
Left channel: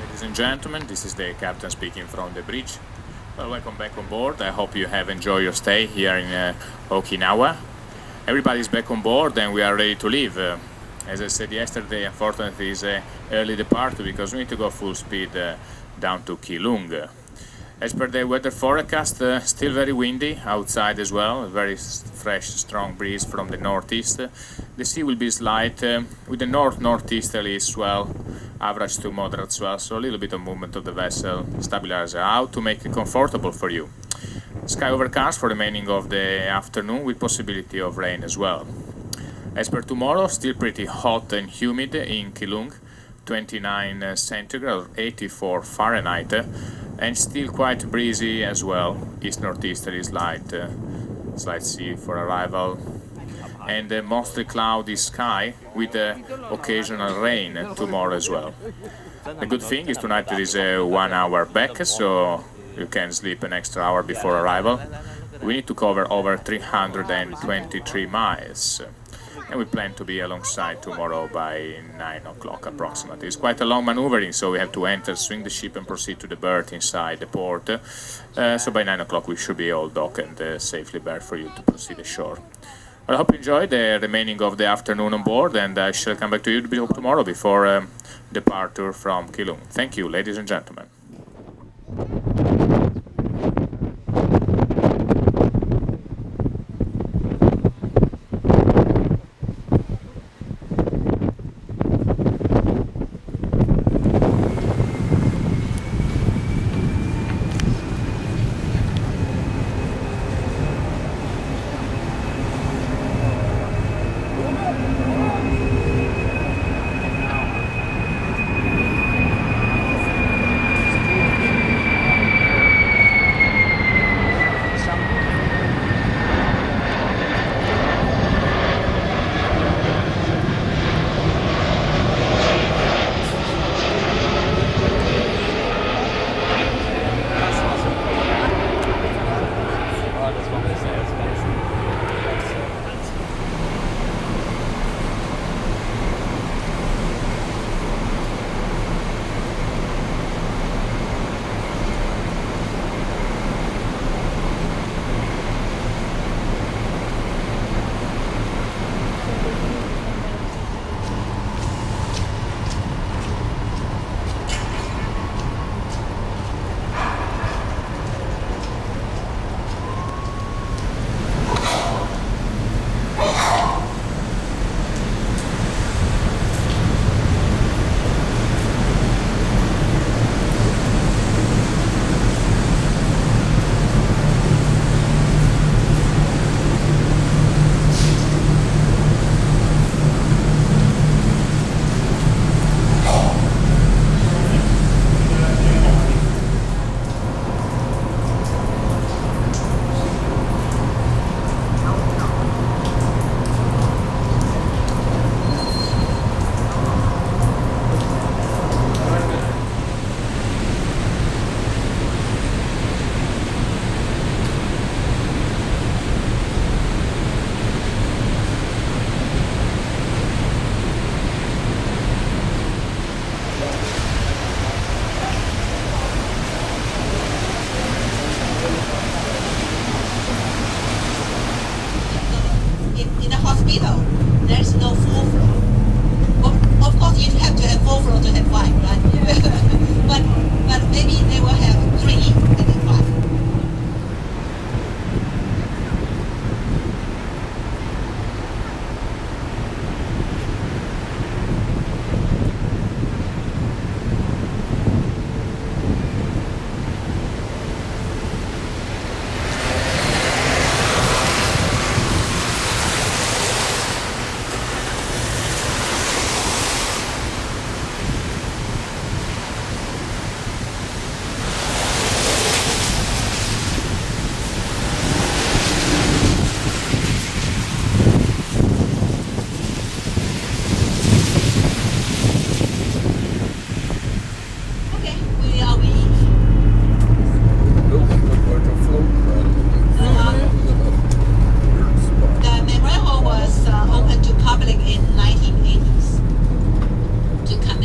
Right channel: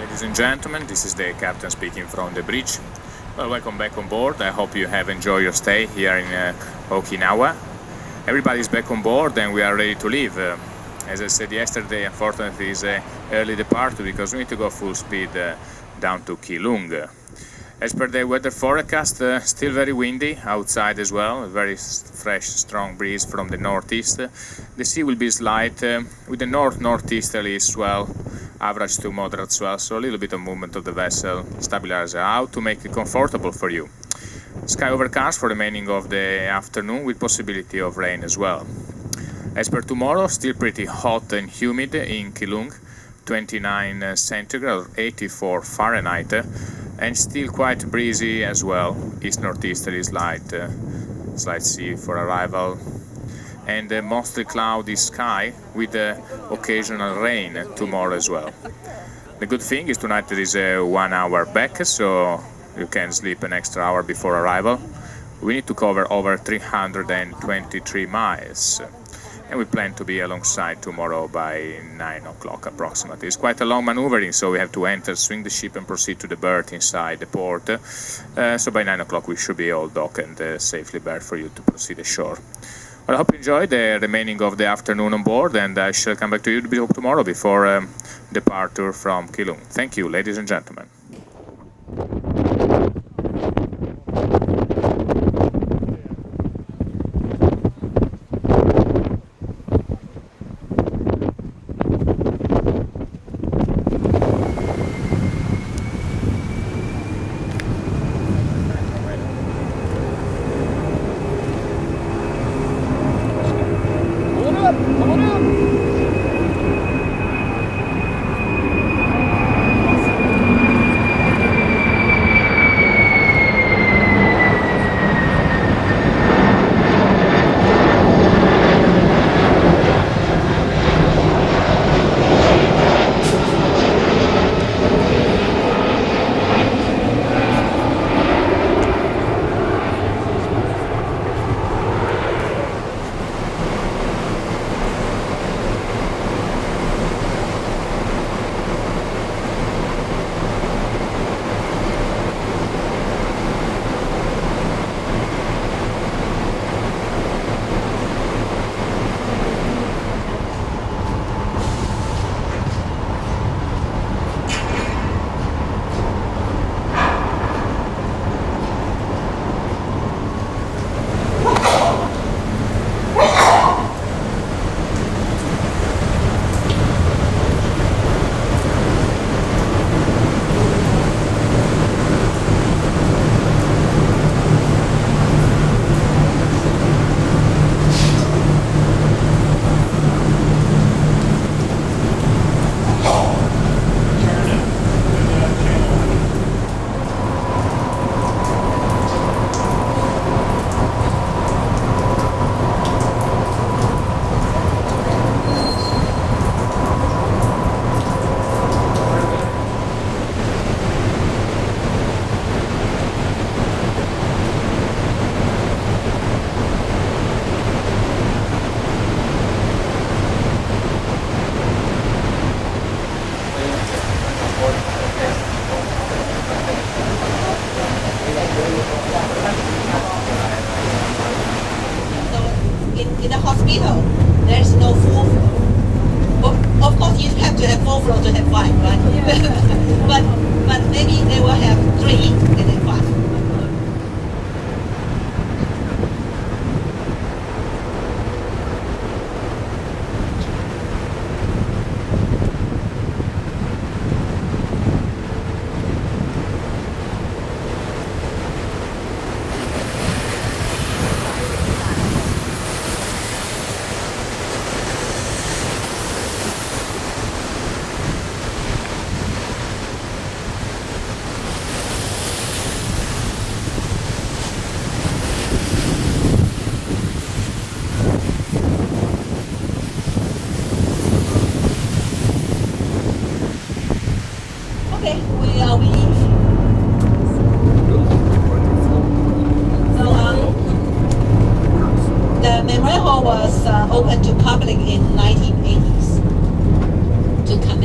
Ladies and gentlemen, this is the captain speaking from the bridge. Well, welcome back on board. I hope you have enjoyed your stay here in Okinawa. Everybody's back on board and we are ready to leave. As I said yesterday, unfortunately, it's an early departure because we need to go full speed down to Keelung. As per the weather forecast, still very windy outside as well, a very fresh, strong breeze from the northeast. The sea will be slight with the northeasterly swell, average to moderate swell, so a little bit of movement of the vessel, stabilizer out to make it comfortable for you. Sky overcast for the remaining of the afternoon with possibility of rain as well. As per tomorrow, still pretty hot and humid in Keelung, 29 centigrade or 84 Fahrenheit, and still quite breezy as well. East-northeasterly slight sea for arrival, and mostly cloudy sky with occasional rain tomorrow as well. The good thing is tonight there is a 1 hour back, so you can sleep an extra hour before arrival. We need to cover over 323 miles. And we plan to be alongside tomorrow by 9 o'clock approximately. It's quite a long maneuvering, so we have to enter, swing the ship and proceed to the berth inside the port. So by 9 o'clock we should be all docked and safely berthed for you to proceed ashore. Well, I hope you enjoyed the remaining of the afternoon on board, and I shall come back to you tomorrow before departure from Keelung. Thank you, ladies and gentlemen.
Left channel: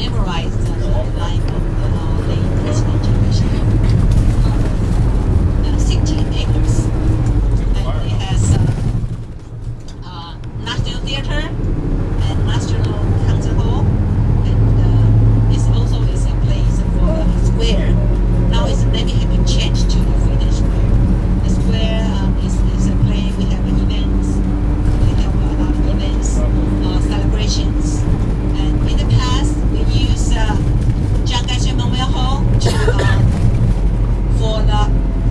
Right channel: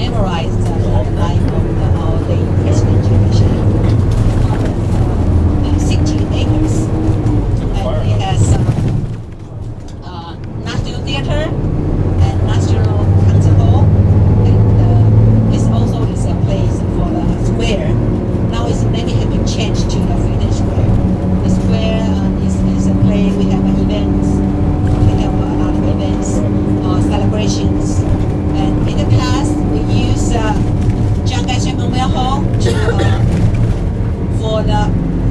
memorize the life of our late President Chiang. 16 acres. And it has National Theatre and National Concert Hall, and it also is a place for a square. Now its name has been changed to the Freedom Square. The square is a place we have events. We have a lot of events, celebrations. And in the past, we use Shanghai Sailaway Hall for the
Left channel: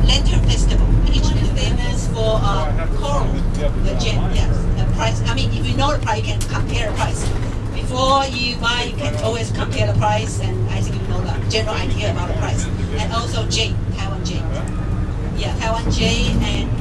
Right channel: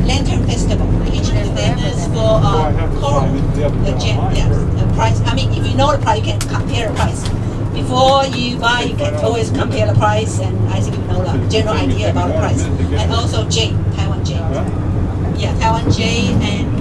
Lantern Festival, which is famous for coral, the gem, yes, the price. I mean, if you know the price, you can compare the price. Before you buy, you can always compare the price, and I think you know the general idea about the price. And also jade, Taiwan jade. Yeah, Taiwan jade and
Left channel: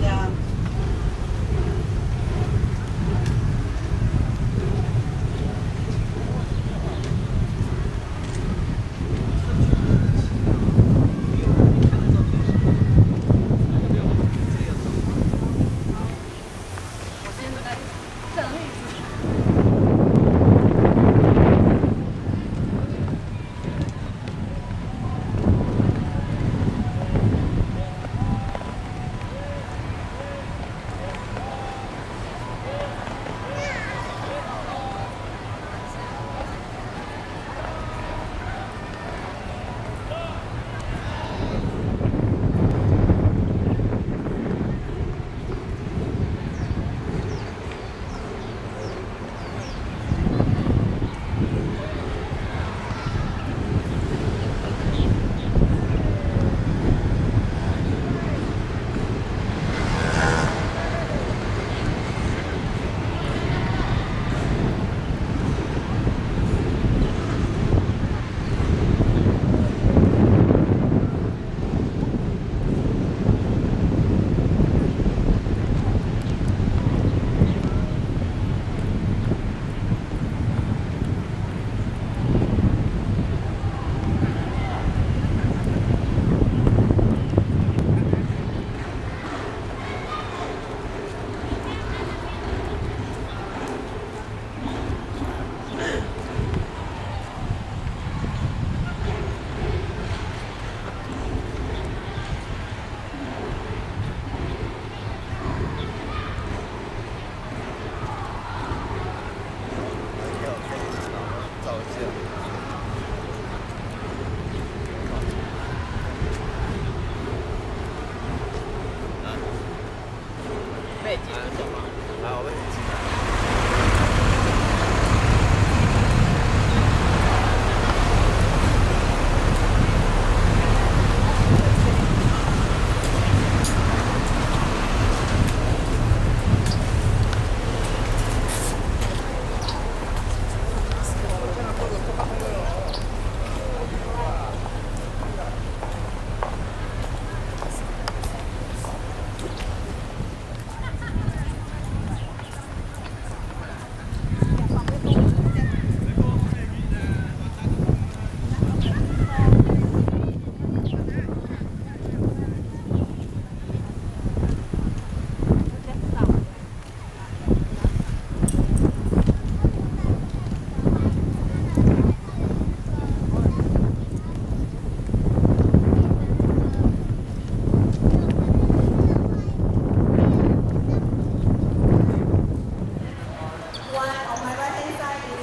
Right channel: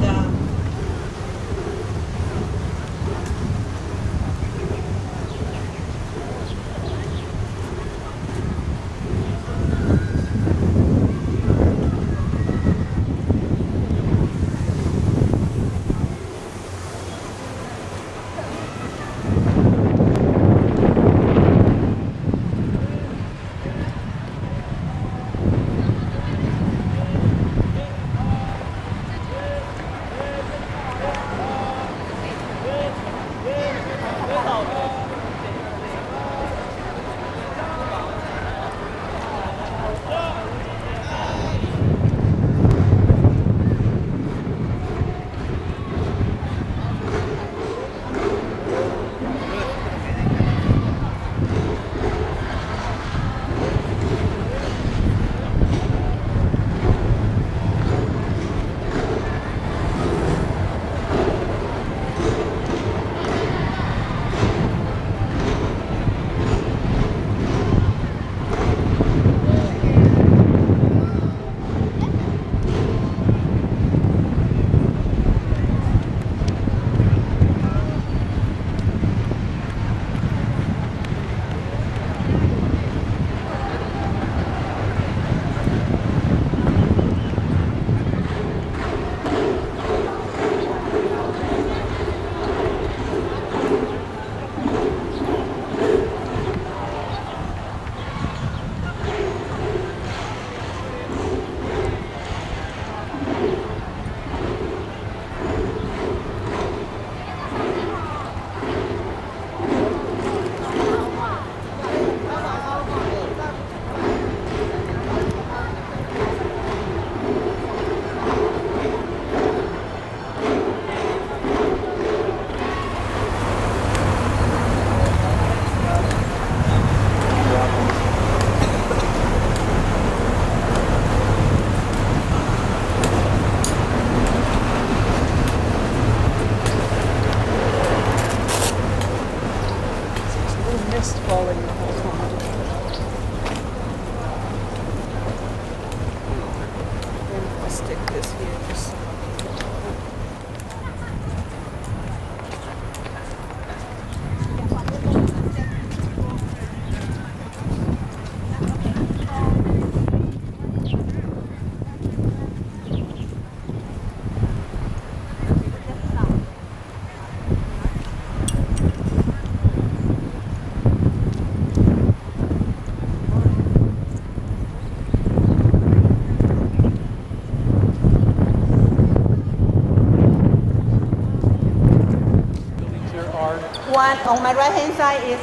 on my right hand side is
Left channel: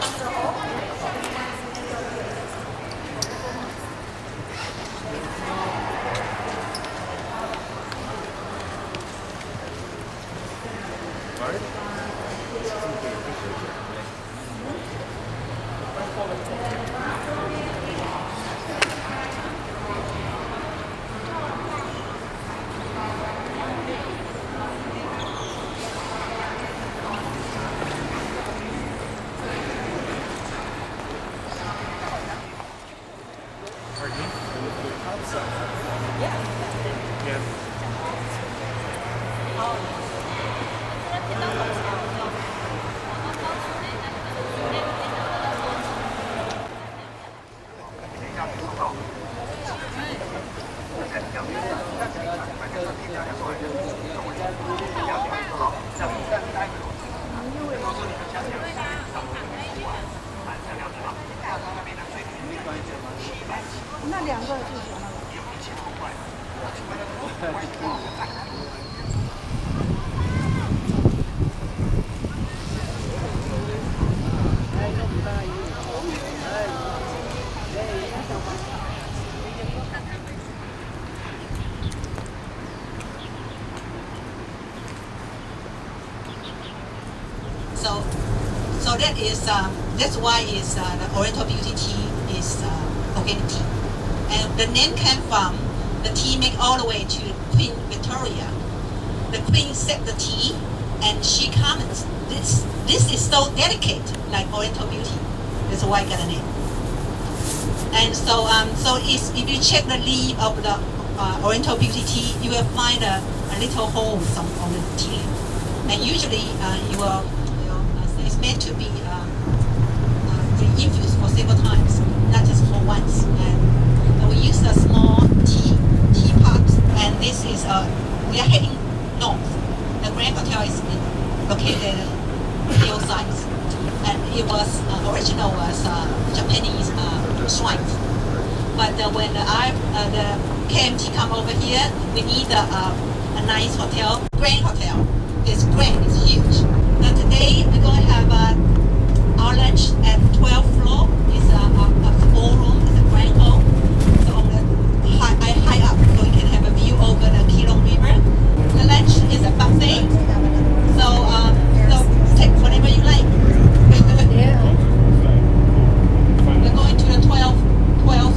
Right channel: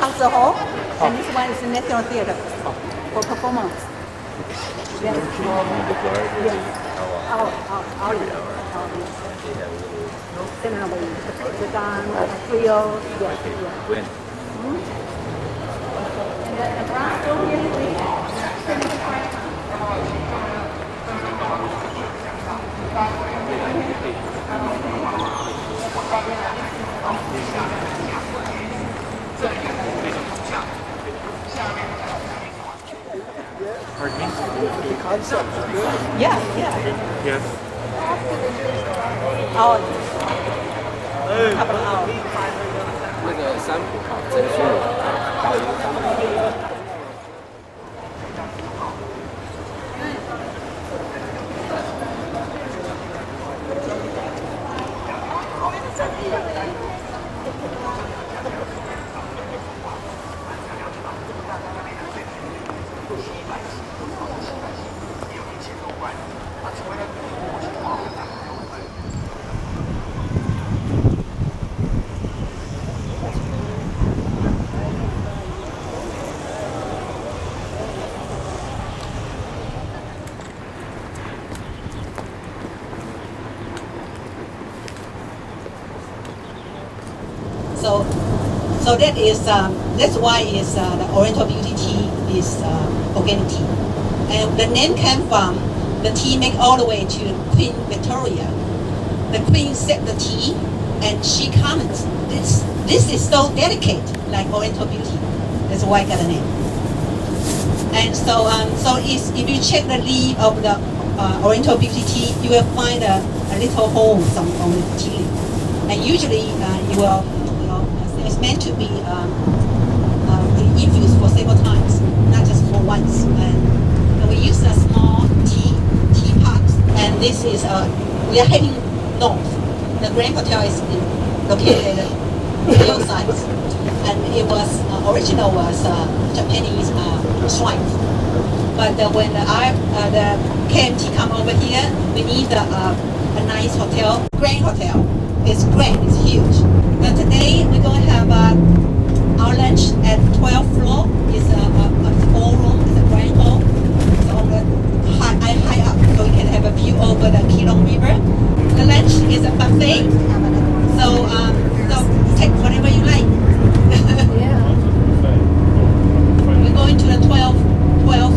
concert hall, and this one is the National Theatre for performance. Yeah, yeah. Yes. So that is that's why is the Oriental Beauty tea is organic tea, and the name came from the tea made all the way to Queen Victoria. The Queen set the tea, and she comments, "This is so delicate, like Oriental Beauty." That's why I got the name. And so if you check the leaf of the Oriental Beauty tea, you will find a little holes on the tea leaf, and usually you will. It's meant to be infused for several times, not just for once. And we use a small teapot, and this is we are heading north. The Grand Hotel is located at the hillside, and it was original was Japanese shrine. But when the KMT come over here, we need a nice hotel, Grand Hotel. It's great, it's huge. But today we're going to have our lunch at 12th floor. It's a ballroom, it's a grand hall. It's on the high up, so we can have a view over the Keelung River. The lunch is a buffet, so take whatever you like. Yeah. We're going to the 12th floor.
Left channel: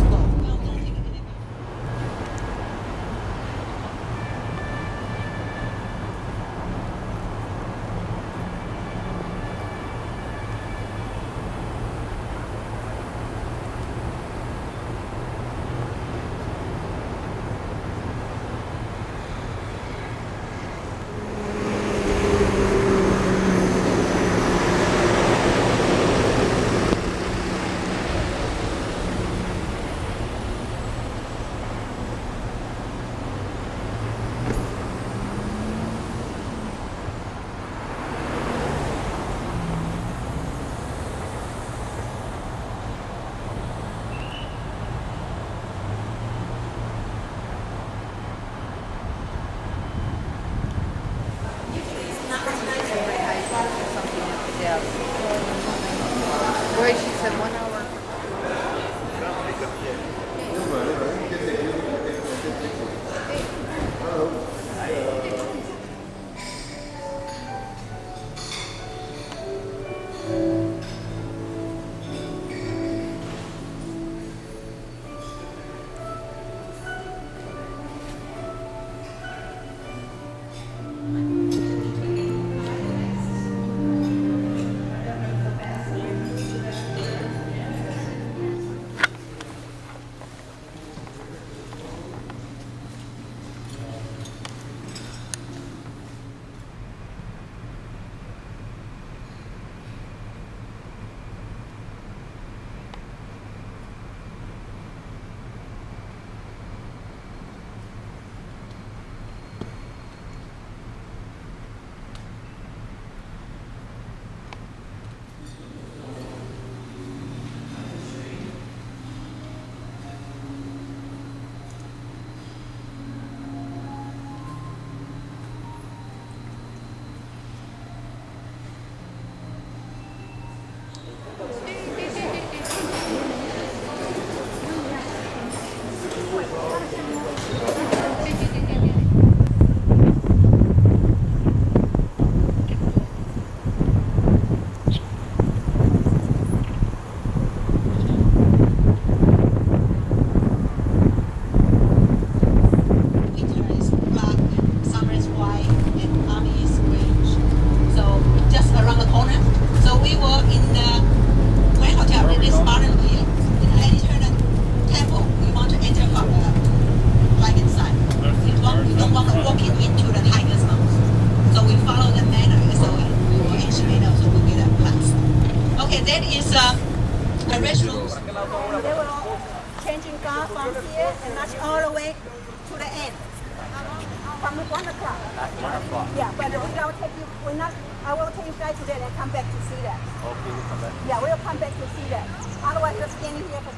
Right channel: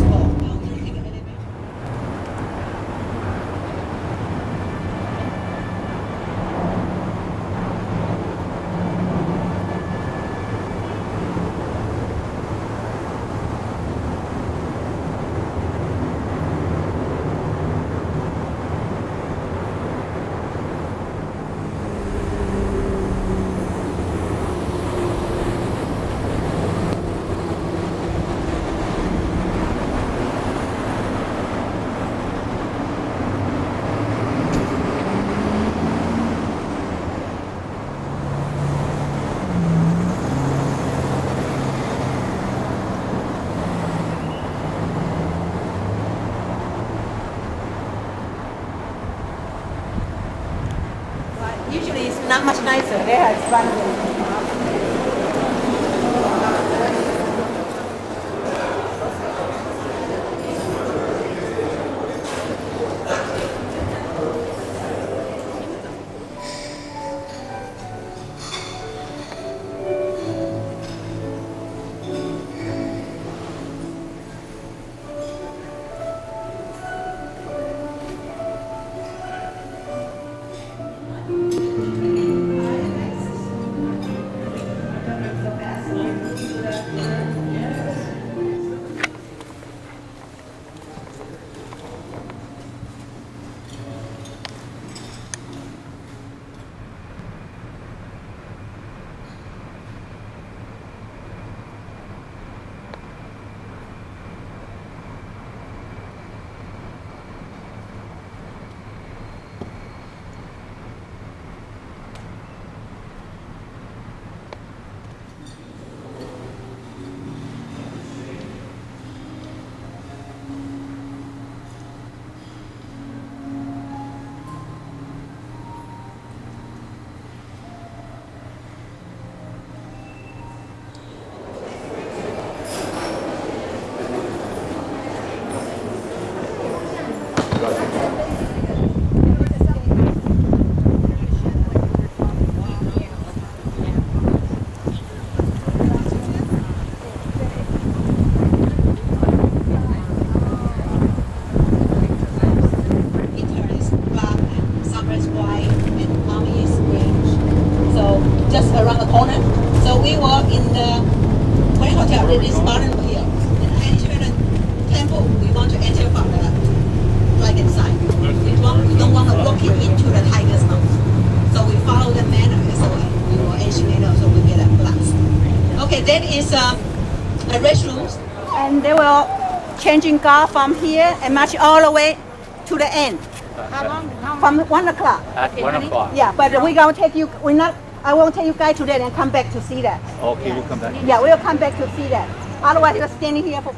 Not much nicer. They have fun. Changing car from here and march all the way to the end. From 1 o'clock. At 1 o'clock. Yeah, but we're gonna take you. I won't take you guys to that and come back to see that. Okay, we'll come back. Yeah, we'll come back to see that. Otherwise, you're standing here for.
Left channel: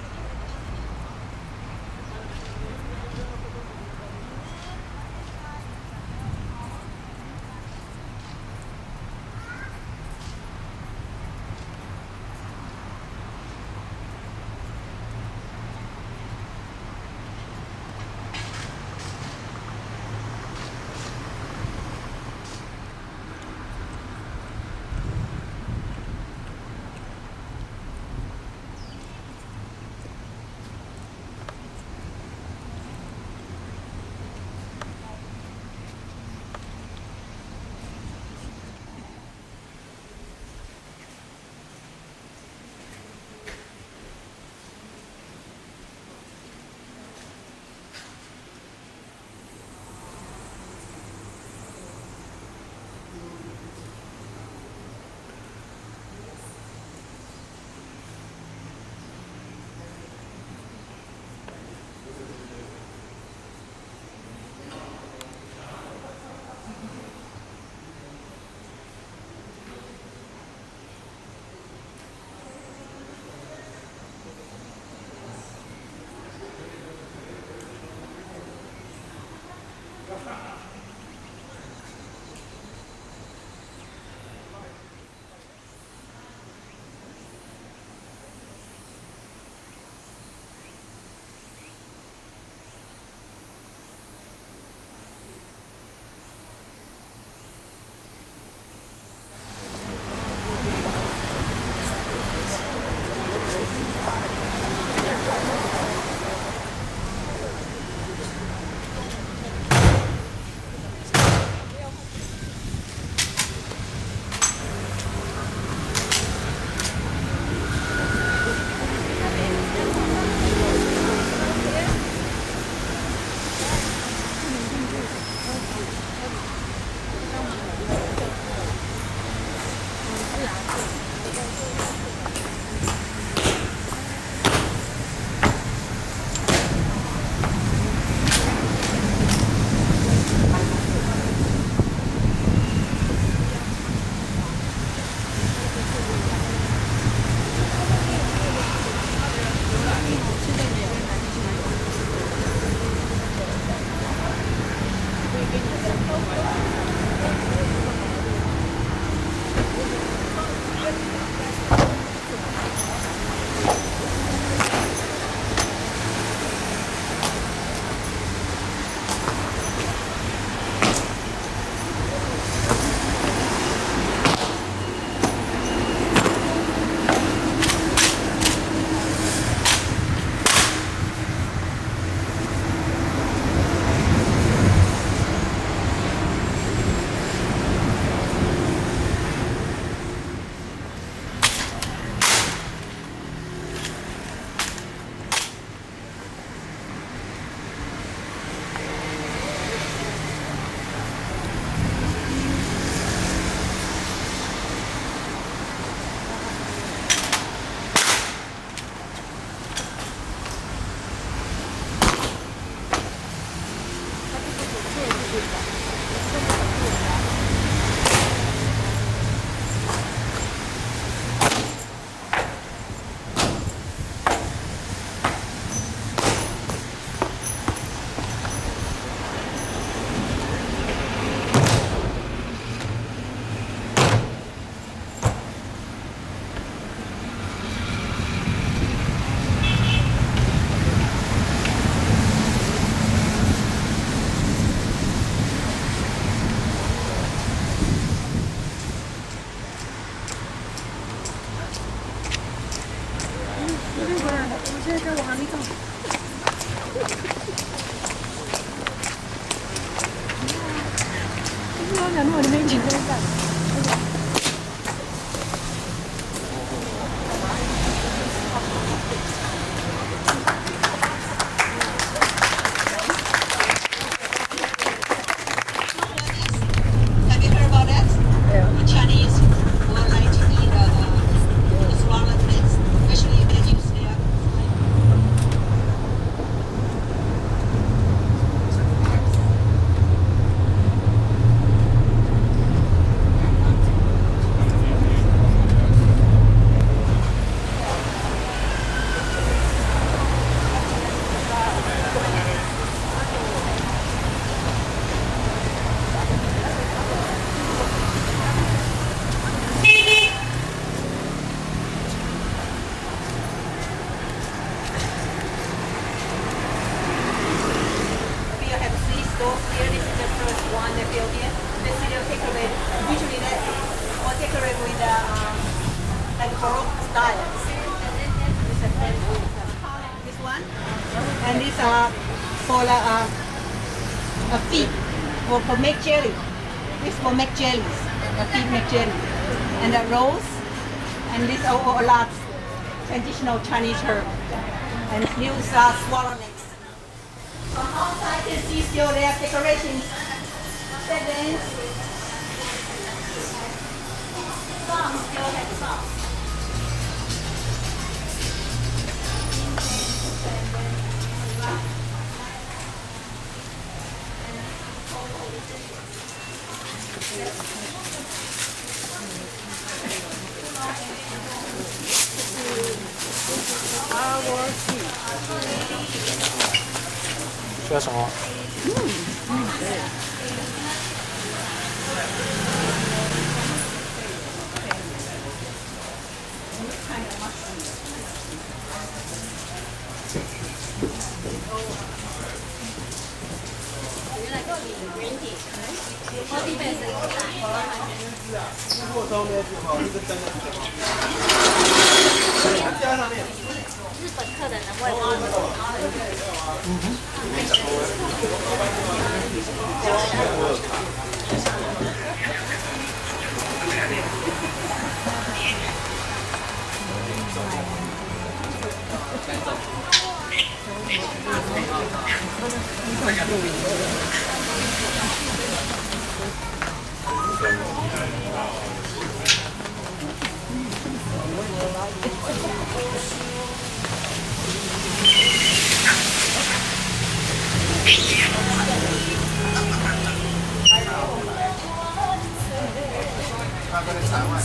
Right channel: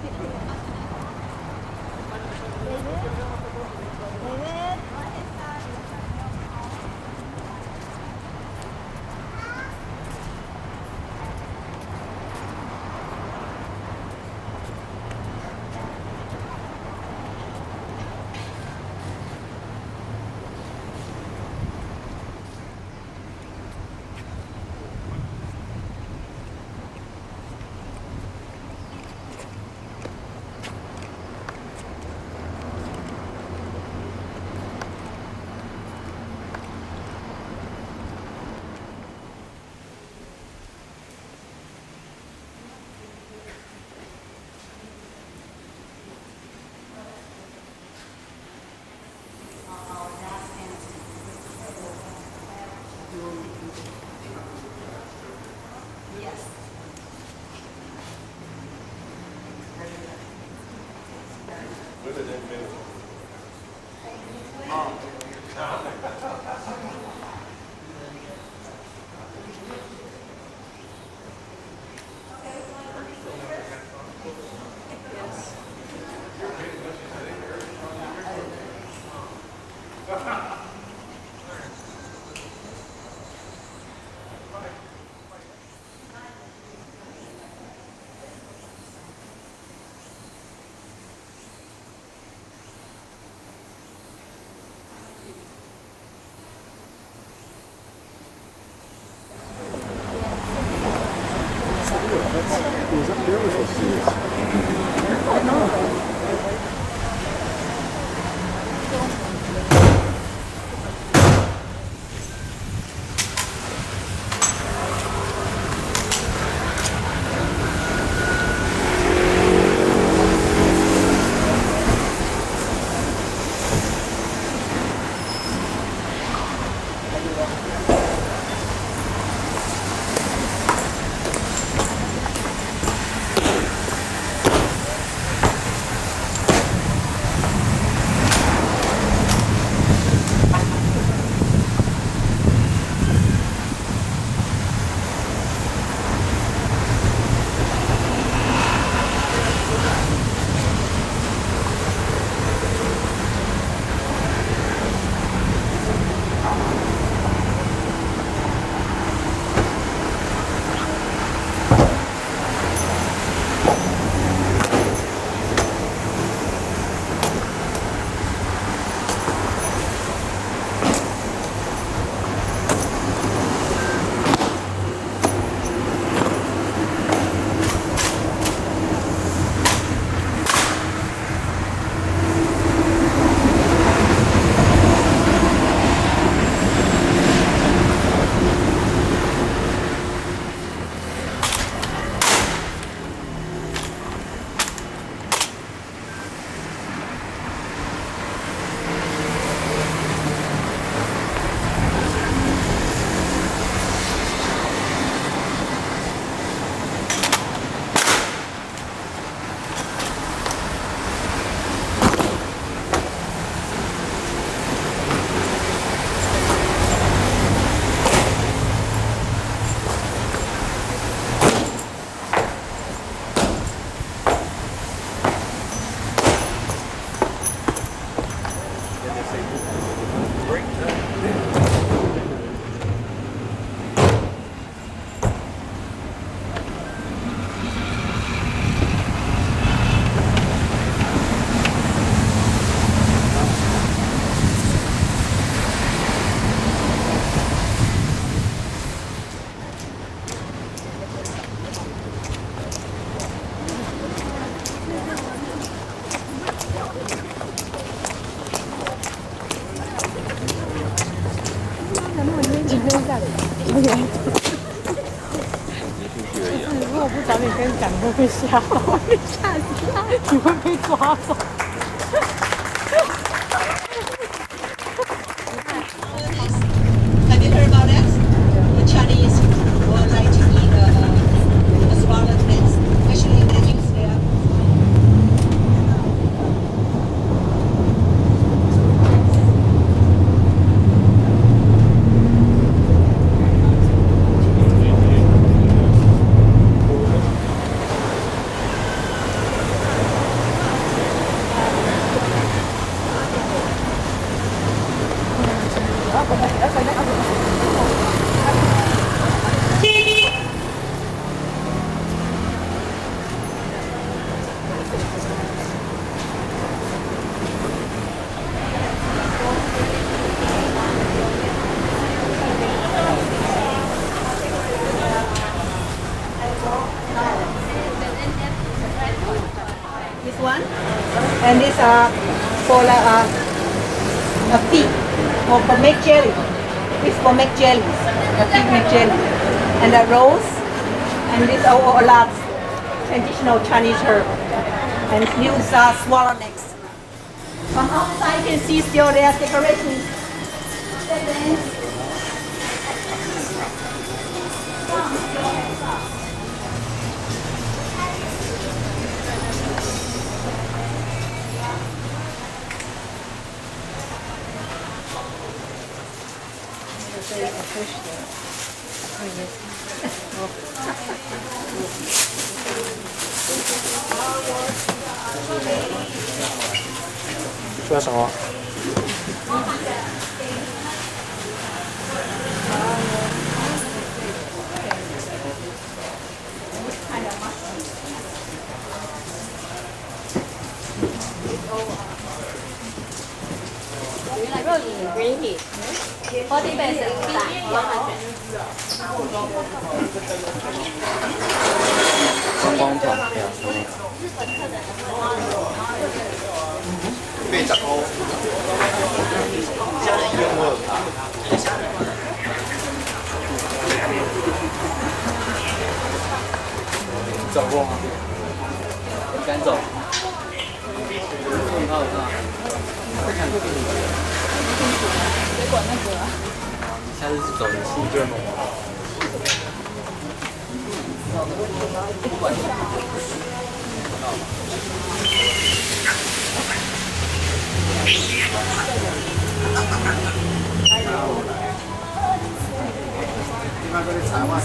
Have you heard about that? In Chinese, one like to eat a swallowed mince. Actually, they use their this one, and these are for a feet or for make jelly. This for make jellies, a feet make jelly, and the rolls, and these are all lots traditional Chinese herb, and use swallow necks. From outside you can see still there are decorations. Some still have sauce. 缺少。日本客人会挖赶走。那个台湾。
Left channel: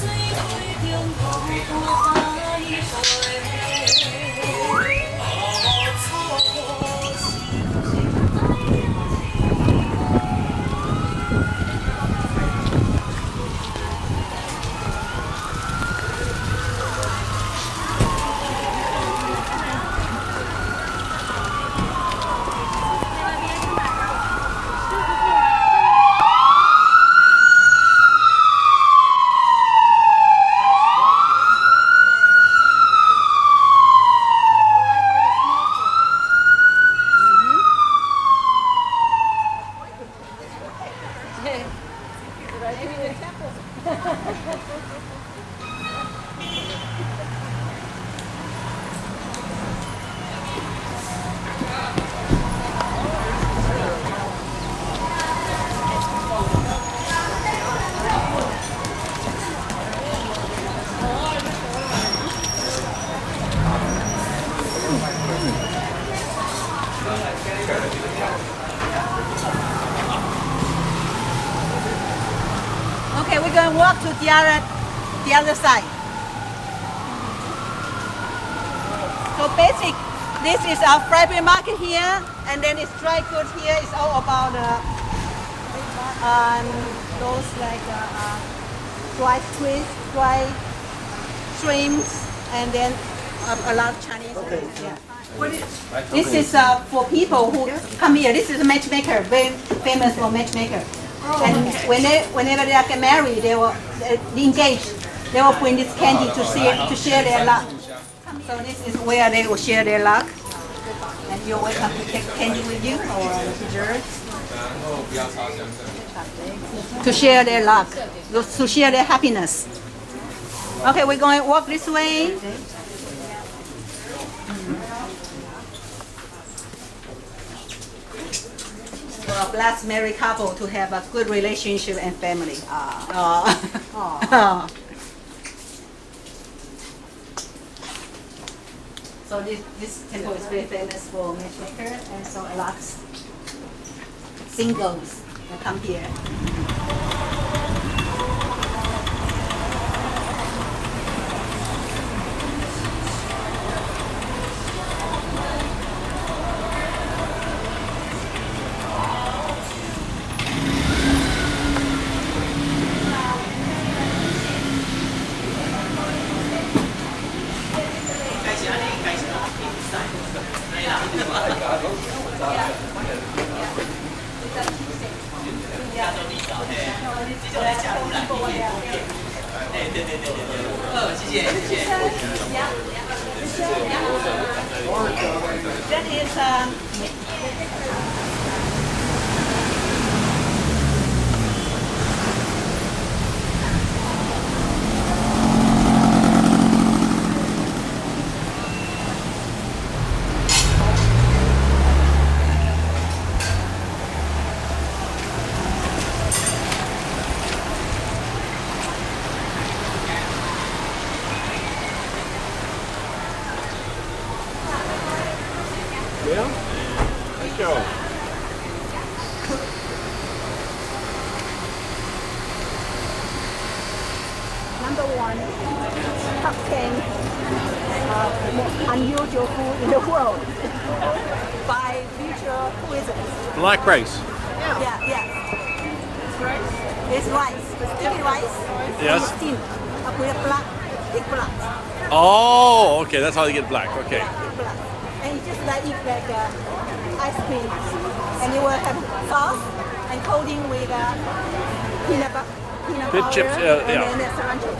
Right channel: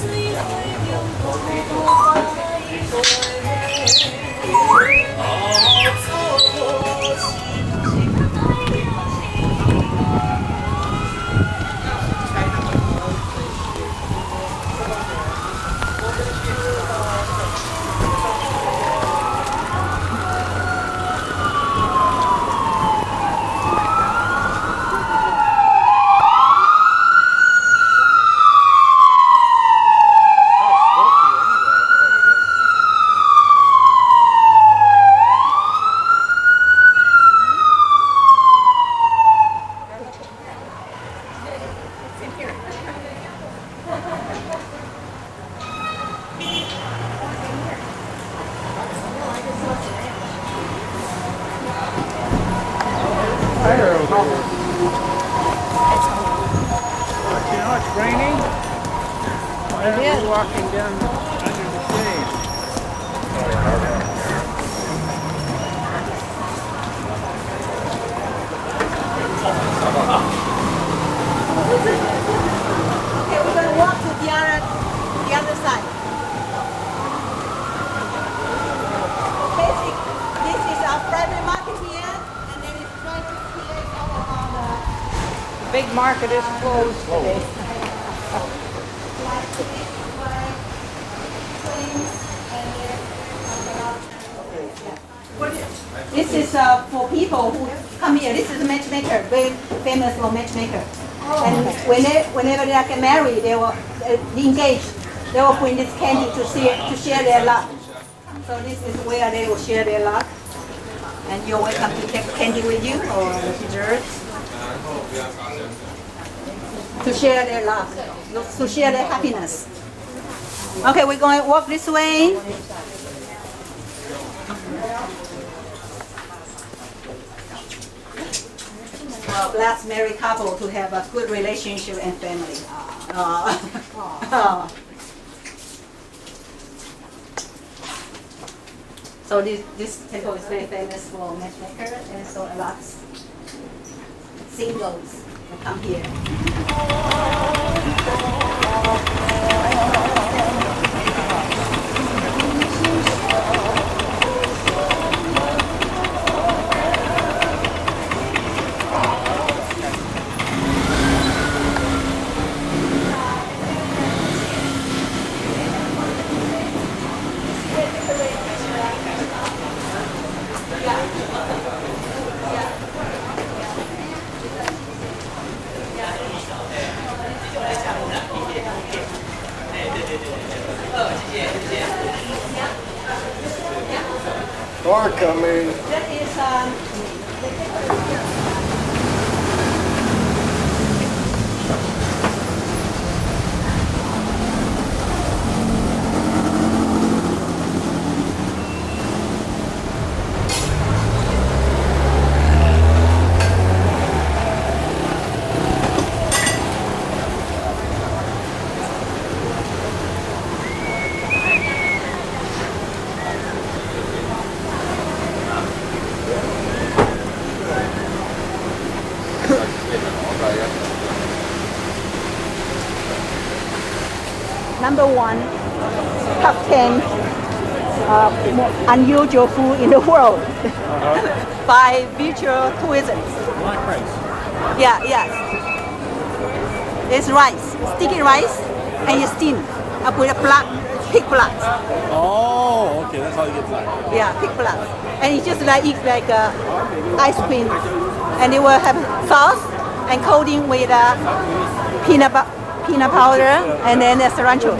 Okay, we're going to walk to the other side. So basic, this is our private market here, and then it's dry goods here. It's all about big market. It's like dry fish, dry shrimps, and then a lot of Chinese food. Yeah. This is for people who come here. This is a matchmaker, very famous for matchmaker. And whenever they get married, they will engage. They will bring this candy to share their luck. So this is where they will share their luck. And you're welcome to take candy with you or desserts. To share their luck, to share their happiness. Okay, we're going to walk this way. Well, bless married couple to have a good relationship and family. So this temple is very famous for matchmaker, and so a lot singles will come here. That is number 1, top 10 unusual food in the world by future tourism. Black rice. Yeah, yes. It's rice, sticky rice, and Yes. it's steamed up with a pig blood. Oh, okay, that's how they get black. Okay. Yeah, pig blood. And it's just like eat like ice cream, and it will have sauce and coating with peanut powder chips, and yeah. then cilantro.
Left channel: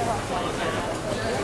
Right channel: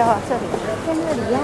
呀，这里跟这一样。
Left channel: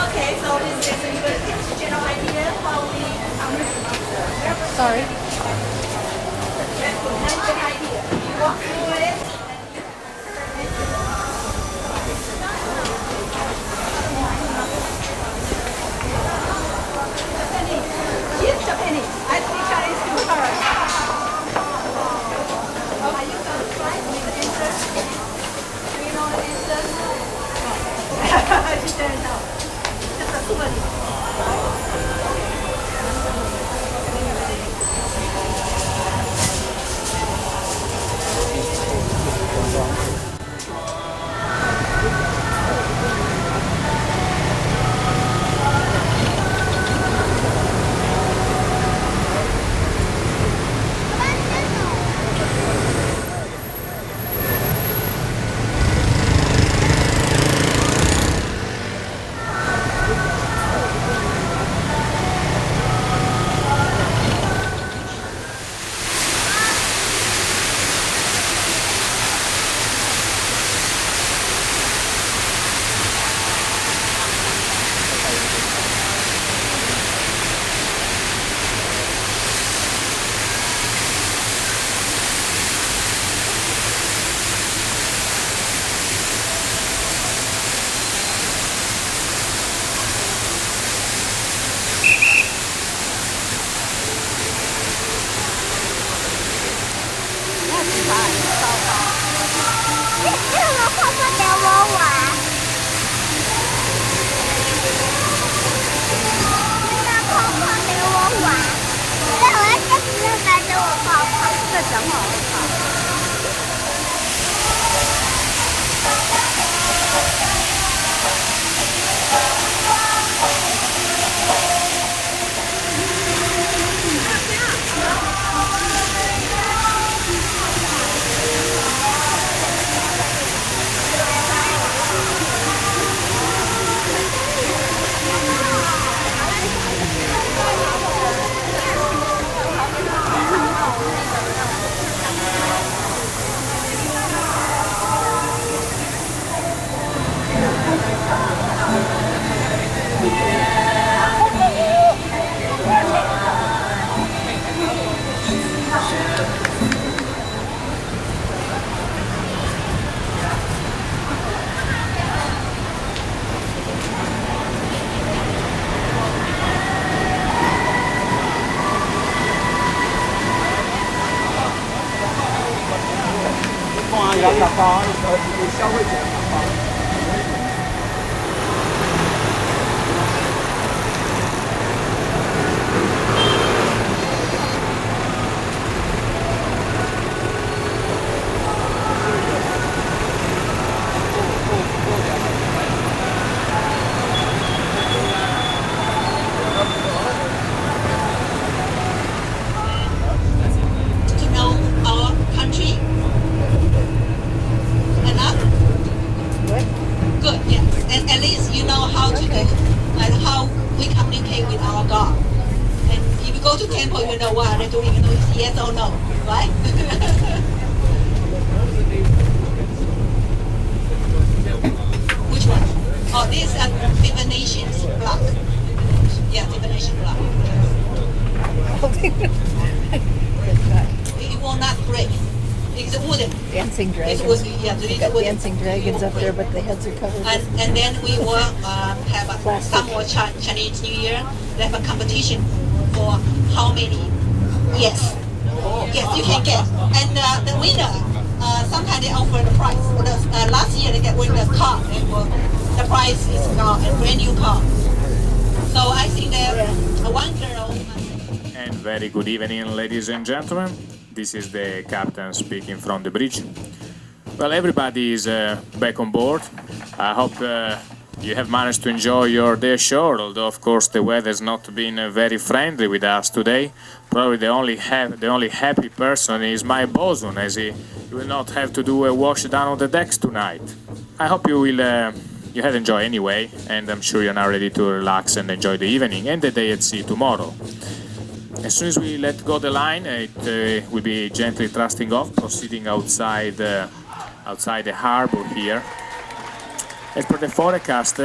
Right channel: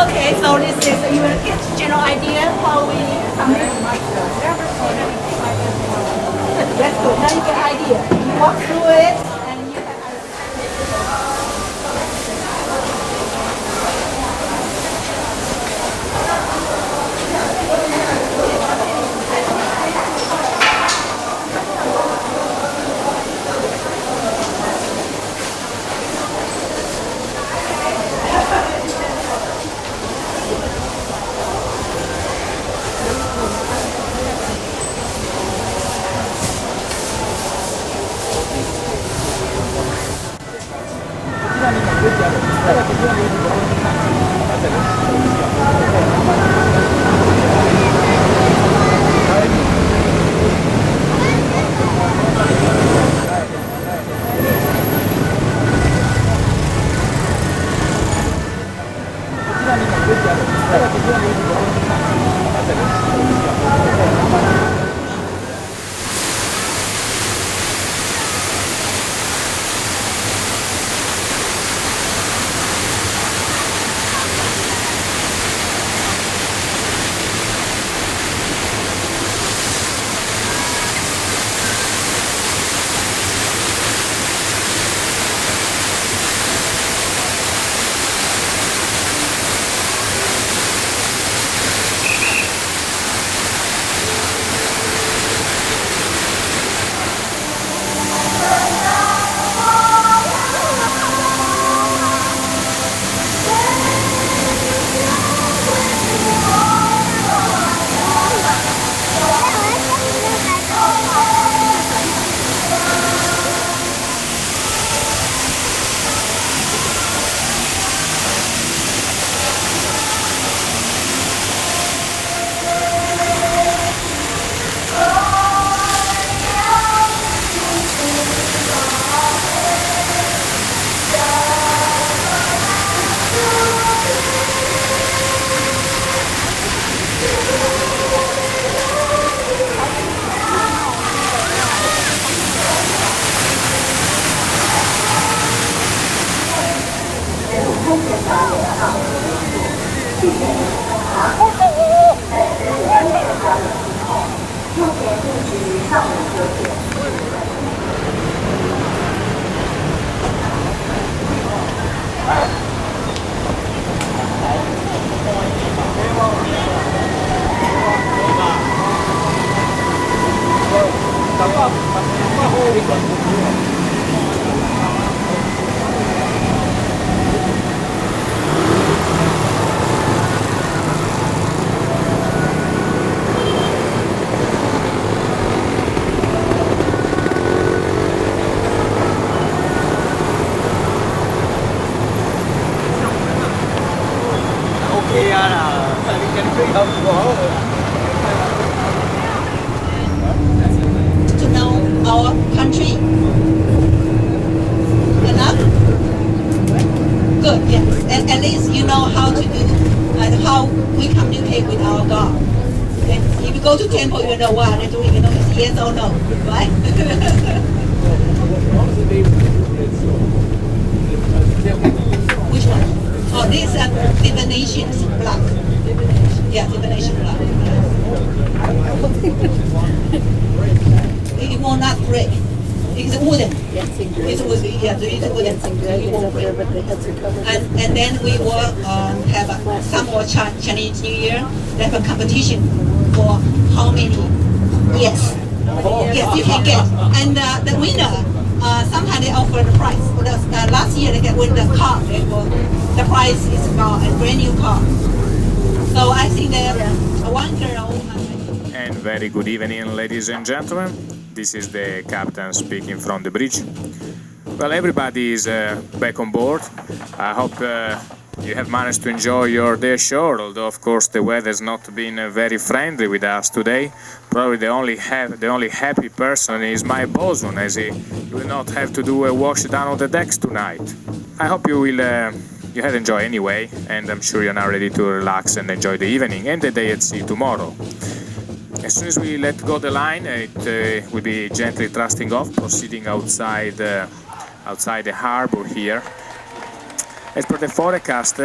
Okay, so this is you will get general idea how we sorry. That's good. Now you get idea. You walk through it and you To know our country. Enough? Good, yeah. And at least you know how to how we communicate with our God. And if you go to temple, you know what they're doing. You know it's yes or no, right? Which one? Oh, this is divination block. Yeah, divination block. It will not break. It's wooden. Dancing dragons. It's wooden. Yeah, it's wooden. Dancing dragons up there, but the heads are covered. And then we will have some more Chinese New Year. They have a competition for how many? Yes. Yes, you can get. And the winner, sometimes they offer the prize. Last year they win the car. The prize is a brand new car. So I think that one girl. And very good evening, ladies and gentlemen. This is the captain speaking from the bridge. Well, everybody is back on board. I hope you have managed to enjoy your day ashore, although of course the weather has not been very friendly with us today. Probably the only happy person is my bosun, as he will not have to do a wash down on the decks tonight. I hope you had enjoyed anyway, and I'm sure you're now ready to relax and enjoy the evening and the day at sea tomorrow. As soon as we let go the line, it will be gently thrusting off, proceeding outside the harbor here. As per the forecast,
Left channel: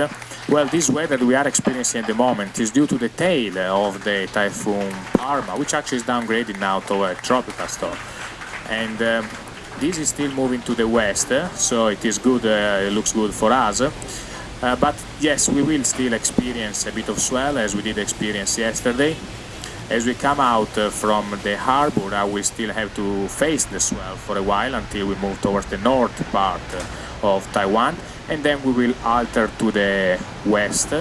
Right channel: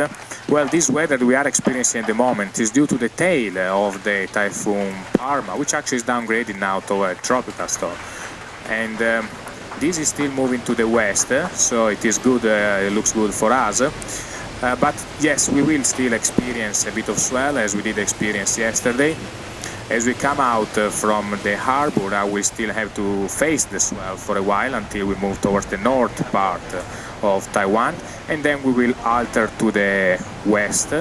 well, this weather we are experiencing at the moment is due to the tail of the typhoon Parma, which actually is downgraded now to a tropical storm. And this is still moving to the west, so it is good. It looks good for us. But yes, we will still experience a bit of swell, as we did experience yesterday. As we come out from the harbor, I will still have to face the swell for a while until we move towards the north part of Taiwan, and then we will alter to the west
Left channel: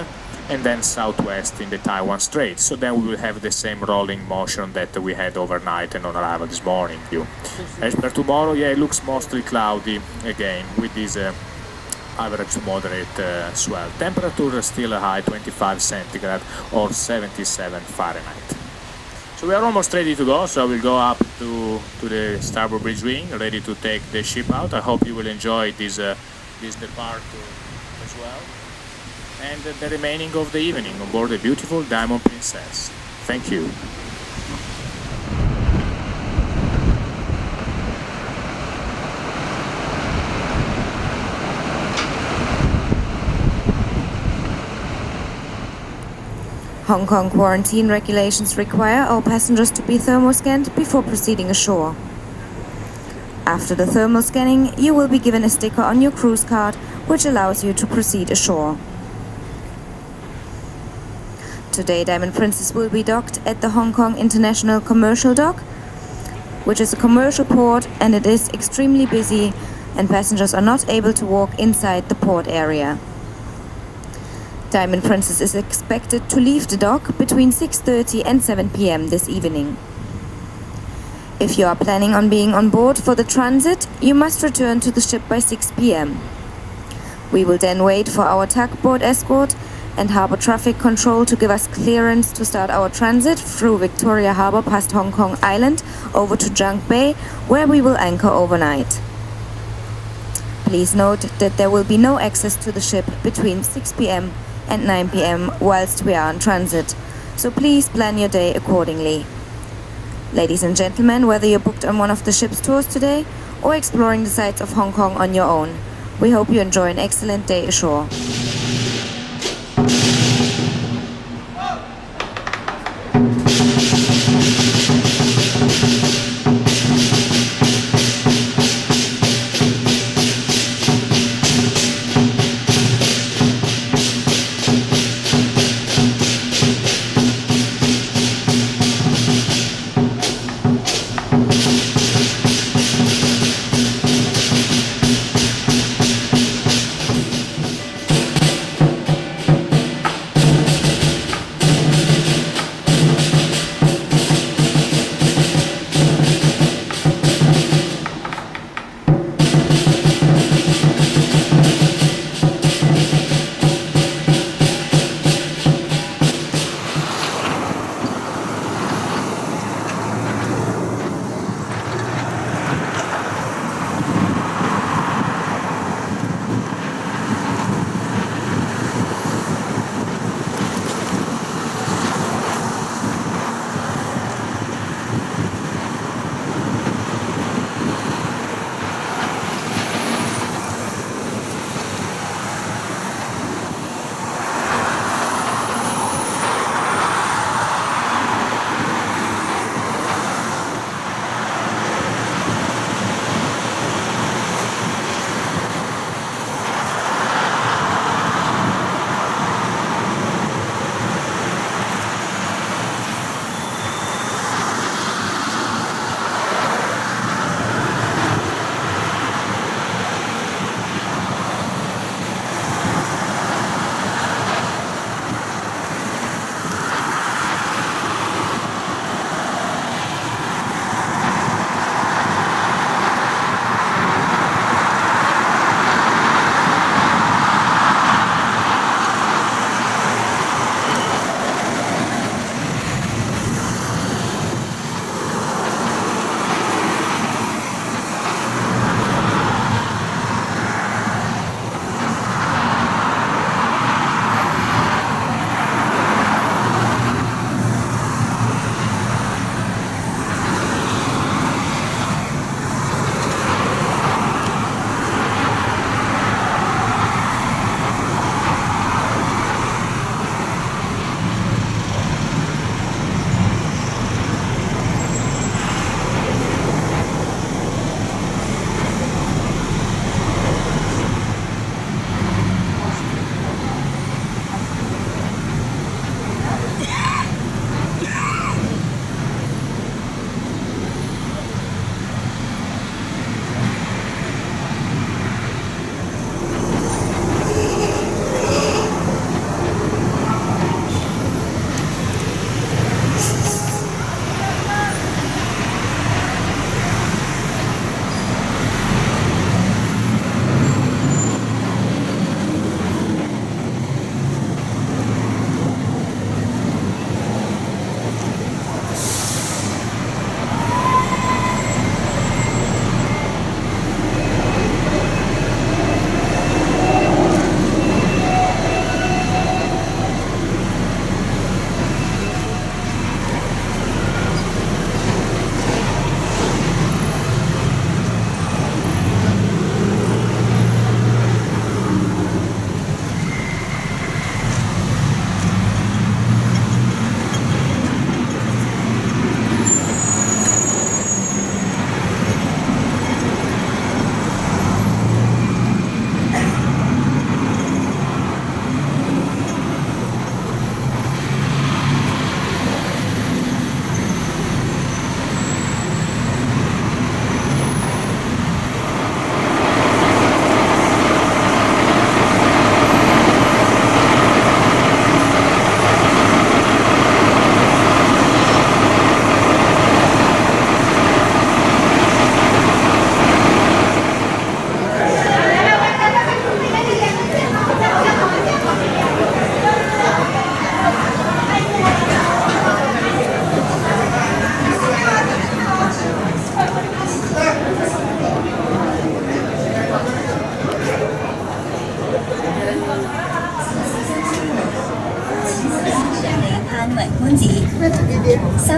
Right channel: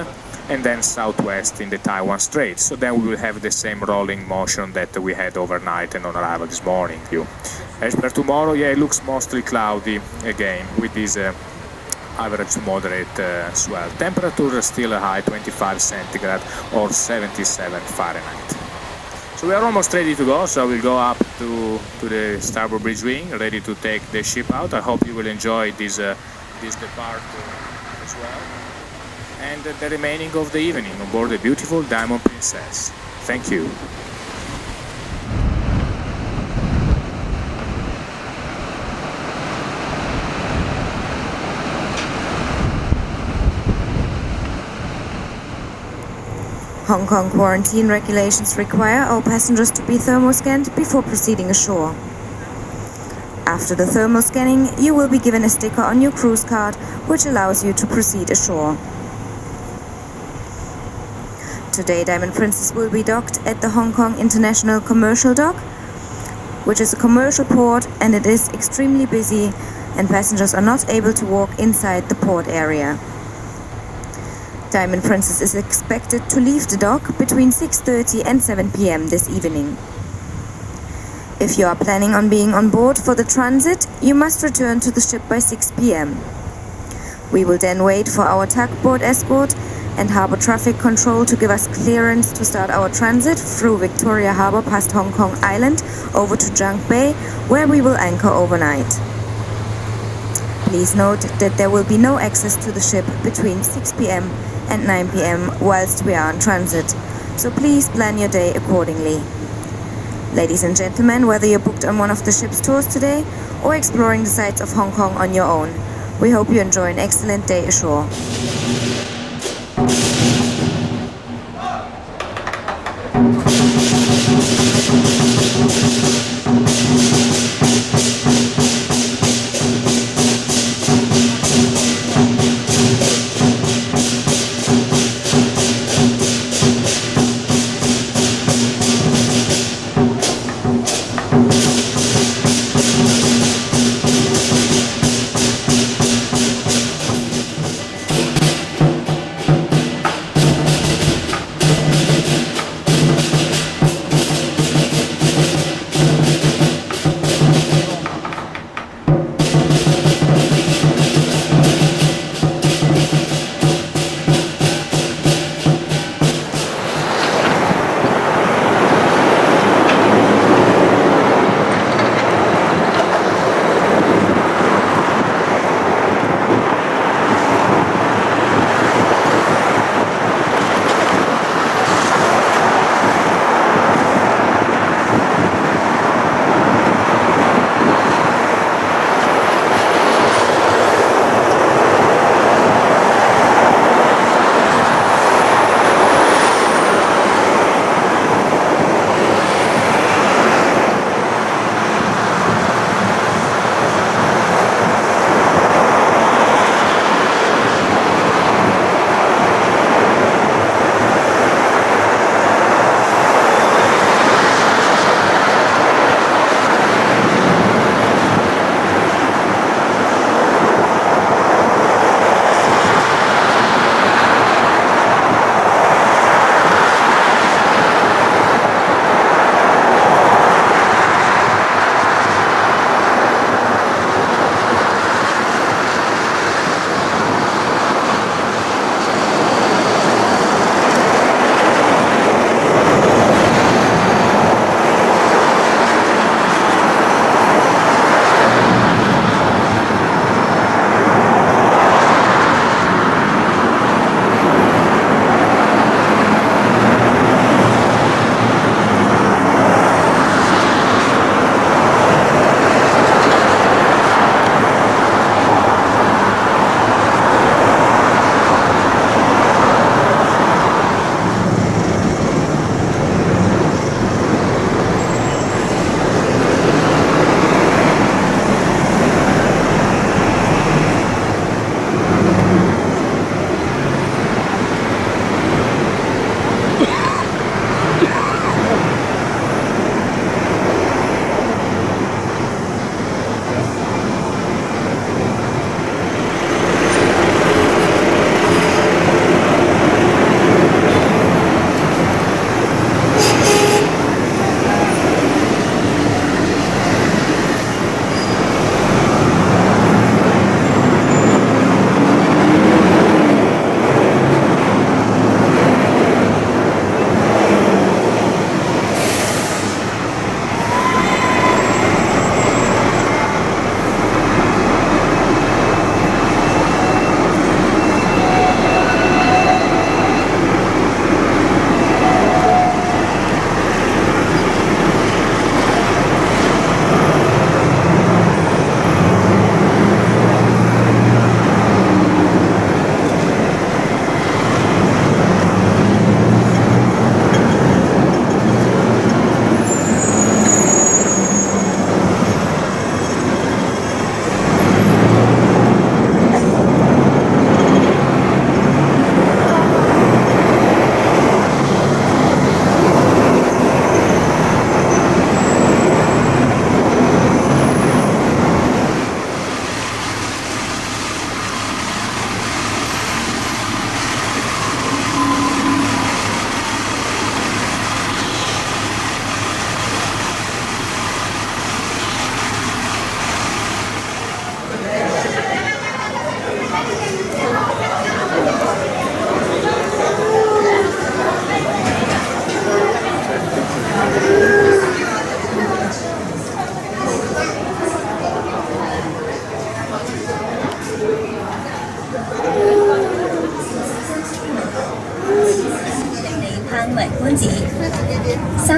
and then southwest in the Taiwan Strait. So then we will have the same rolling motion that we had overnight and on arrival this morning. As per tomorrow, yeah, it looks mostly cloudy again with this average to moderate swell. Temperature is still a high 25 centigrade or 77 Fahrenheit. So we are almost ready to go, so we'll go up to the starboard bridge wing, ready to take the ship out. I hope you will enjoy this departure as well. And the remaining of the evening on board the beautiful Diamond Princess. Thank you. Hong Kong quarantine regulations require all passengers to be thermoscanned before proceeding ashore. After the thermal scanning, you will be given a sticker on your cruise card, which allows you to proceed ashore. Today, Diamond Princess will be docked at the Hong Kong International Commercial Dock, which is a commercial port, and it is extremely busy, and passengers are not able to walk inside the port area. Diamond Princess is expected to leave the dock between 6:30 and 7 p.m. this evening. If you are planning on being on board for the transit, you must return to the ship by 6 p.m. We will then wait for our tugboat escort and harbour traffic control to give us clearance to start our transit through Victoria Harbour past Hong Kong Island over to Junk Bay, where we will anchor overnight. Please note that there will be no access to the ship between 6 p.m. and 9 p.m. whilst we are on transit, so please plan your day accordingly. Ladies and gentlemen, whether you're booked on one of the ship's tours today or exploring the sights of Hong Kong on your own, we hope you enjoy an excellent day ashore.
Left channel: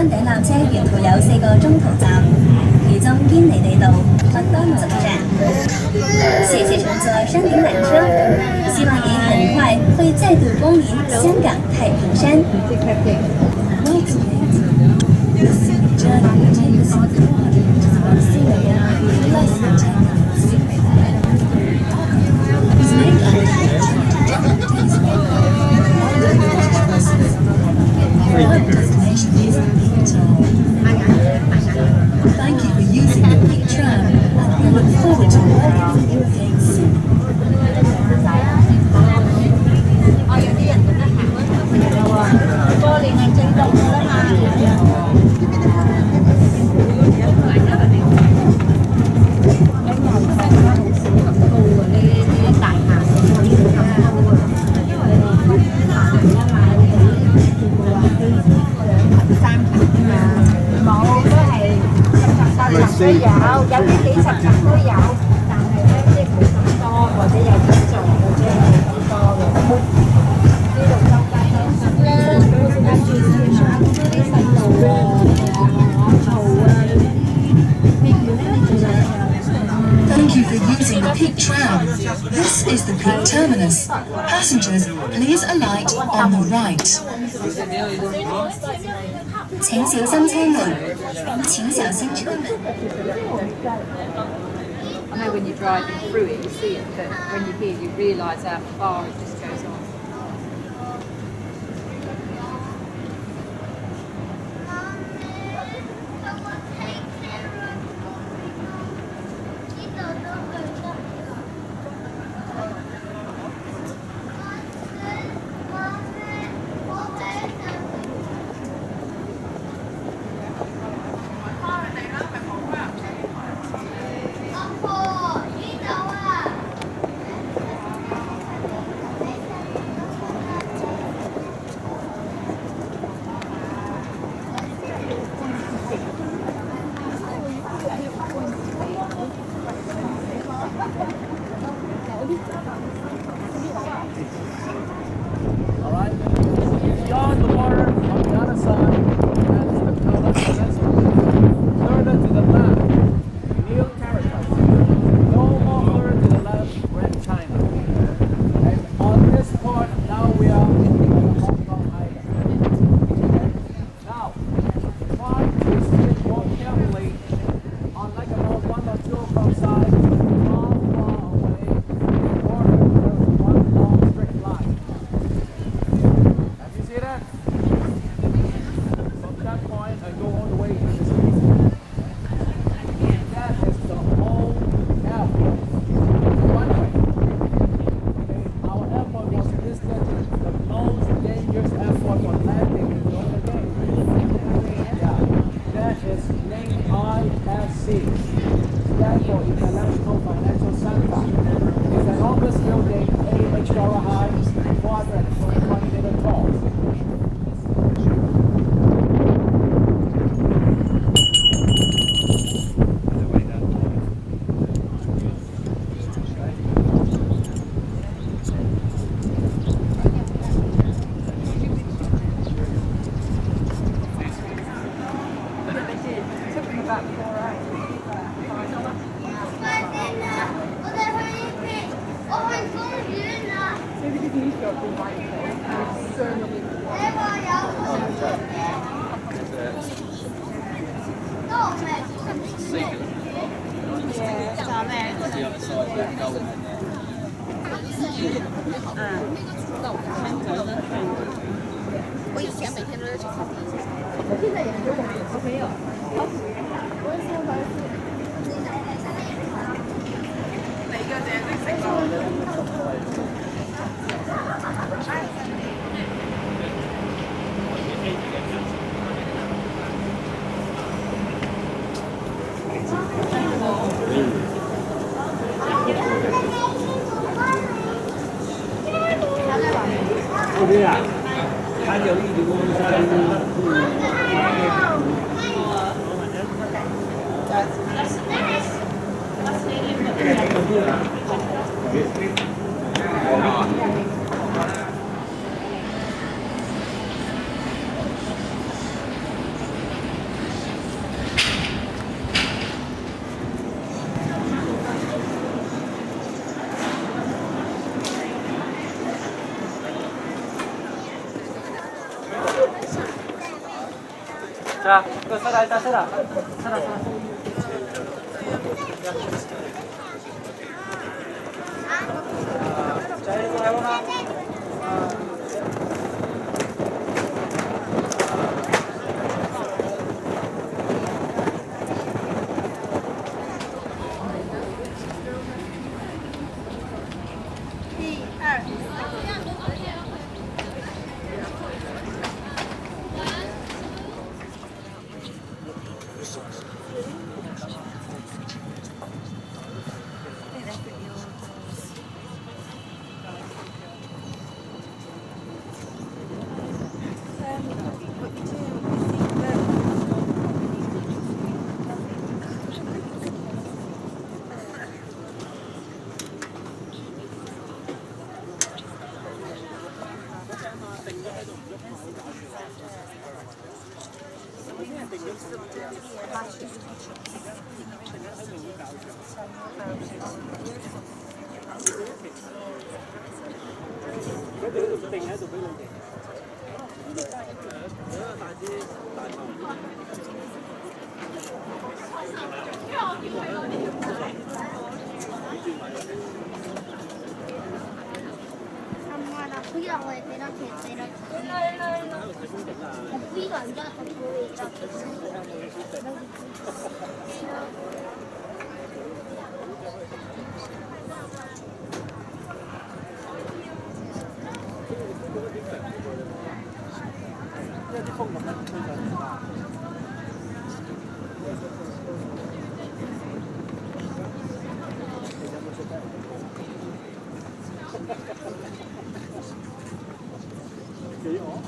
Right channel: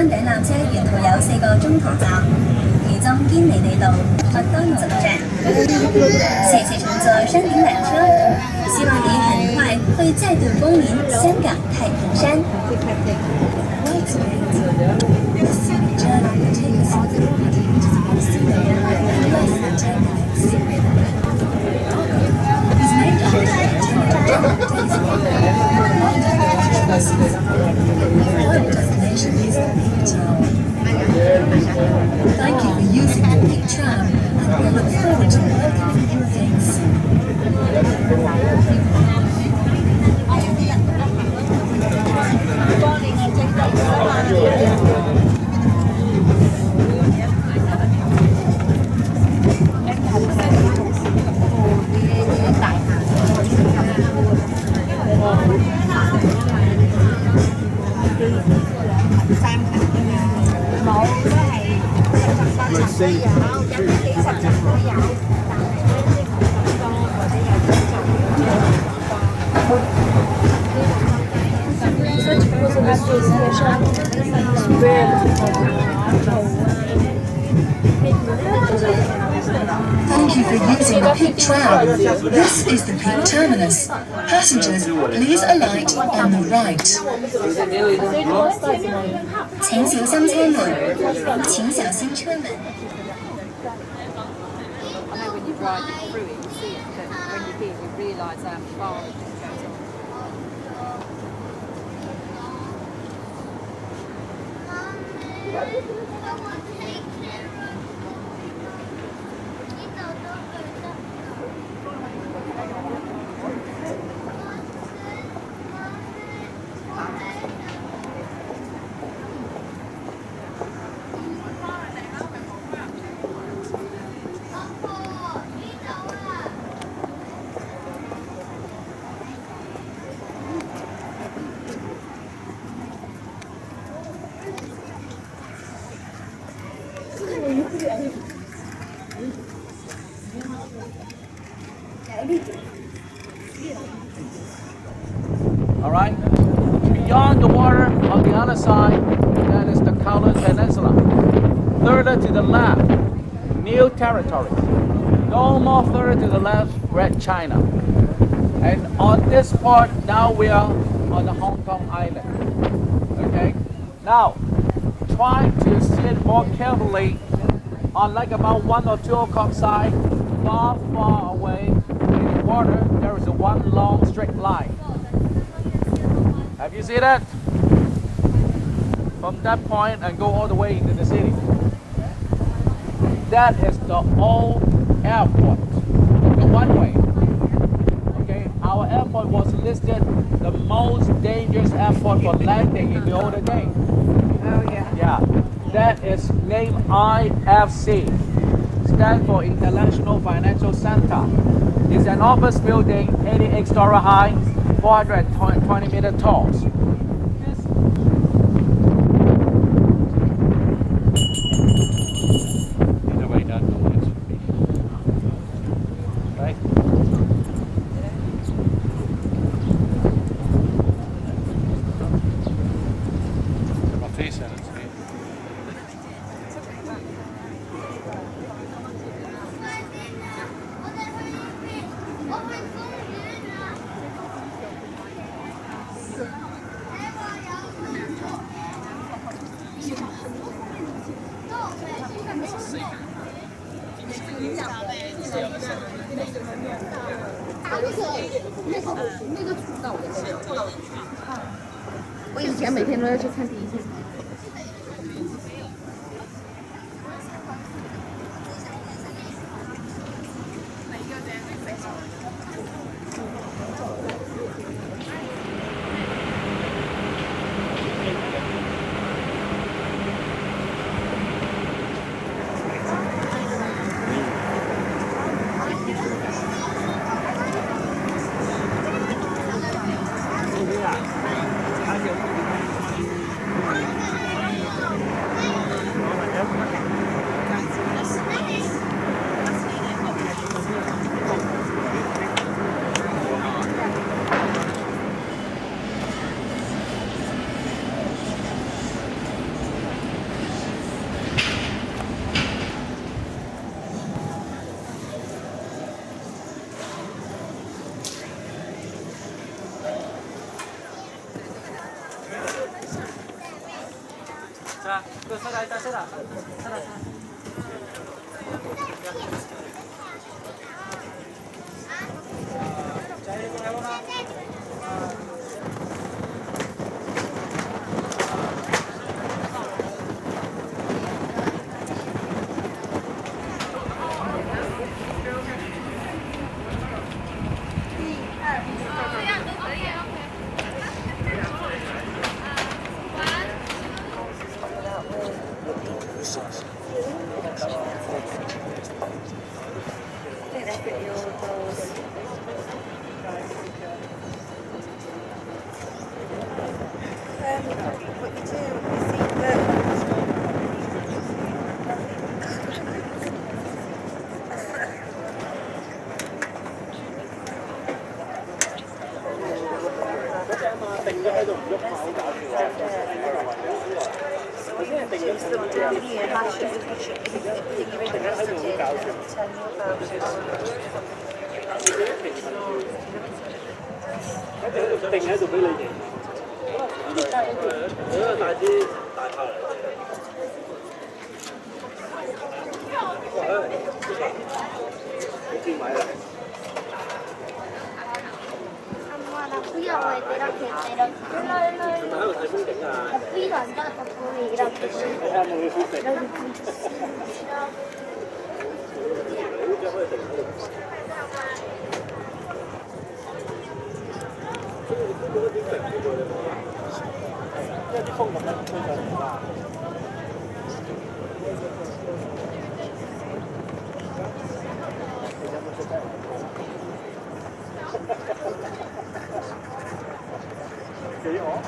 山頂纜車沿途有4個中途站，其中堅尼地道、麥當勞站。謝謝乘坐山頂纜車，希望你很快會再度光臨香港太平山。Thank you for using the Peak Tram, and we look forward to working with you again soon. Thank you for using the Peak Tram. This is the Peak Terminus. Passengers, please alight on the right. 請小心車門，請小心車門。 I know when you're driving through it, you see it, but when you're here, you realise how far it just goes on. All right. Beyond the water on the other side, that is the Kowloon Peninsula. Further to the left, new territory. No more further to the left, Red China. And on this part, now we are on the Hong Kong Island. Okay. Now, try to see it more carefully. On like about 1 or 2 o'clock side, far away in the water, there is a one long straight line. Have you seen that? From that point and go all the way into the city. That is the old airport, the one-way. Okay, our airport was listed the most dangerous airport for landing in the older days. Oh yeah. Yeah, that is named IFC, stands for International Financial Center. It's an office building, 88-story high, 420-meter tall. 吧？再来，再来。定喺度俾你哋。大支大炮嚟。幾錢買啊？呢度我哋幾多錢？係咪喺度睇風景啊？呢度唔得，我會呢度。你睇冇嘢好食。因為啲風咁樣吹上嚟啦。幾好？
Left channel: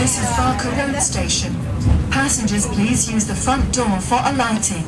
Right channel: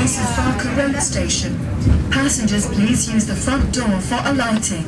This is Barker Road Station. Passengers, please use the front door for alighting.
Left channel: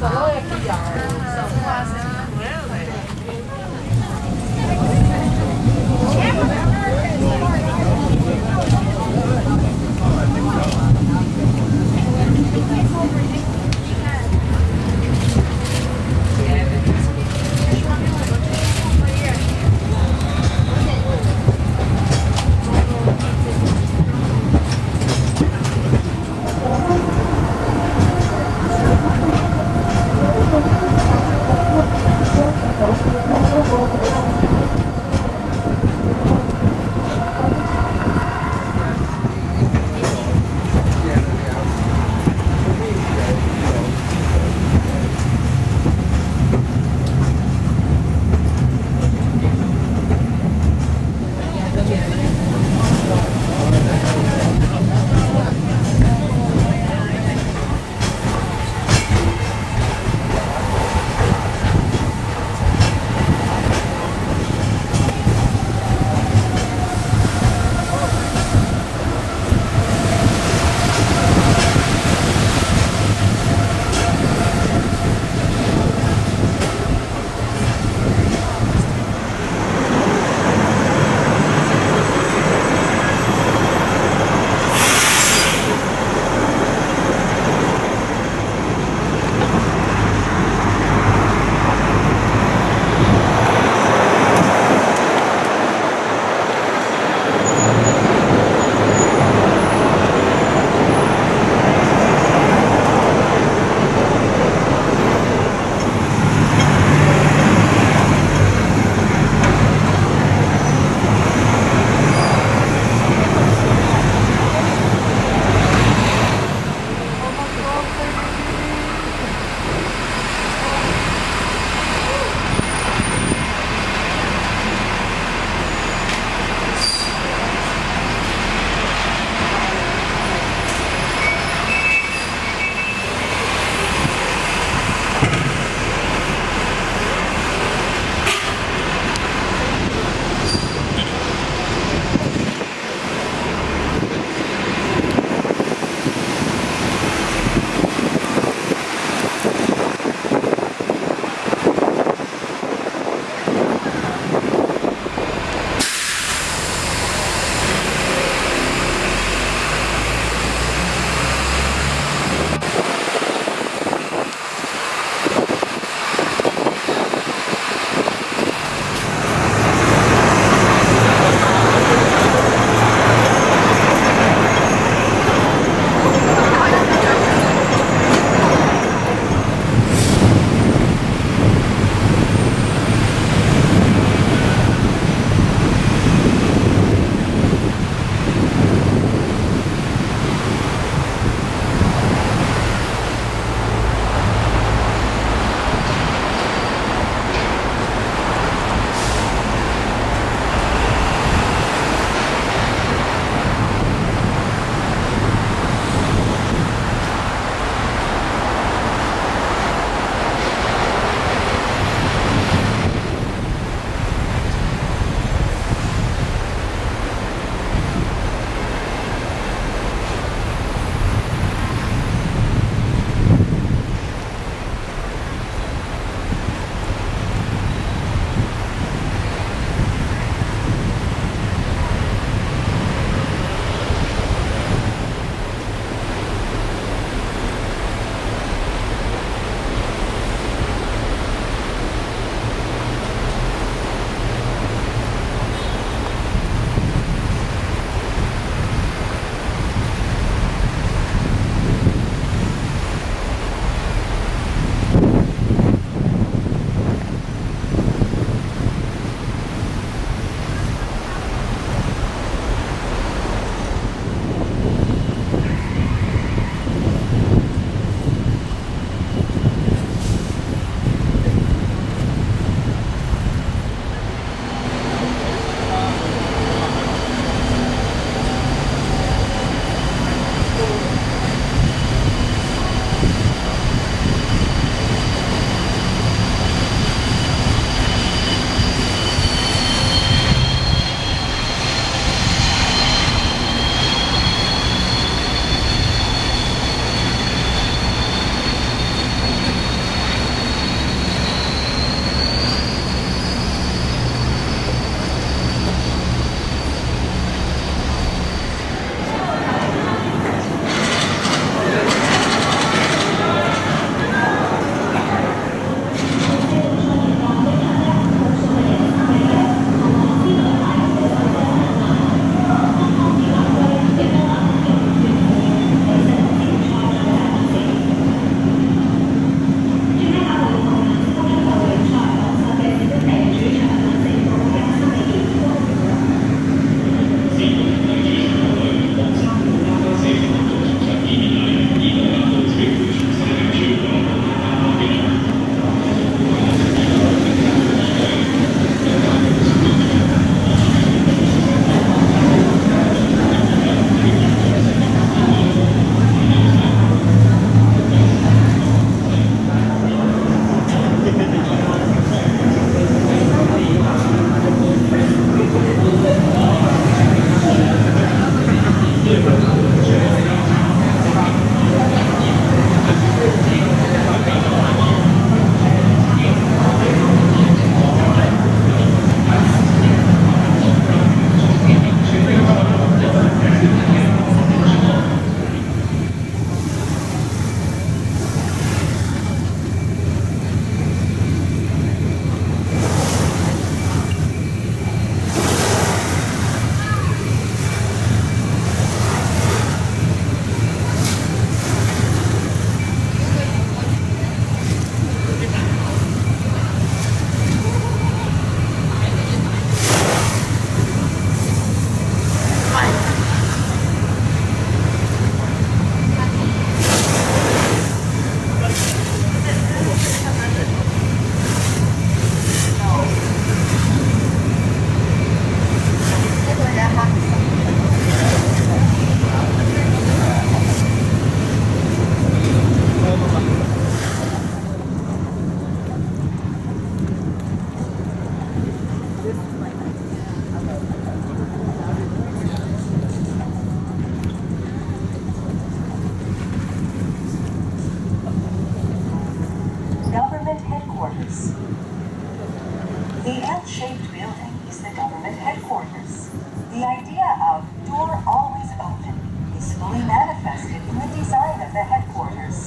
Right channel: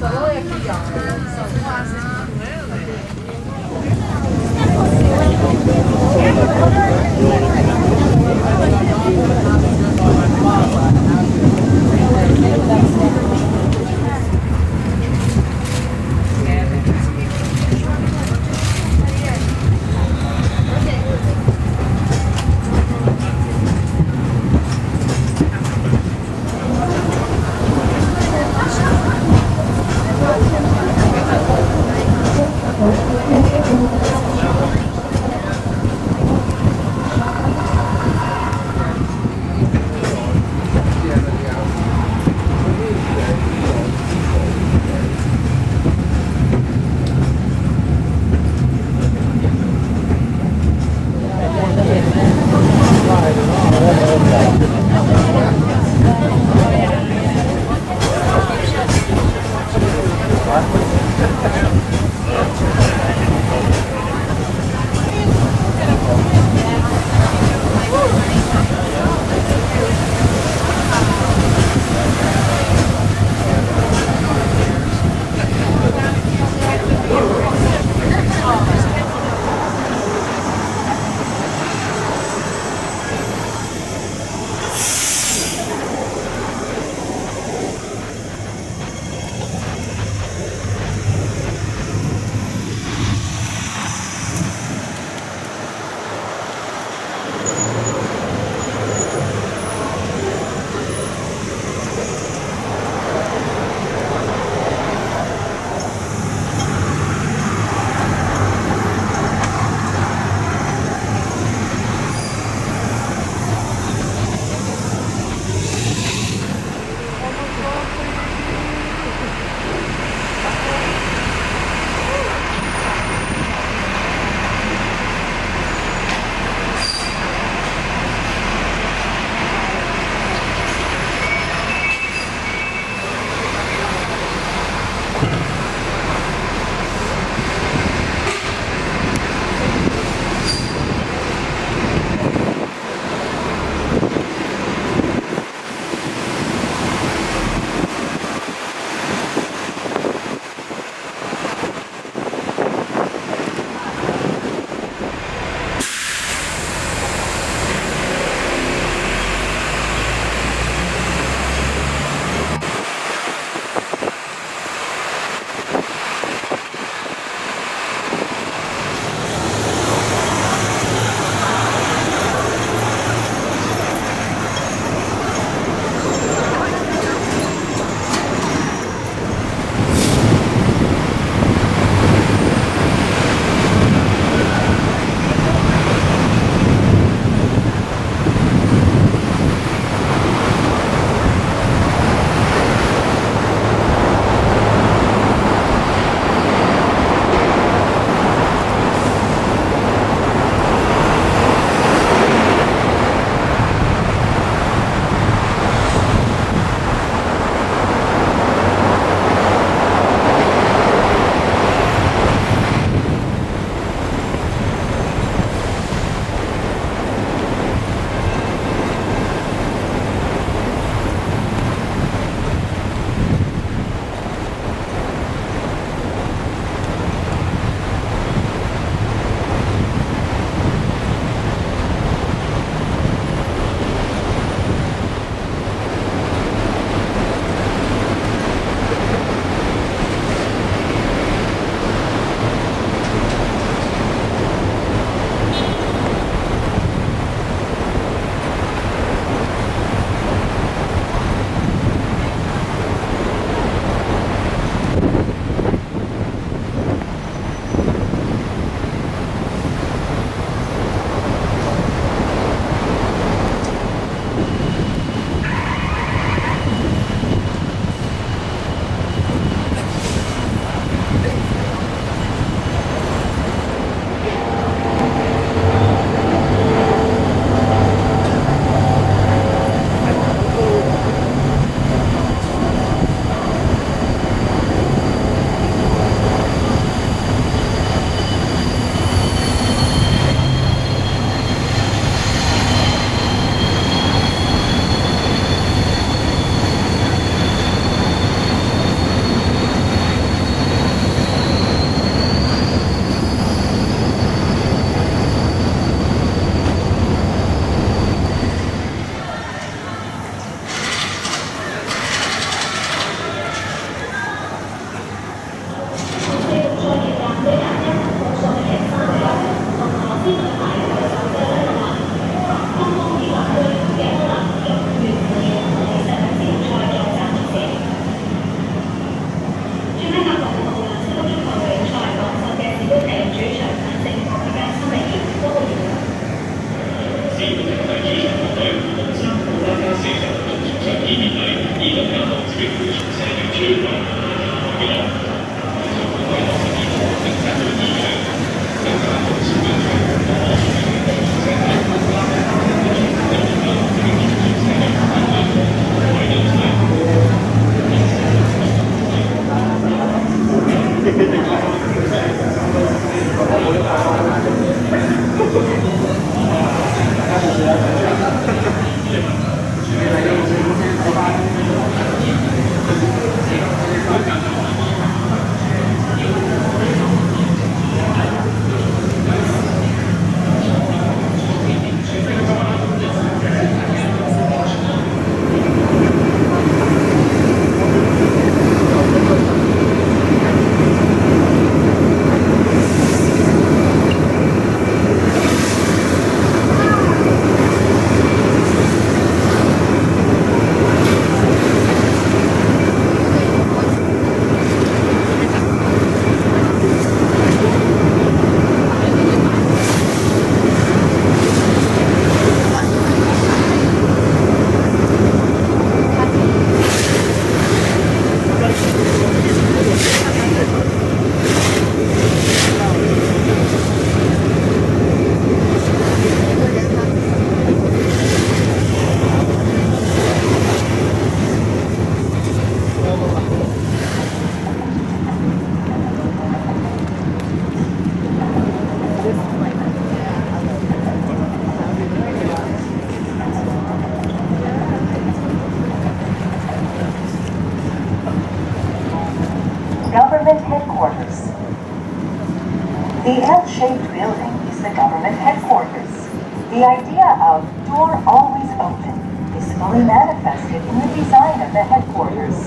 The idea of door always open is fully manifested in the design of the headquarters.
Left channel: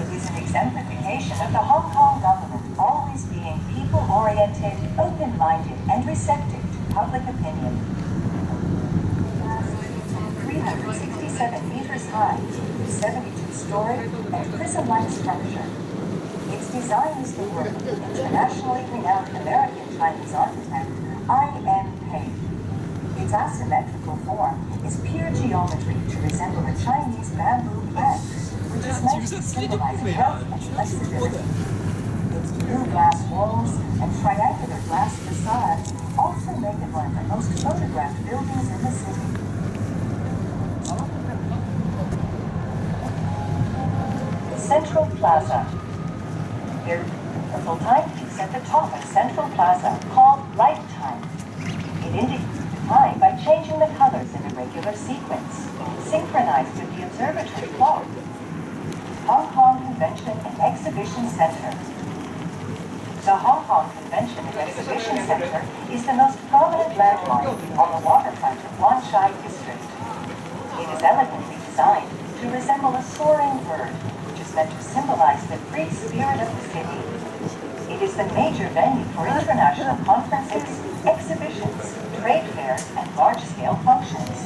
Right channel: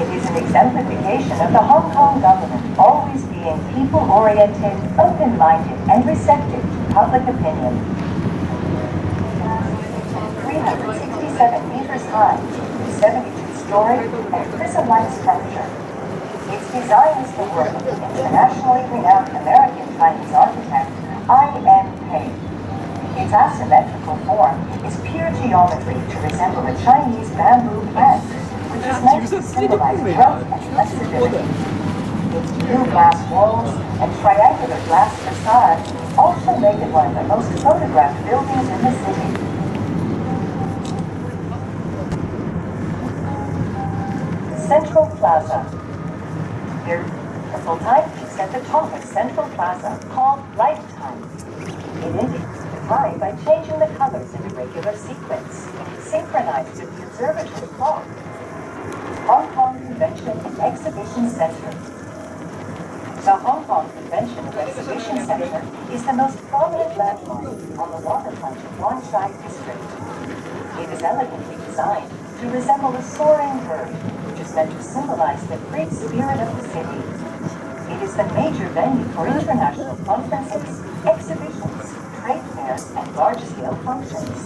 It is an exemplification of the Hong Kong government always being people-oriented, open-minded, and receptive to public opinion. 367 meters high, 72-story, and prism-like structure. Its design is the work of the internationally renowned American-Chinese architect, Anren Jie. Its asymmetrical form is pure geometry to resemble a Chinese bamboo plant, which is meant to symbolize growth and flexibility. Its blue glass walls and triangular glass facade also make it one of the most photographed buildings in the city. Central Plaza. There are a full-time piece at the top of Central Plaza called Lifetime. It indicates the time by changing the colors in a regular sequence, synchronized with the observatory clock. Hong Kong Convention and Exhibition Center. The Hong Kong Convention and Exhibition Center is the most prominent landmark on the waterfront of Wan Chai district. It is elegantly designed to resemble a soaring bird, which is meant to symbolize the free spirit of the city. It is the major venue for international conferences, exhibitions, trade fairs, and large-scale functions.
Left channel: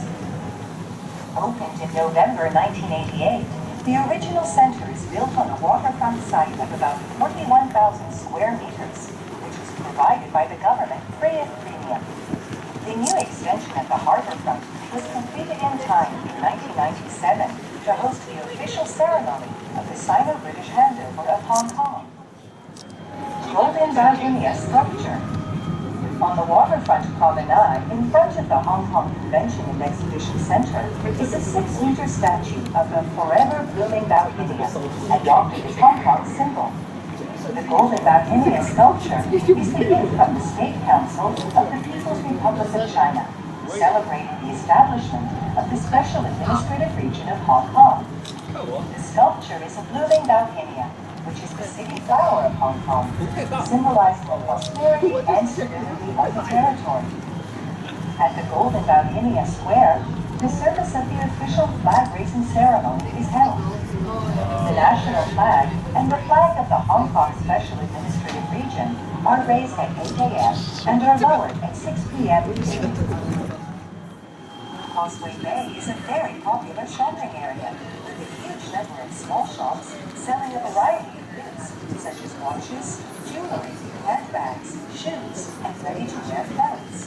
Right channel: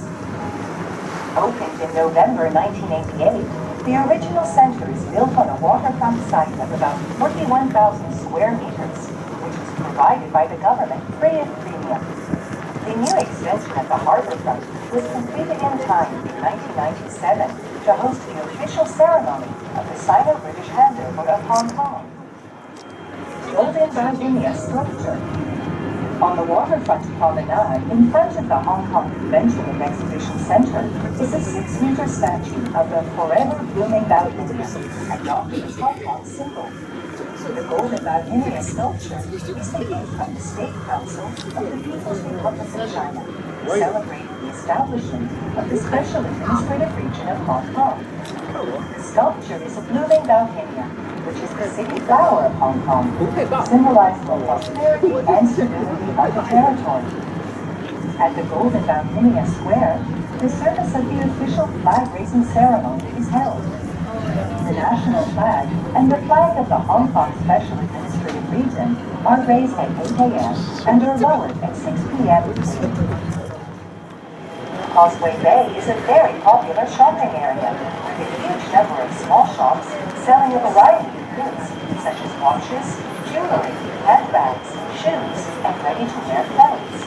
Opened in November 1988, the original center is built on a waterfront site of about 41,000 square meters, which was provided by the government free of premium. The new extension at the harbour front was completed in time in 1997 to host the official ceremony of the Sino-British handover of Hong Kong. Golden Bauhinia sculpture. On the waterfront promenade in front of the Hong Kong Convention and Exhibition Center is a 6-meter statue of the forever blooming Bauhinia, adopted as Hong Kong's symbol. The Golden Bauhinia sculpture is the gift from the State Council of the People's Republic of China, celebrating the establishment of the Special Administrative Region of Hong Kong. The sculpture is a blooming Bauhinia, which is the city flower of Hong Kong, symbolizing the prosperity and stability of the territory. At the Golden Bauhinia Square, the service of the official flag-raising ceremony is held. The national flag and the flag of the Hong Kong Special Administrative Region are raised at 8 a.m. and are lowered at 6 p.m. Causeway Bay is a very popular shopping area with a huge number of small shops selling a variety of goods such as watches, jewelry, handbags, shoes, and ready-to-wear clothes.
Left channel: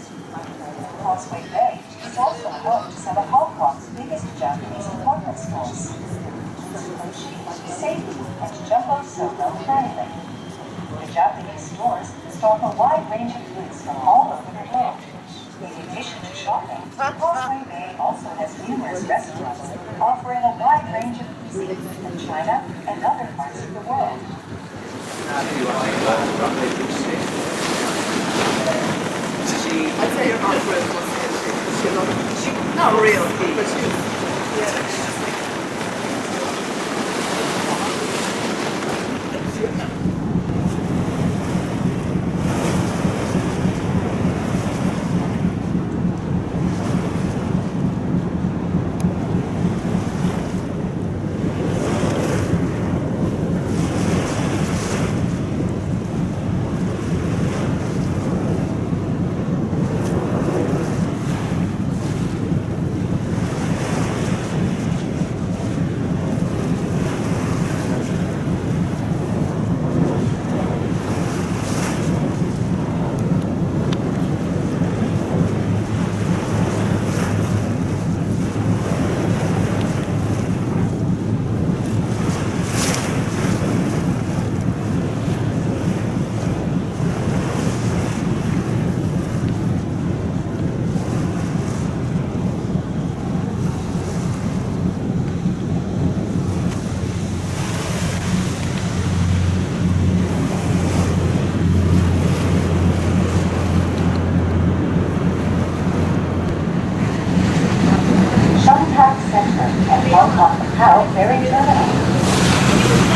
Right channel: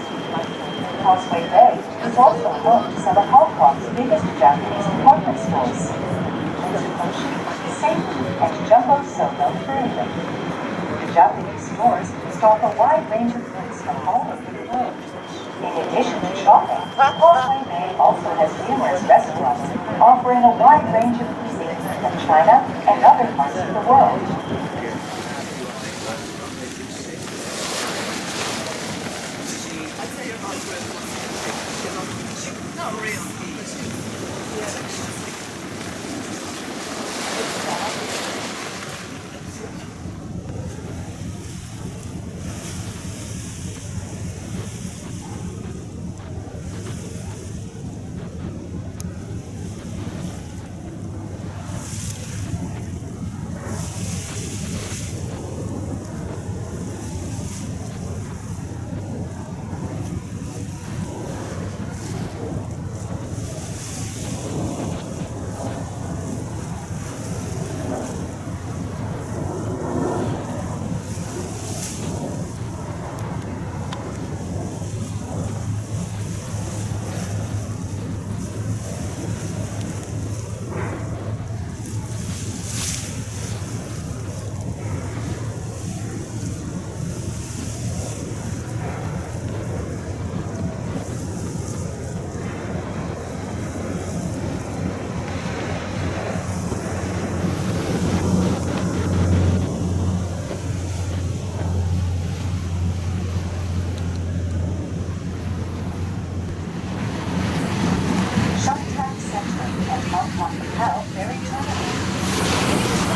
Causeway Bay is also home to some of Hong Kong's biggest Japanese department stores. Safety and Jumbo Solo Tourism. The Japanese stores stock a wide range of goods from all over the world. In addition to shopping, Causeway Bay also has numerous restaurants offering a wide range of cuisine from China and other parts of the world. I'd say you're not real. Not real, but yeah.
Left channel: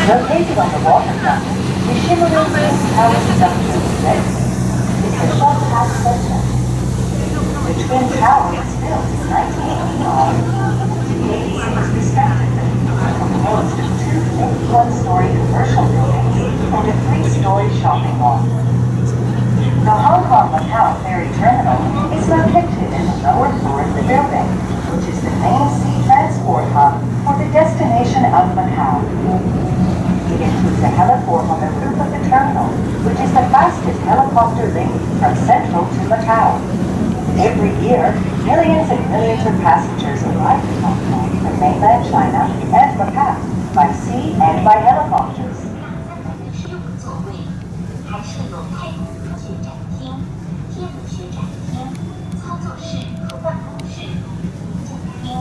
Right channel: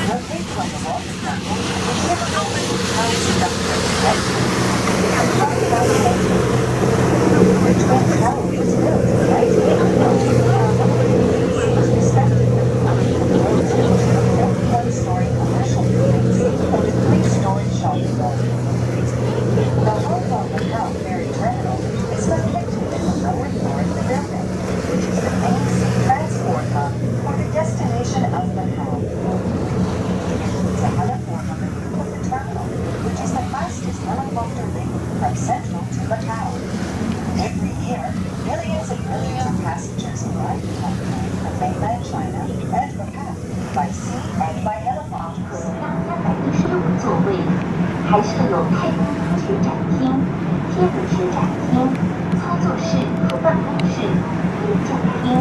Located on the waterfront, the shimmering green tower structure is red. It's a short house center, which Twin Tower was built in 1989. It is respectively composed of two big one-story commercial buildings and a three-story shopping mall. The Hong Kong-Macau ferry terminal is located in the lower floor of the building, which is the main sea transport hub for the destination of Macau. It includes a heliport on the roof of the terminal, which is the fastest helicopter link from Central to Macau. Every year, millions and millions of passengers arrive in Hong Kong from mainland China and Macau by sea and by helicopters. 设有座位，还设有太空服学展厅、天文学展厅、操作室和办公室，还有展厅。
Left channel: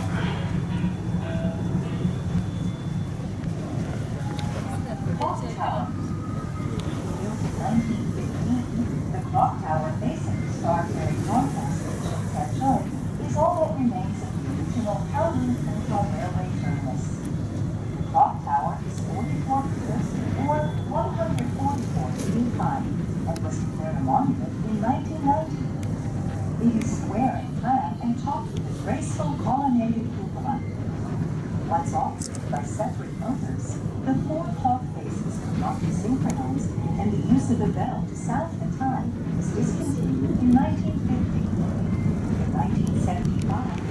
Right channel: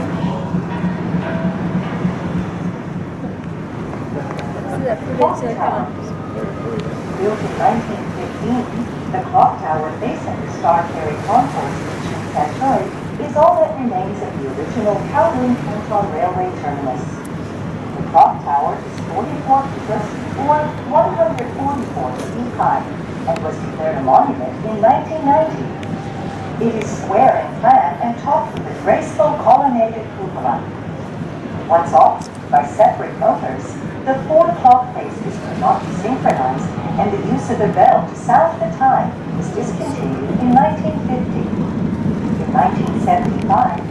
Built in 1915, the clock tower facing the Star Ferry Concourse in Shanghai is all that remains of the original Kowloon-Canton Railway terminus. The clock tower is 44 meters or 144 feet high and was declared a monument in 1990. It is square in plan and topped with a graceful colonnaded cupola. Once off by separate motors, the four clock faces could not be synchronized, and the use of the bell to sound the time was discontinued in 1950. In 1975,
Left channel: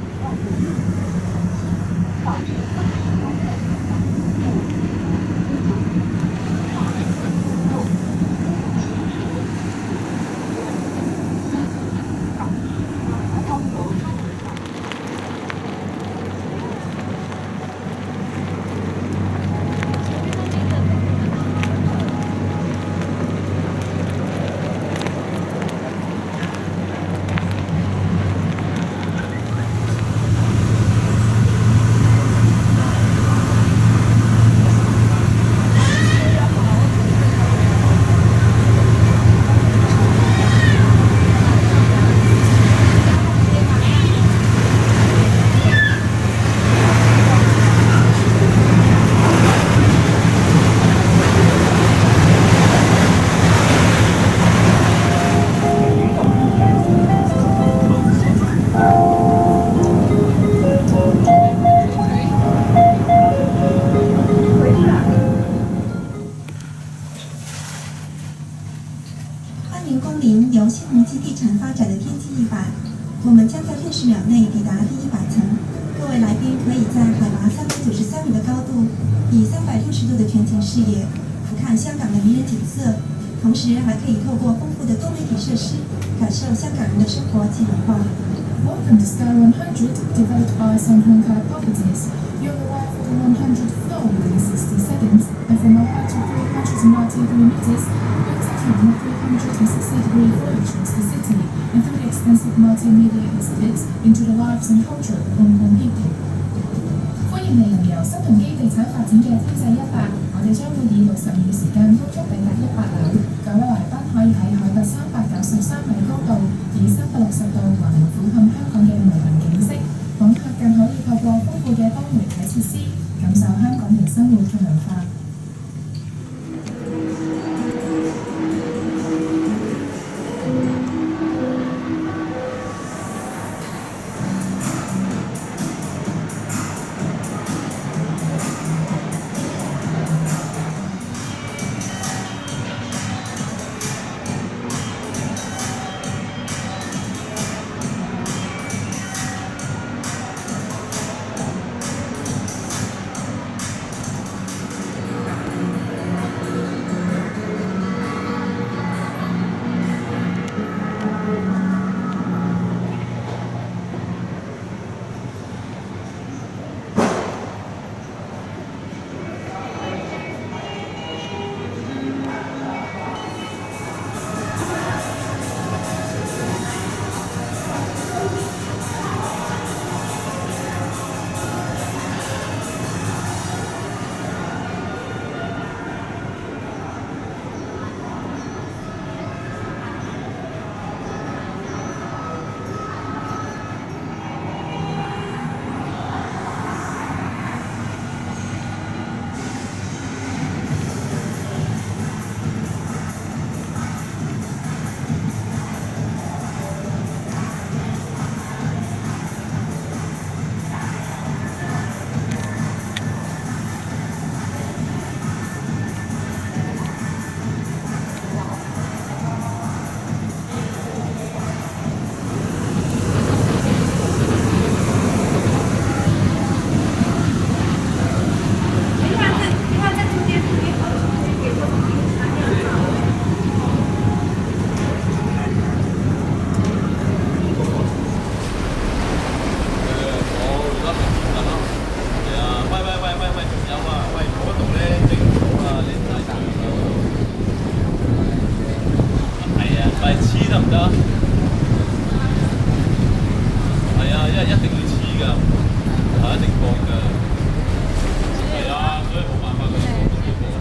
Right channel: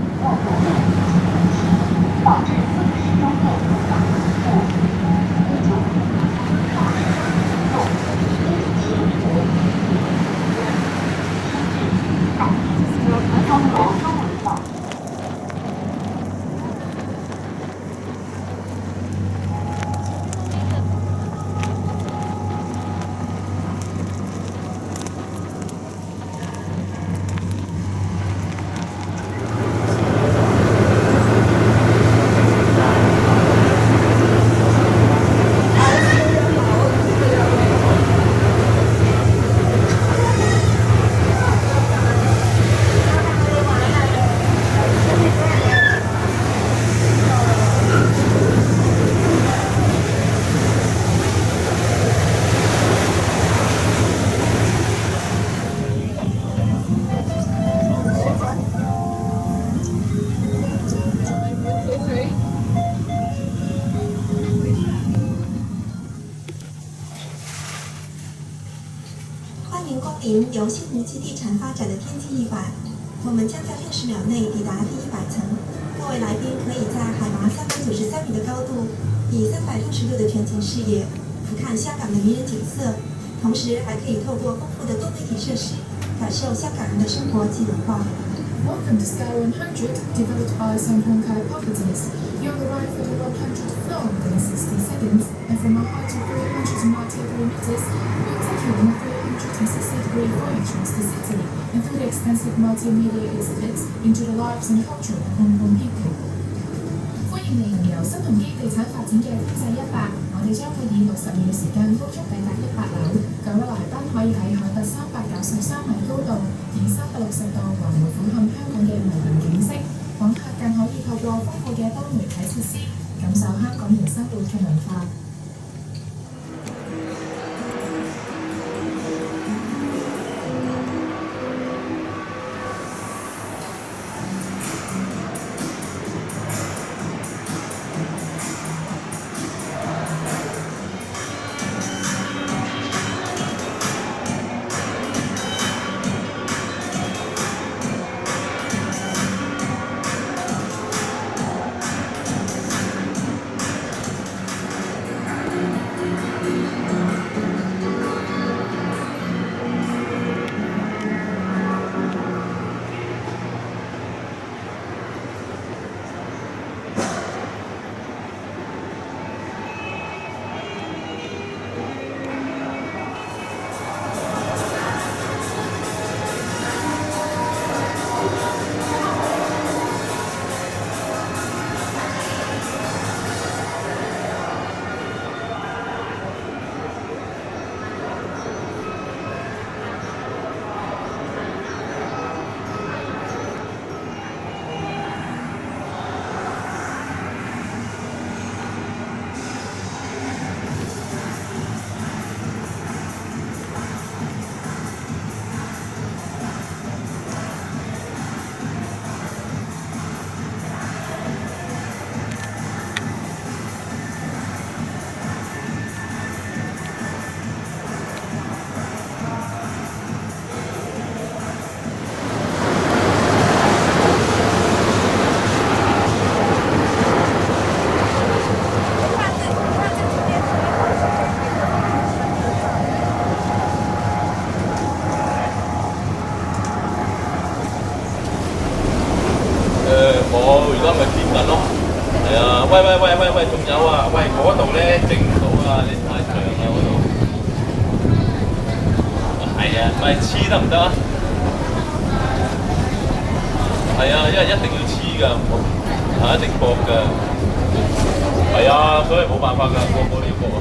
由新鸿基地产发展的天际100，我们将在60秒内抵达第100层。各位来宾可以在海拔393米的高度，以360度的全景视野俯瞰香港的迷人景色，同时还可以透过丰富的多媒体设施，感受香港人的生活及文化。Welcome to Sky 100, developed by Shanghai Properties. You'll arrive at the 100th floor within 60 seconds, and from a height of 393 meters, we'll take you on a 360-degree voyage across the city and through the extensive multimedia exhibits into the lives and culture of the Hong Kong people. 歡迎嚟由新鴻基地產發展嘅天際100，我哋將會以60秒時間高速抵達100樓。各位來賓可以喺海拔393米高度，以360度環迴俯瞰香港嘅無垠景色。訪客更可以透過豐富嘅多媒體設施，感受香港人生活嘅文化。嗰度咧整唔到啦，你太長啦嗰度。係啊，咪黐得唔得啊？係啊，因為一定要黐㗎，係一定搏㗎。係啊，所以冇辦法㗎，個個都要搏啊。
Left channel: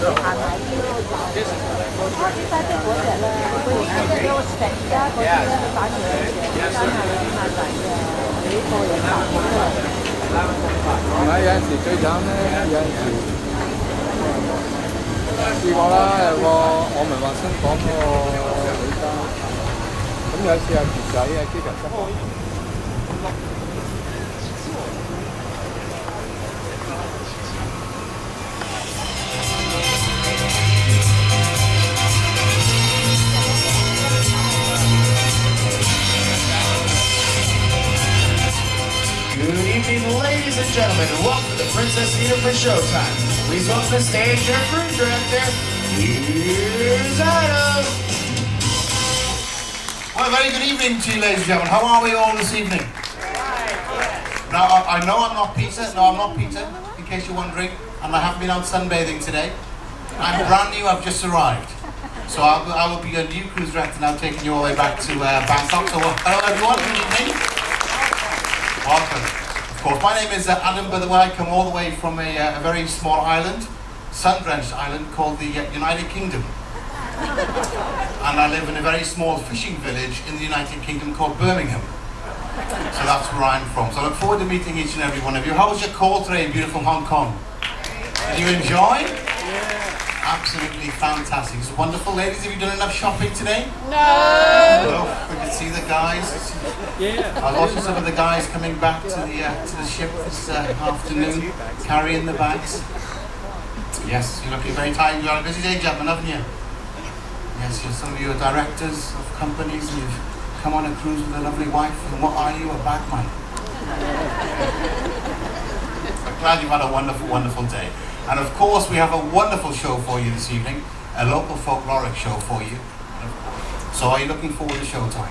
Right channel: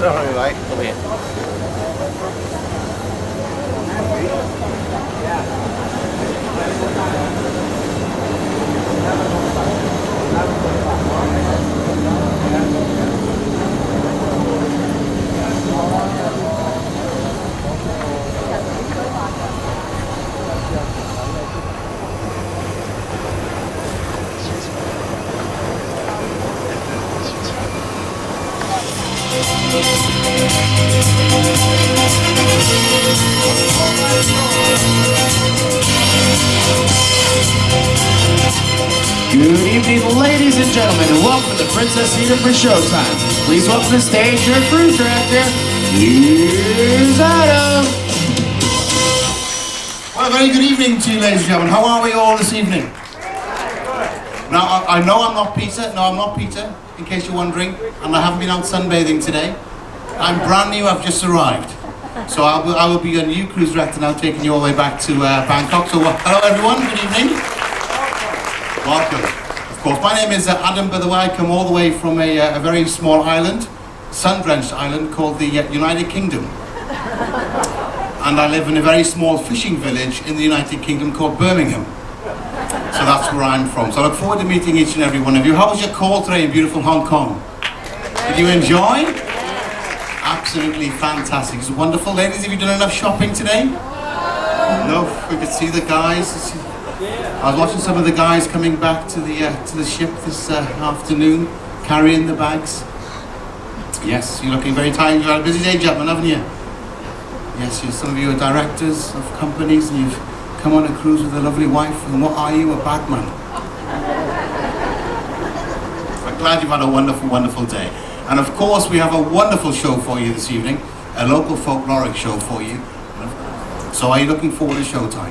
Good evening, ladies and gentlemen, and welcome to Princess Cedar for showtime. Please welcome to the stage your cruise director, here's Adam. Well, a very good evening to you, ladies and gentlemen. How are we all this evening? Now, I know I'm not Peter. No, I'm not Peter, in case you're wondering. And I haven't been out sunbathing today. I'm brand new, I've just arrived. So I will be your new cruise director now, taking you all the way back to Bangkok. So hello everyone, good evening. Welcome. Of course, my name is Adam, by the way. I come all the way from a very small island, sun-drenched island called the United Kingdom. And I live in a very small fishing village in the United Kingdom called Birmingham. So that's where I'm from. So I look forward to meeting each and every one of you. How was your call today in beautiful Hong Kong? Did you enjoy? Absolutely fantastic. It's wonderful. Ladies, have you done enough shopping today? No. We could see the guys. I was watching some of the guys coming back to the ship this afternoon, carrying the bags. Yes, you're looking very tired. You've had a busy day, gentlemen, haven't you? Yes, some of you are directors of companies and you've come on a cruise with a lovely wife. And what are you? A bagman. I'm glad you've had a wonderful, wonderful day. And of course, we have a wonderful show for you this evening, a local folkloric show for you. So are you looking forward to showtime?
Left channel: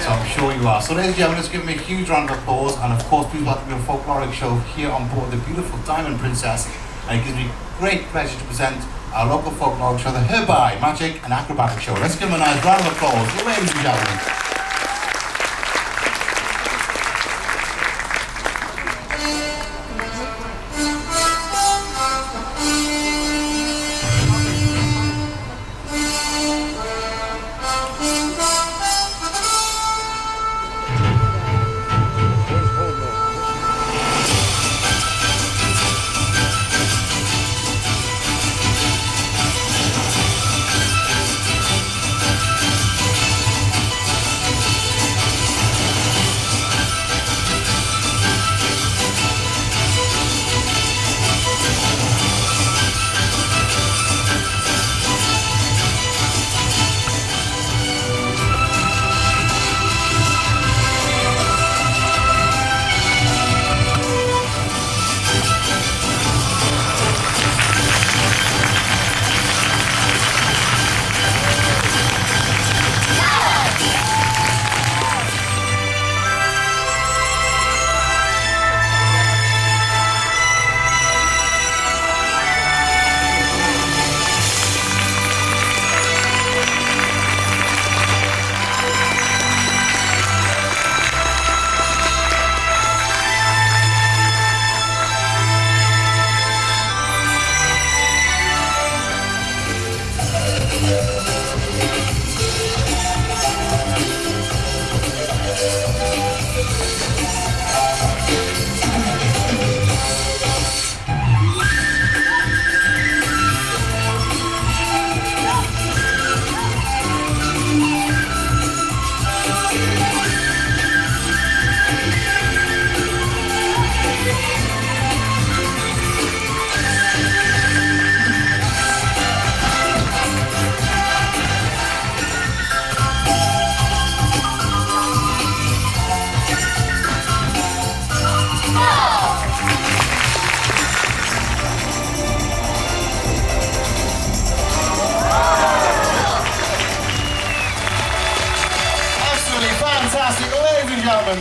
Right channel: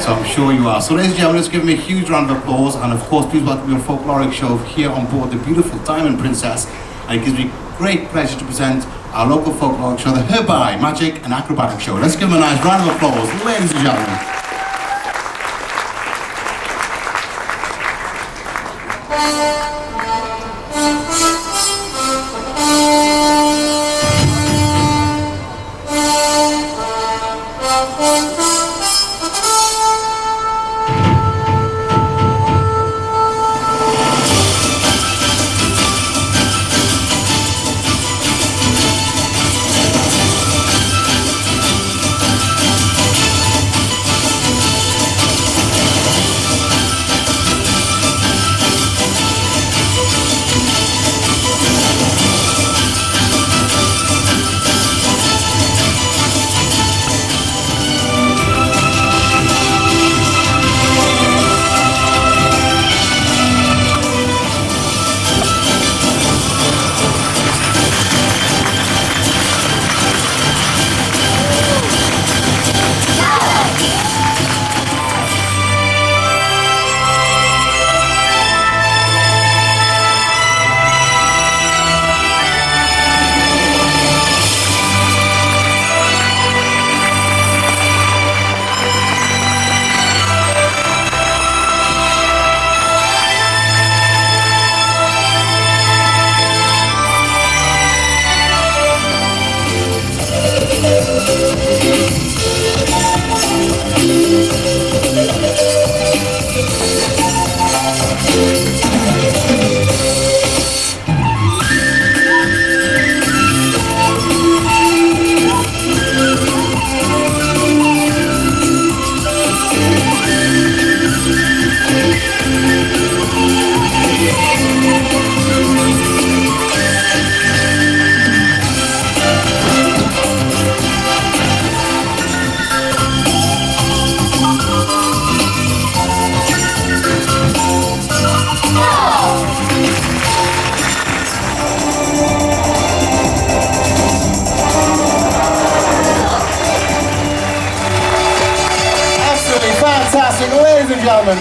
So I'm sure you are. So ladies and gentlemen, let's give them a huge round of applause. And of course, please welcome your folkloric show here on board the beautiful Diamond Princess. And it gives me great pleasure to present our local folkloric show, the Herbai, Magic and Acrobatic Show. Let's give them a nice round of applause, ladies and gentlemen. Ladies and gentlemen,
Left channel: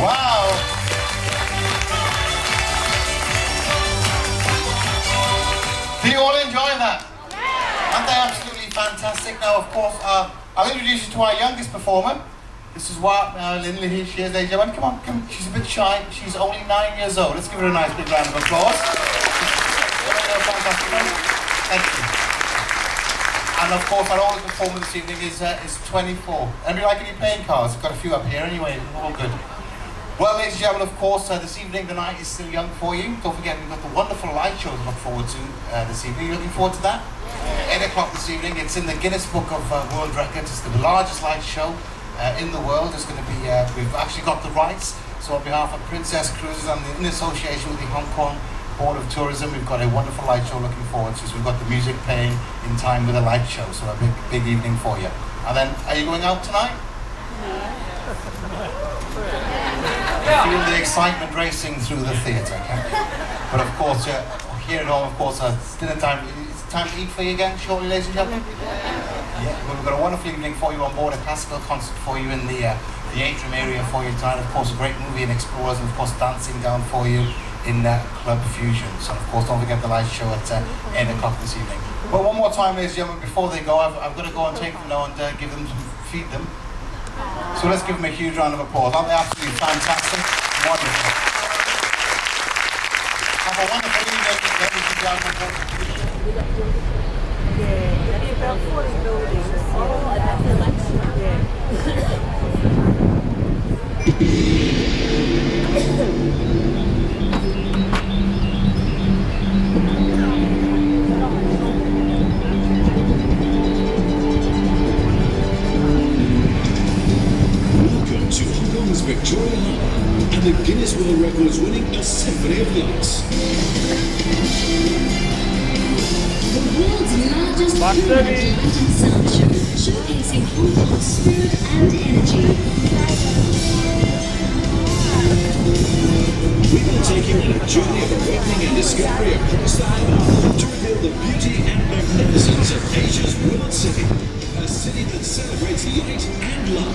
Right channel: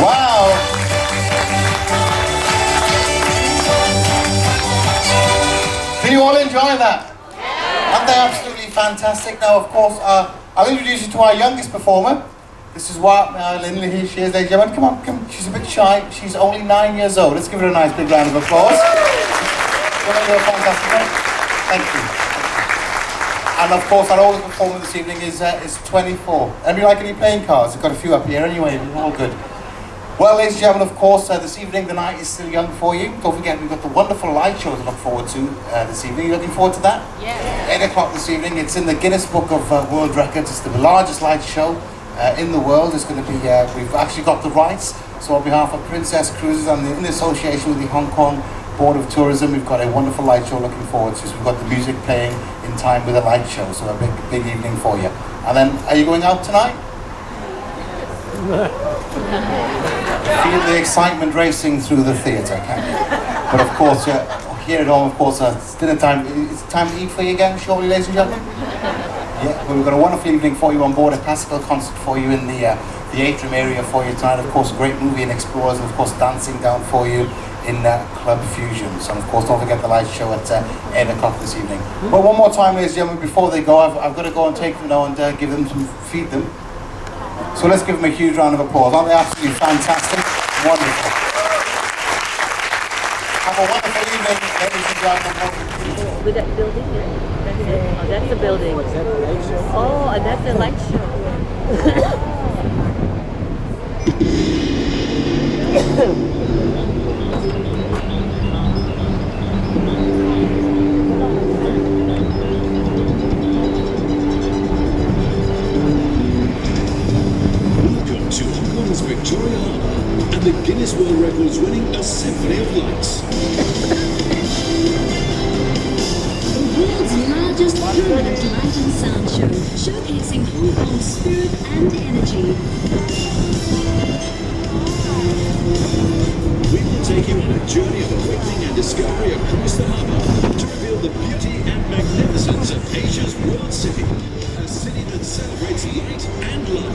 wow. Can you all enjoy that? I'm they absolutely fantastic? Now, of course, I'll introduce you to our youngest performer. This is what Linda, here she is, ladies and gentlemen. Come on, come. She's a bit shy. She's only 9 years old. Let's give her a nice big round of applause. Fantastic. Thank you. And of course, our oldest performer this evening is 24. Anybody like any playing cards? We've got a few up here anyway. All good. Well, ladies and gentlemen, of course, this evening the night is still young for you. Don't forget, we've got the wonderful light show to look forward to this evening. You looking forward to that? Yeah. 8 o'clock this evening. It's in the Guinness Book of World Records. It's the largest light show in the world. It's going to be, we've actually got the rights. So on behalf of Princess Cruises and in association with the Hong Kong Board of Tourism, we've got a wonderful light show looking forward to. So we've got the music playing in time with the light show. So a big evening for you. And then, are you going out tonight? Feel the excitement racing through the theatre, can't you? But of course, here at home, of course, it's dinner time. It's time to eat for you again, shortly, ladies and gentlemen. Yeah, well, we've got a wonderful evening for you on board, a classical concert for you in the atrium area for you tonight. Of course, a great movie in Explorers, and of course, dancing down for you in Club Fusions. And of course, don't forget the light show at 8 o'clock this evening. Well, one more time, ladies and gentlemen, before they go, I've got to go and take them now and give them feed them. So let's give them a huge round of applause. Aren't they absolutely fantastic? Wonderful. Have a wonderful evening, ladies and gentlemen. That's the building. Oh, and that's the light show. Welcome to Hong Kong's Victoria Harbour and the Guinness World Records winning A Symphony of Lights. The world's largest light and sound show, showcasing Hong Kong's spirit and energy. We will take you on a journey of awakening and discovery across the harbour to reveal the beauty and magnificence of Asia's world city, a city that celebrates light and love.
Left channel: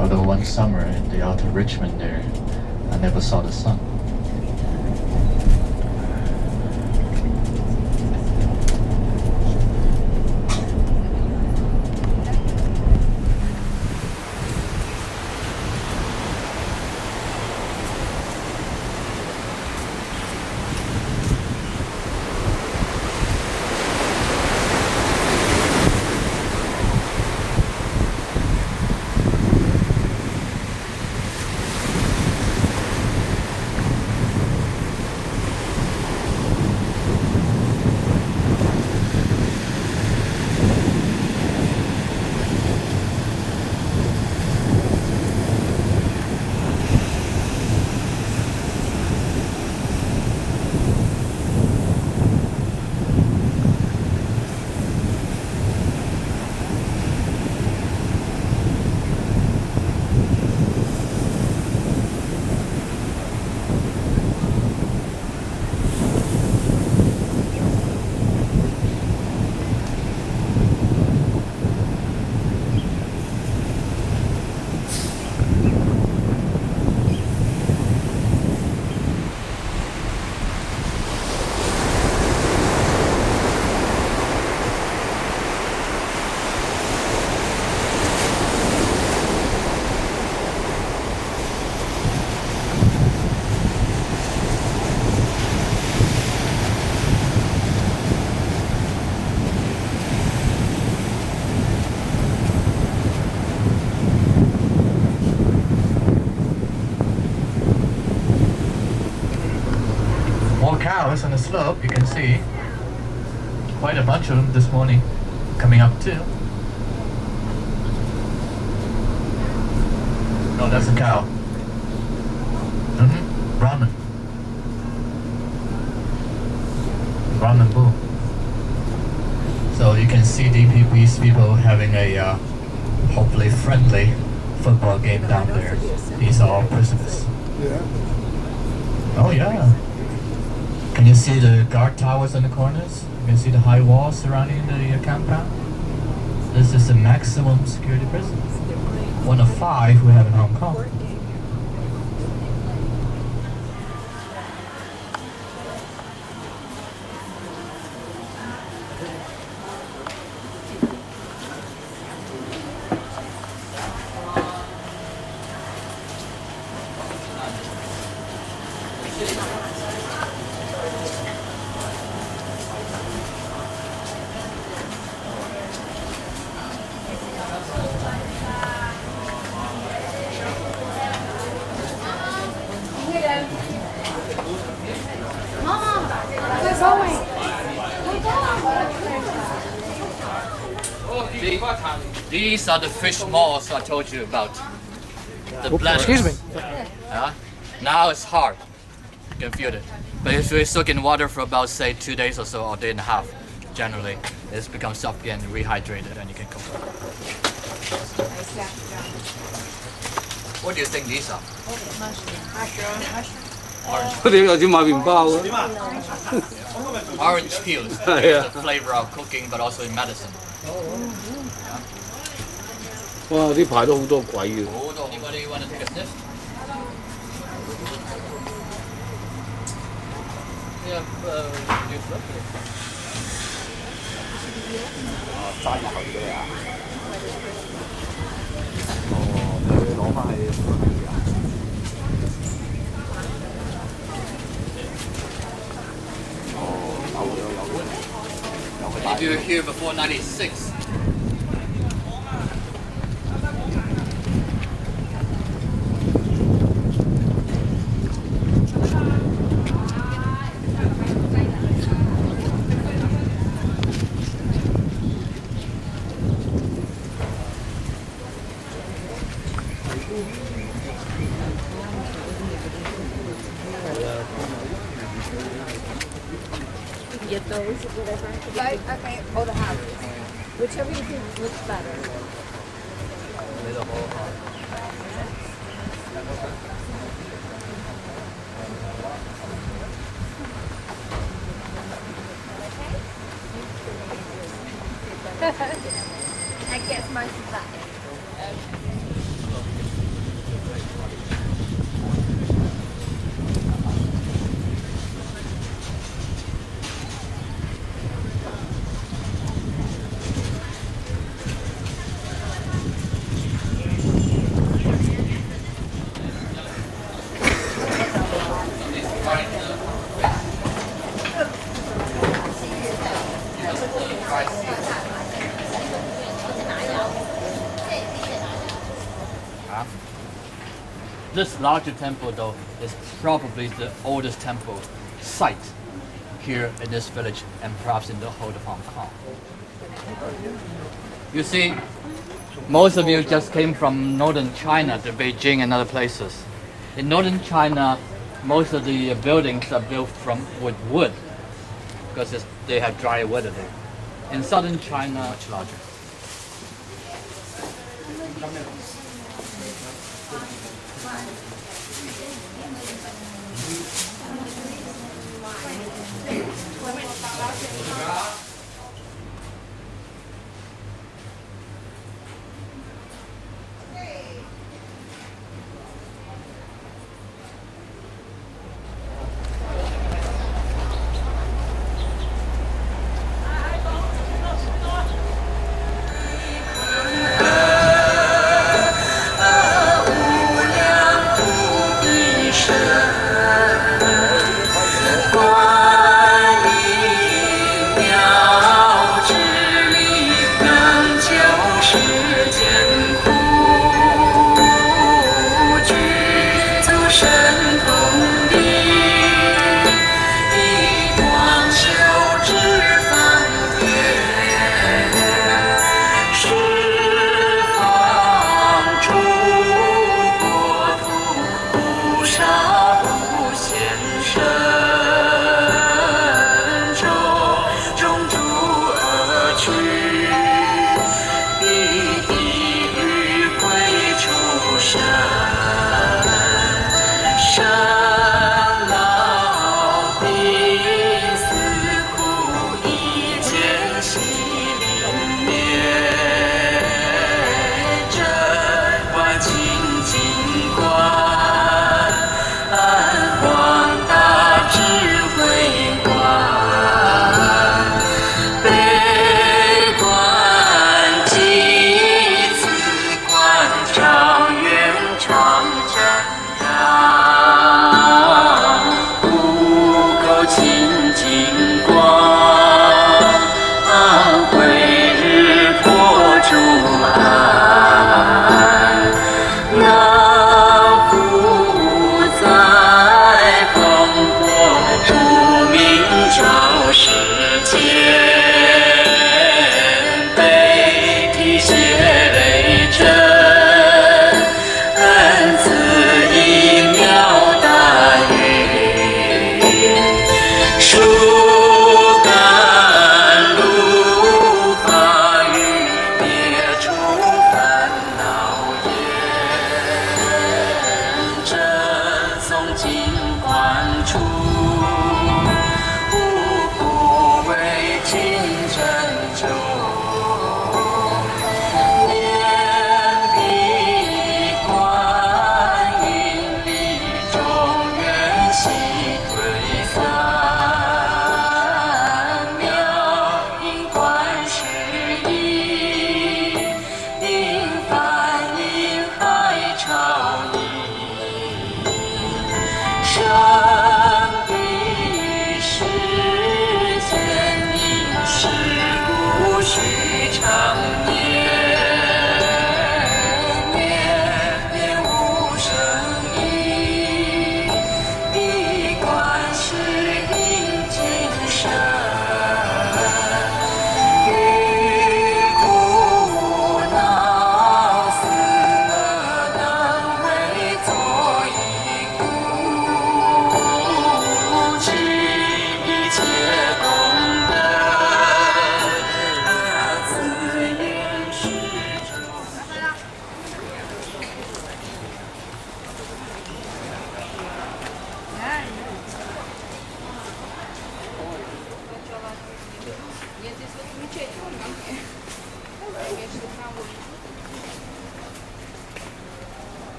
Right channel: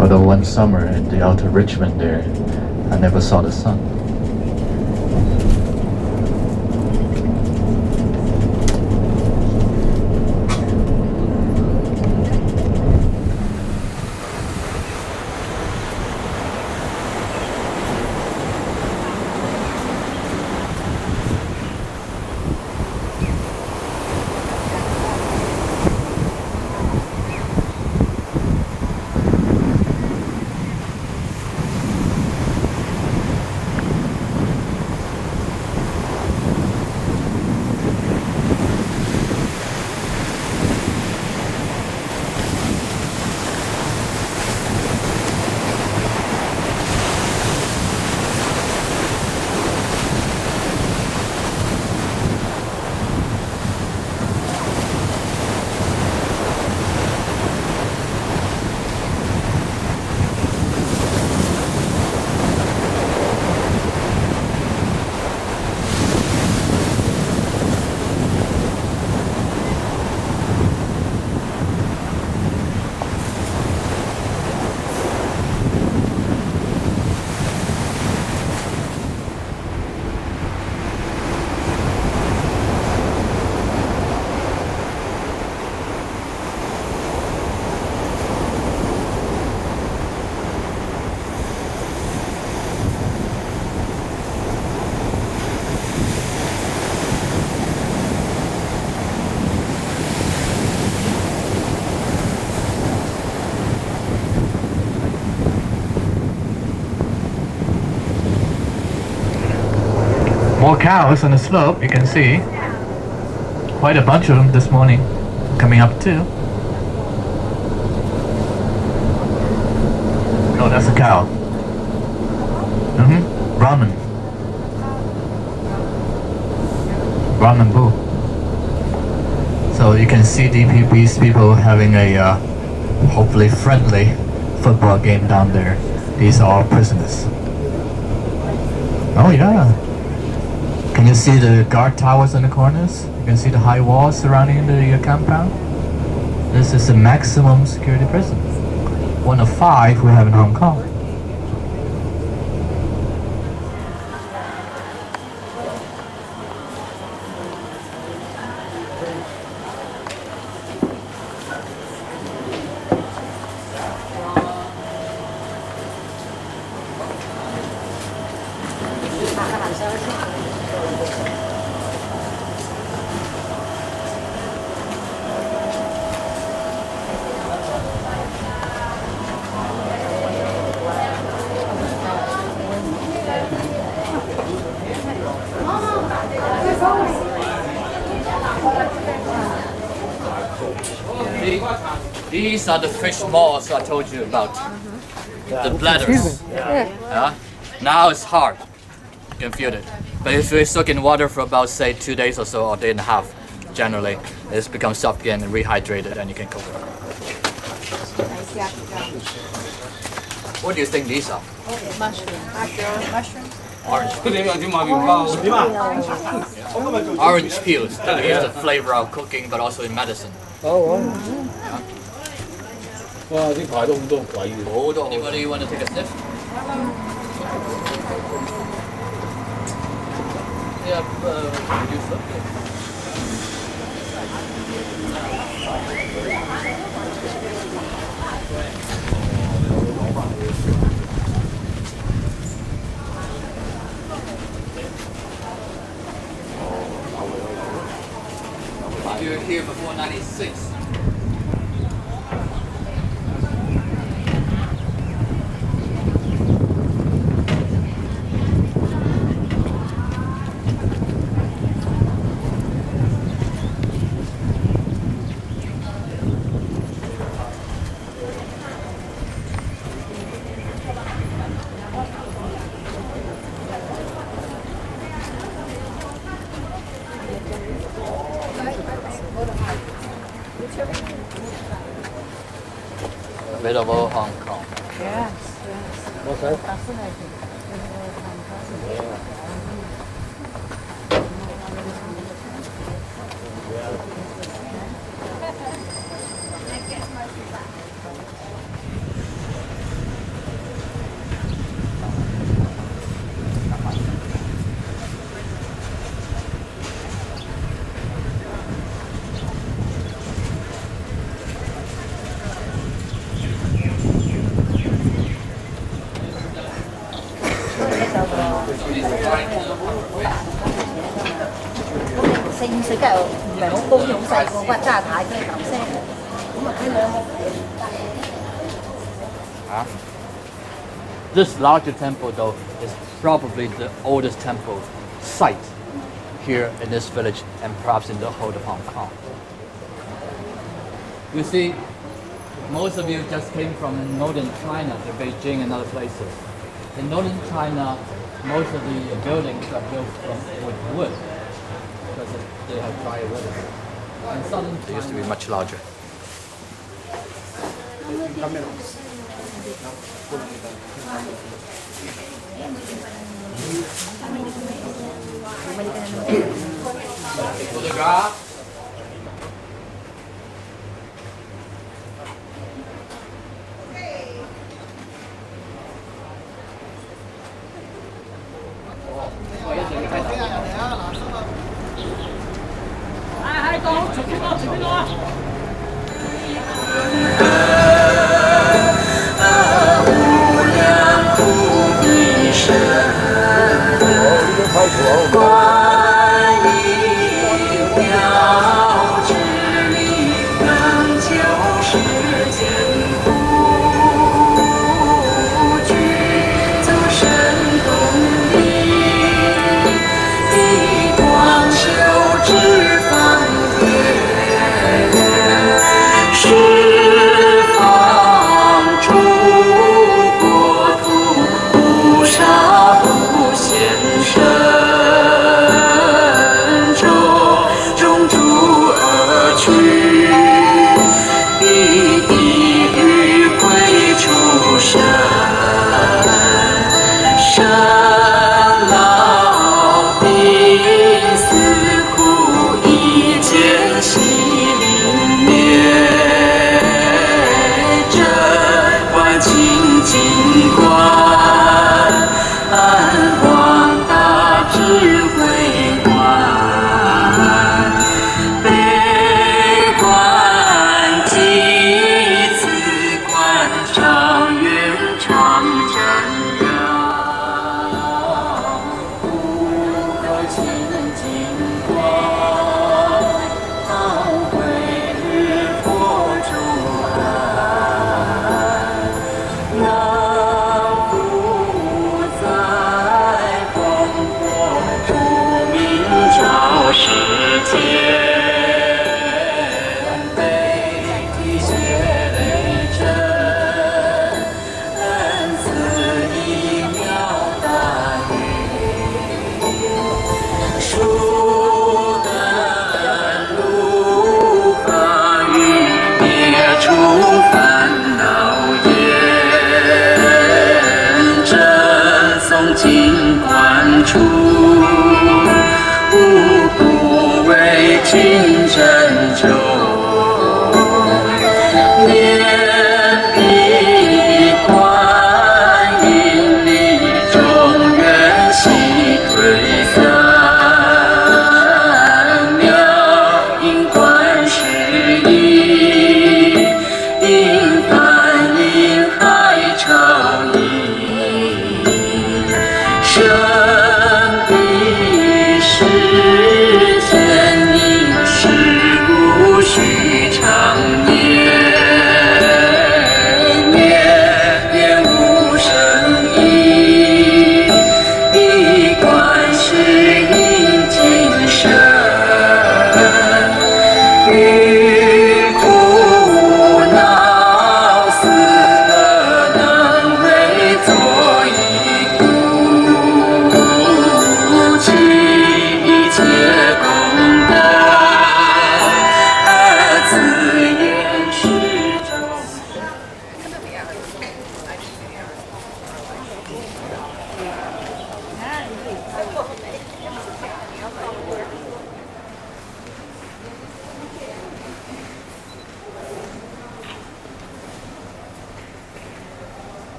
Although one summer in the outer Richmond there, I never saw the sun. More cows on the slope, you can see. Quite a bunch of them this morning coming up too. Oh, that's a cow. Ramen. Ramen Boo. So you can see these people having a hopefully friendly football game down there. These are all prisoners. Oh yeah. Can you see the guard towers in the corners? You can see the high walls surrounding the compound. This is the maximum security prison. One of 5 we have in Hong Kong. These are the fish maws I told you about. The bladders. Now it's hard. You can feel it. But if we soak in water for about, say, 2 days or so, or a day and a half, generally, it's become soft again and rehydrated, and you can cook it. What do you think these are? Mushroom. Orange peels. To use the flavor of cooking, but also in medicine. Anybody want to take a sniff? Yeah, reduce that. If you were here before 96. Available Hong Kong. I guess most of that. This larger temple, though, is probably the oldest temple site here in this village and perhaps in the whole of Hong Kong. You see, most of you just came from northern China, to Beijing and other places. In northern China, most of the buildings are built with wood because they have dry weather there. In southern China, it used to be much larger.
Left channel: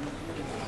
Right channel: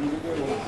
Good.